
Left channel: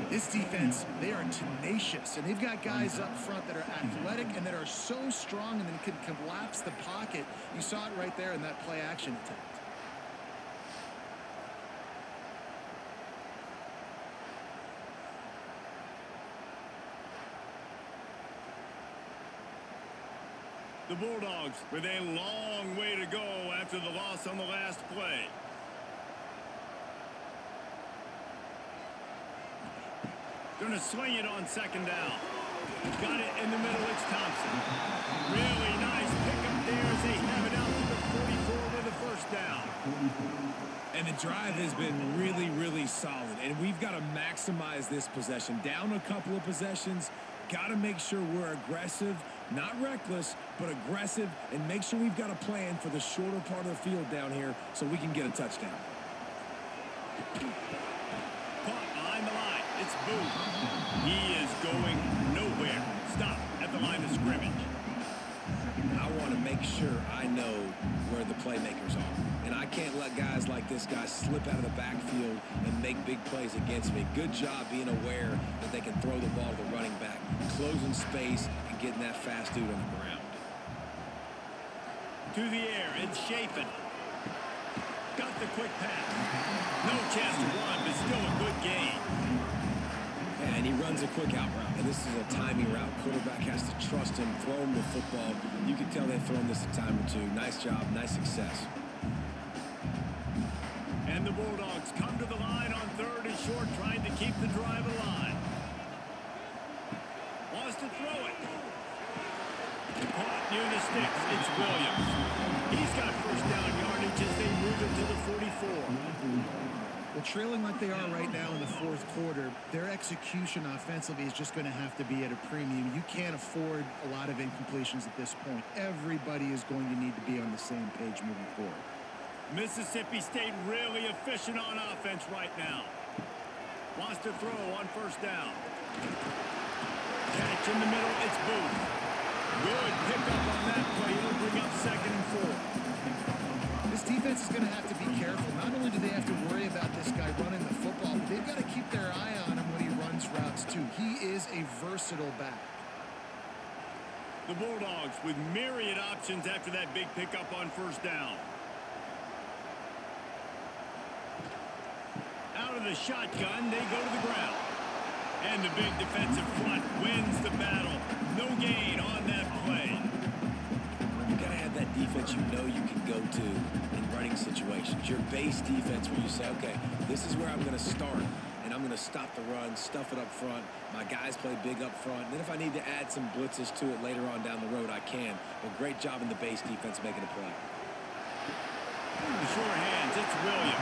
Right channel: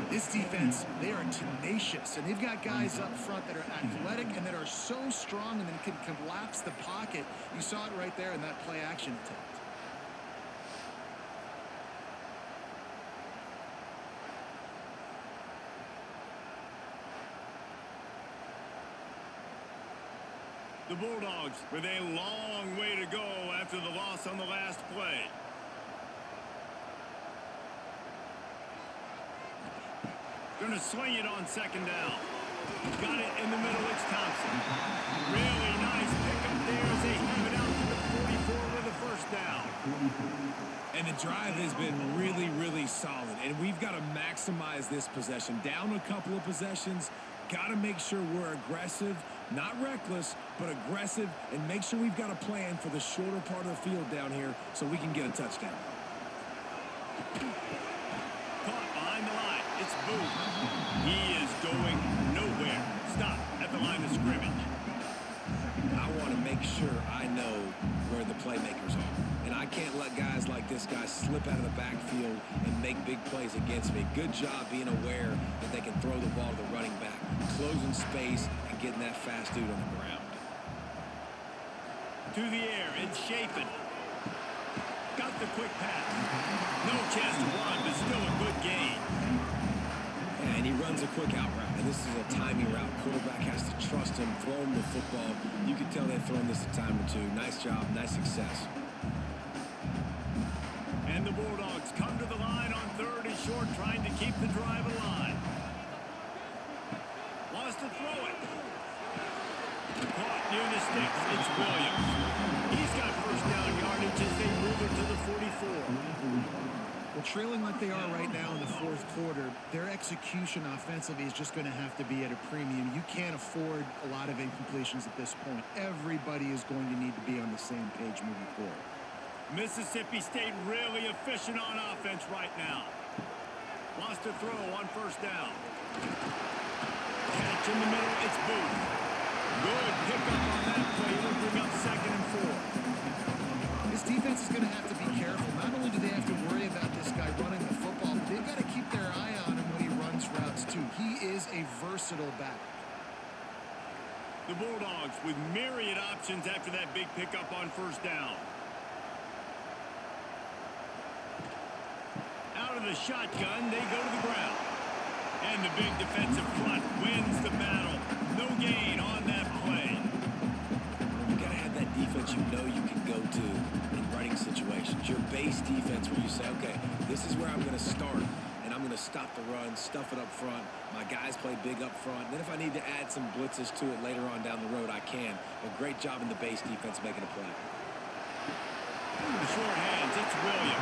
This defense, they are tenacious, and they've got guys up front that are athletic and that are so strong and then can collapse the pocket. You saw it right there in that play action attempt. The Bulldogs with a long way to go after the loss on the last play. Gonna swing it on second down. Got it in the middle. It's Thompson. Really nice pickup there as they have it out to the 44 with a first down. And the drive has been really, really solid. And we've got to maximize this possession. Down a couple of possessions. Got to make sure we're aggressive, not reckless, but aggressive, and make sure we've got a plan for the shorter part of the field down here so we can get a touchdown. Caught behind the line. It's Booth. He is going nowhere. Stop at the line of scrimmage. I want to make sure I know where the playmakers are. And I can't let guys like this guy slip out of the backfield and make big plays against me. Good job being aware that they can throw the ball to the running back, closing space, and getting that fast dude on the ground. To the air, it's Chapin. Got the quick pass. No chance to run, but still a good gain. Yeah, and he runs a quick out route, and this is a timing route. Quarterback has to trust him, throw him the football. You can tell they've thrown this a time or two. Nice job, nice success. And the Bulldogs come to the line on 3rd and short, trying to keep the drive alive. Wants to throw it. Caught near the sticks. It's Williams. He's got first down yardage as they move it to the 44. Well, trailing like they are right now in the fourth quarter, their execution offensively is just going to have to be at a premium. You can't afford a lot of incompletions at this point. Everybody is going to need to be on the same page moving forward. Mississippi State really efficient on offense right now. Wants to throw on first down. Catch in the middle. It's Booth. Good pickup on that play. It'll bring up 2nd and 4. This defense is going to have to be careful. Not only do they have to worry about this guy running the football, but they've got to keep their eye on him when he runs routes too. He is a versatile back. The Bulldogs with myriad options after that big pickup on first down. Out of the shotgun, they go to the ground. And the big defensive front wins the battle. No gain on that play. You got to have that defense you know you can go to in running situations. Your base defense where you say, okay, this is where I'm going to start, and I'm going to stop the run, stuff it up front. My guys play big up front. Then if I need to add some blitzes to it later on down the road, I can. But great job in the base defense making a play. The short hands, it's Williams.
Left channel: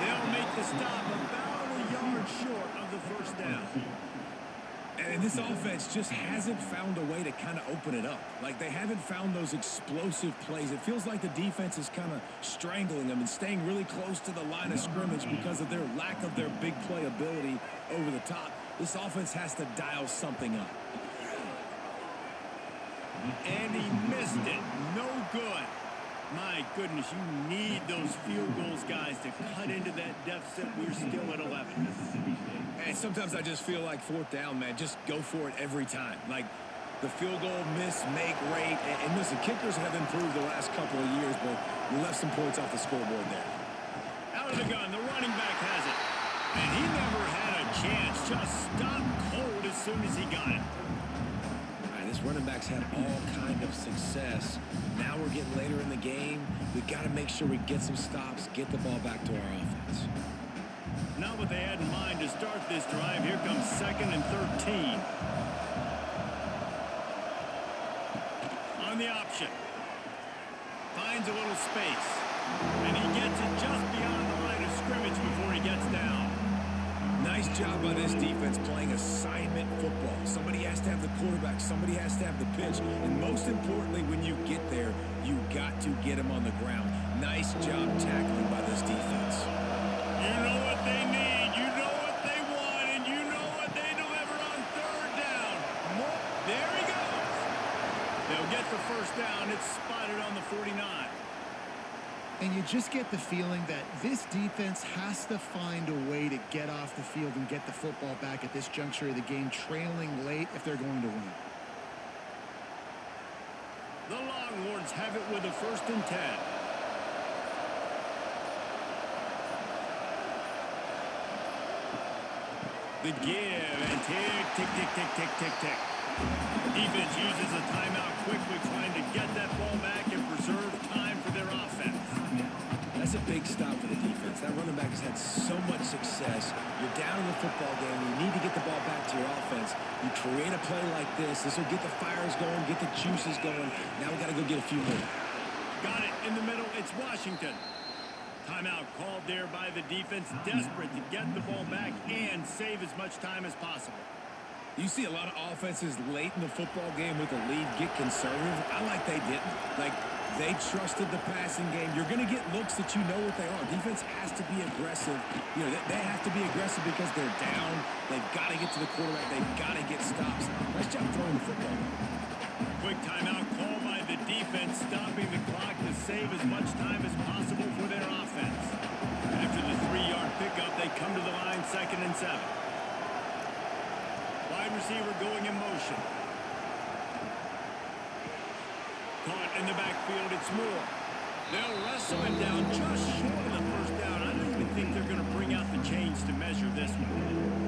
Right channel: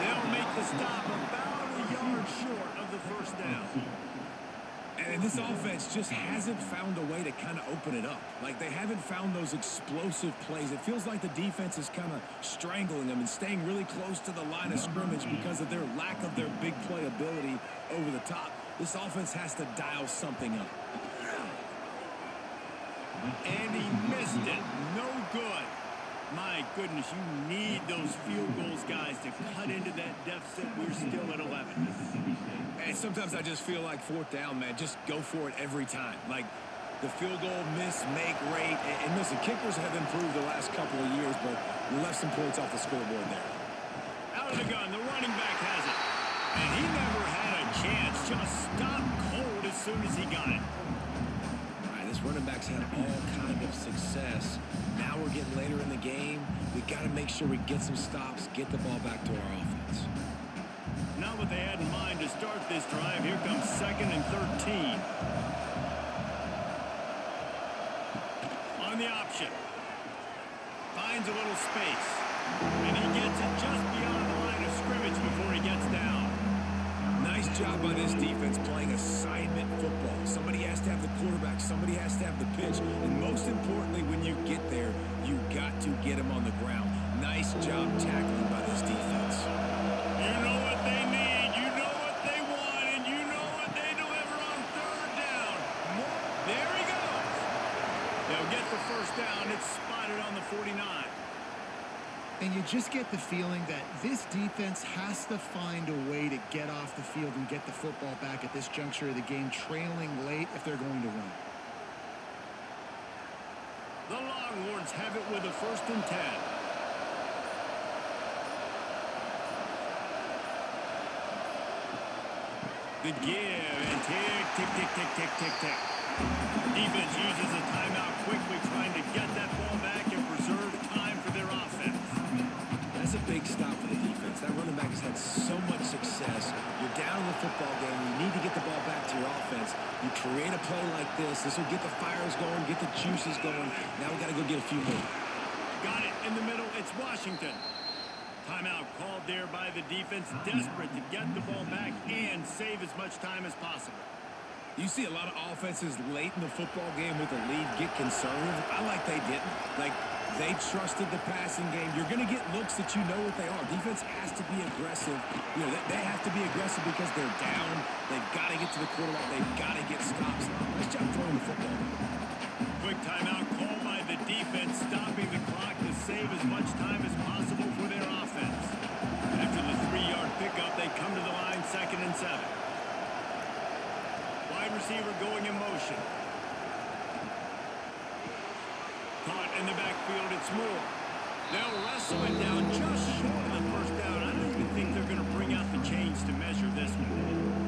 They'll make the stop about a yard short of the first down. And this offense just hasn't found a way to kind of open it up. Like, they haven't found those explosive plays. It feels like the defense is kind of strangling them and staying really close to the line of scrimmage because of their lack of their big play ability over the top. This offense has to dial something up. And he missed it. No good. My goodness, you need those field goals, guys, to cut into that deficit. We're still at 11. And sometimes I just feel like 4th down, man, just go for it every time. Like, the field goal miss, make rate. And listen, kickers have improved the last couple of years, but you left some points off the scoreboard there. Out of the gun, the running back has it. And he never had a chance. Just stopped cold as soon as he got it. This running back's had all kind of success. Now we're getting later in the game. We got to make sure we get some stops, get the ball back to our offense. Not what they had in mind to start this drive. Here comes 2nd and 13. On the option. Finds a little space. And he gets it just beyond the line of scrimmage before he gets down. Nice job by this defense playing assignment football. Somebody has to have the quarterback. Somebody has to have the pitch. And most importantly, when you get there, you got to get him on the ground. Nice job tackling by this defense. You know what they need. You know what they want. And you know what they deliver on 3rd down. There he goes. They'll get the first down. It's spotted on the 49. And you just get the feeling that this defense has to find a way to get off the field and get the football back at this juncture of the game, trailing late if they're going to win. The Longhorns have it with a 1st and 10. The give and tick, tick, tick, tick, tick, tick, tick. Defense uses a timeout quickly, trying to get that ball back and preserve time for their offense. That's a big stop for the defense. That running back has had so much success. You're down in the football game. You need to get the ball back to your offense. You create a play like this. This will get the fires going, get the juices going. Now we got to go get a few more. Got it in the middle. It's Washington. Timeout called there by the defense, desperate to get the ball back and save as much time as possible. You see a lot of offenses late in the football game with a lead get conservative. I like they didn't. Like, they trusted the passing game. You're going to get looks that you know what they are. Defense has to be aggressive. You know, they have to be aggressive because they're down. They've got to get to the quarterback. They've got to get stops. Nice job throwing the football. Quick timeout called by the defense, stopping the clock to save as much time as possible for their offense. After the 3-yard pickup, they come to the line, 2nd and 7. Wide receiver going in motion. Caught in the backfield, it's Moore. They'll wrestle it down just short of the 1st down. I don't even think they're going to bring out the chains to measure this one.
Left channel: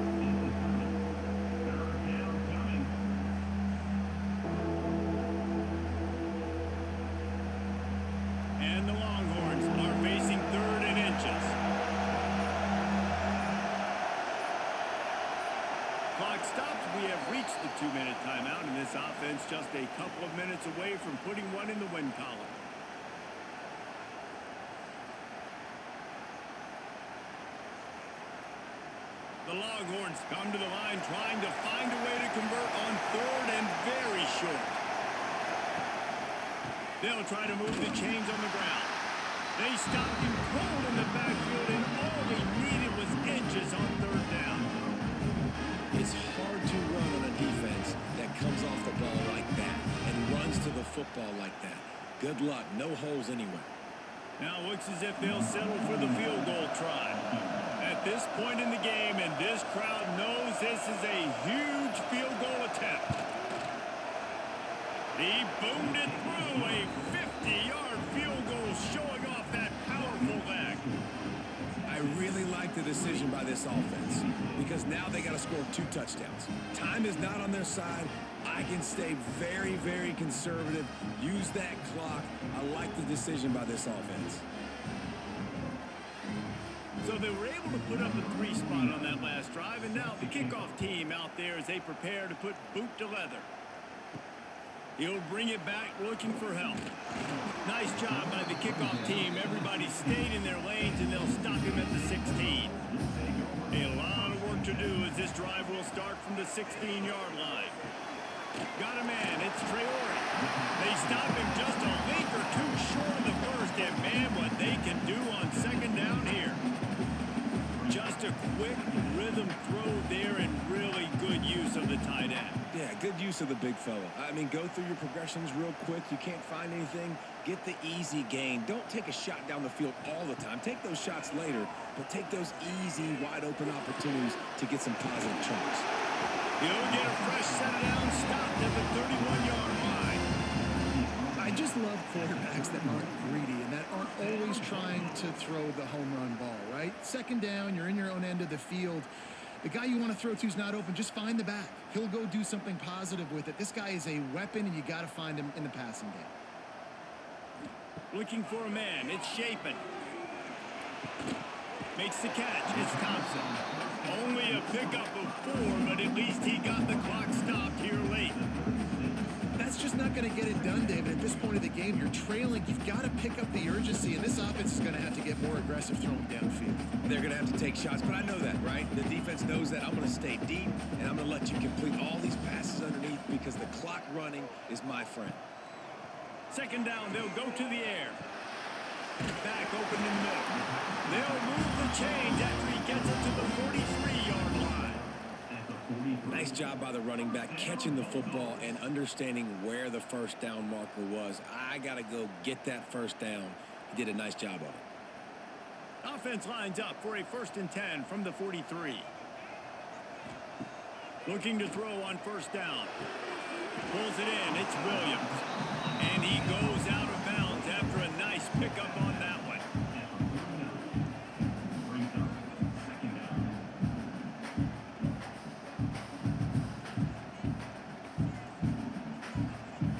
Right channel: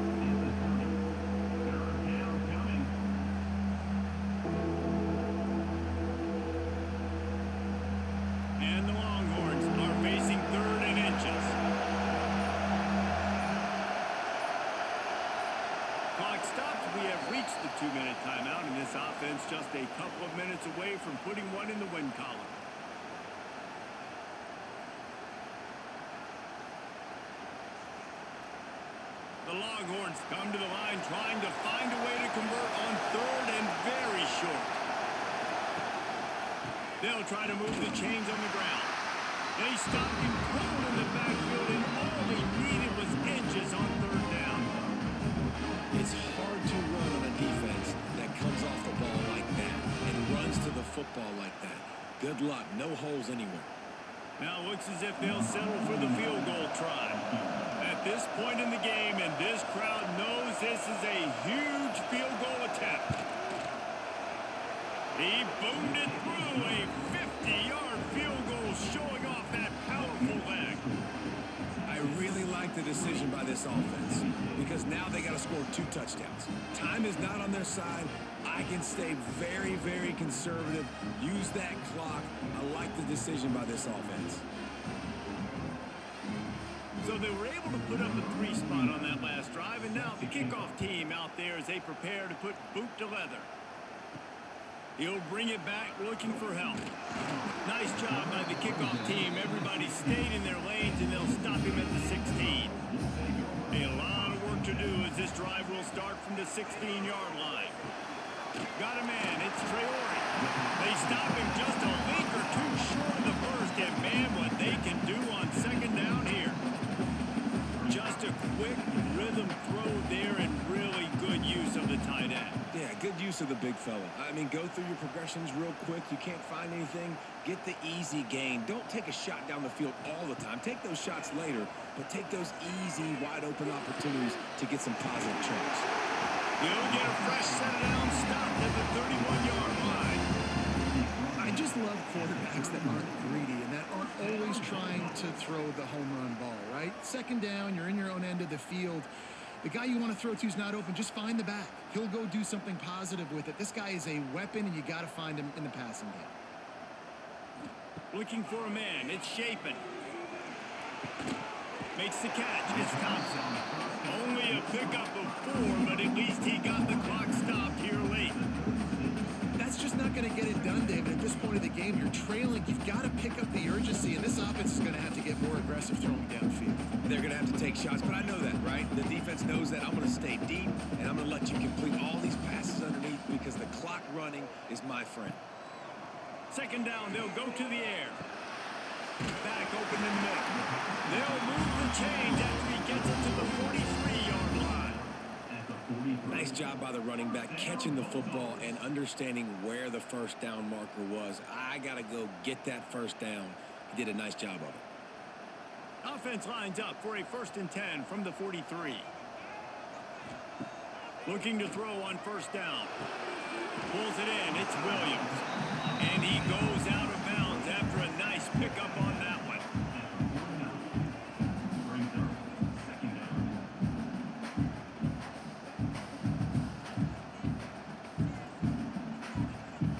And the Longhorns are facing 3rd and inches. Clock stops. We have reached the 2-minute timeout, and this offense just a couple of minutes away from putting one in the win column. The Longhorns come to the line trying to find a way to convert on 3rd and very short. They'll try to move the chains on the ground. They stopped him cold in the backfield, and all he needed was inches on 3rd down. It's hard to run on a defense that comes off the ball like that and runs to the football like that. Good luck. No holes anywhere. Now looks as if they'll settle for the field goal try. At this point in the game, and this crowd knows this is a huge field goal attempt. He boomed it through, a 50-yard field goal, showing off that powerful leg. I really like the decision by this offense because now they got to score 2 touchdowns. Time is not on their side. I can stay very, very conservative. Use that clock. I like the decision by this offense. So they were able to put up a 3 spot on that last drive, and now the kickoff team out there as they prepare to put boot to leather. He'll bring it back looking for help. Nice job by the kickoff team. Everybody stayed in their lanes, and they'll stop him at the 16. A lot of work to do as this drive will start from the 16-yard line. Got a man. It's Traore. They stop him just a link or 2 short of the 1st, and man, what they can do on 2nd down here. Just a quick rhythm throw there and really good use of the tight end. Yeah, good use of the big fella. I mean, go through your progressions real quick. You can't find anything. Get the easy gain. Don't take a shot down the field all the time. Take those shots later, but take those easy, wide-open opportunities to get some positive chunks. He'll get a fresh set it down, stopped at the 31-yard line. I just love quarterbacks that aren't greedy and that aren't always trying to throw the home run ball, right? 2nd down, you're in your own end of the field. The guy you want to throw to is not open. Just find the back. He'll go do something positive with it. This guy is a weapon, and you got to find him in the passing game. Looking for a man. It's Shapen. Makes the catch. It's Thompson. Only a pickup of 4, but at least he got the clock stopped here late. That's just not going to get it done, David. At this point of the game, you're trailing. You've got to pick up the urgency, and this offense is going to have to get more aggressive throwing downfield. They're going to have to take shots, but I know that, right? The defense knows that. I'm going to stay deep, and I'm going to let you complete all these passes underneath because the clock running is my friend. 2nd down, they'll go to the air. Back open in the middle. They'll move the chains after he gets it to the 43-yard line. Nice job by the running back catching the football and understanding where the 1st down marker was. I got to go get that 1st down. did a nice job of it. Offense lines up for a 1st and 10 from the 43. Looking to throw on 1st down. Pulls it in. It's Williams. And he goes out of bounds after a nice pickup on that one. Brings up 2nd down.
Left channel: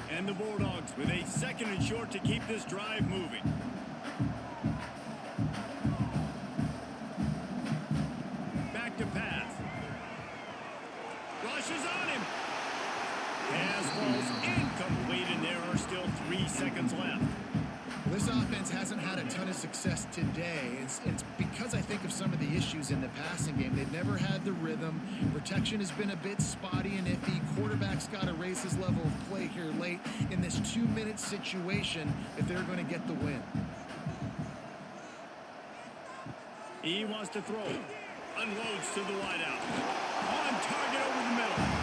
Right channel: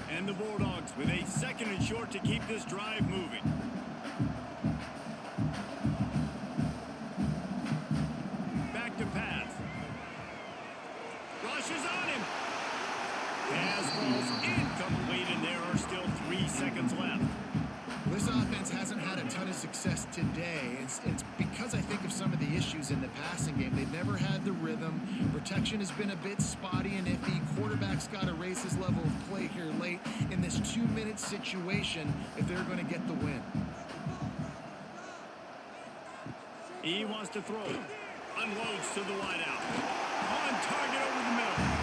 And the Bulldogs with a 2nd and short to keep this drive moving. Back to pass. Rushes on him. Pass falls incomplete, and there are still 3 seconds left. Well, this offense hasn't had a ton of success today. It's because I think of some of the issues in the passing game. They've never had the rhythm. Protection has been a bit spotty and iffy. Quarterback's got to raise his level of play here late in this 2-minute situation if they're going to get the win. He wants to throw it. Unloads to the wideout. On target over the middle.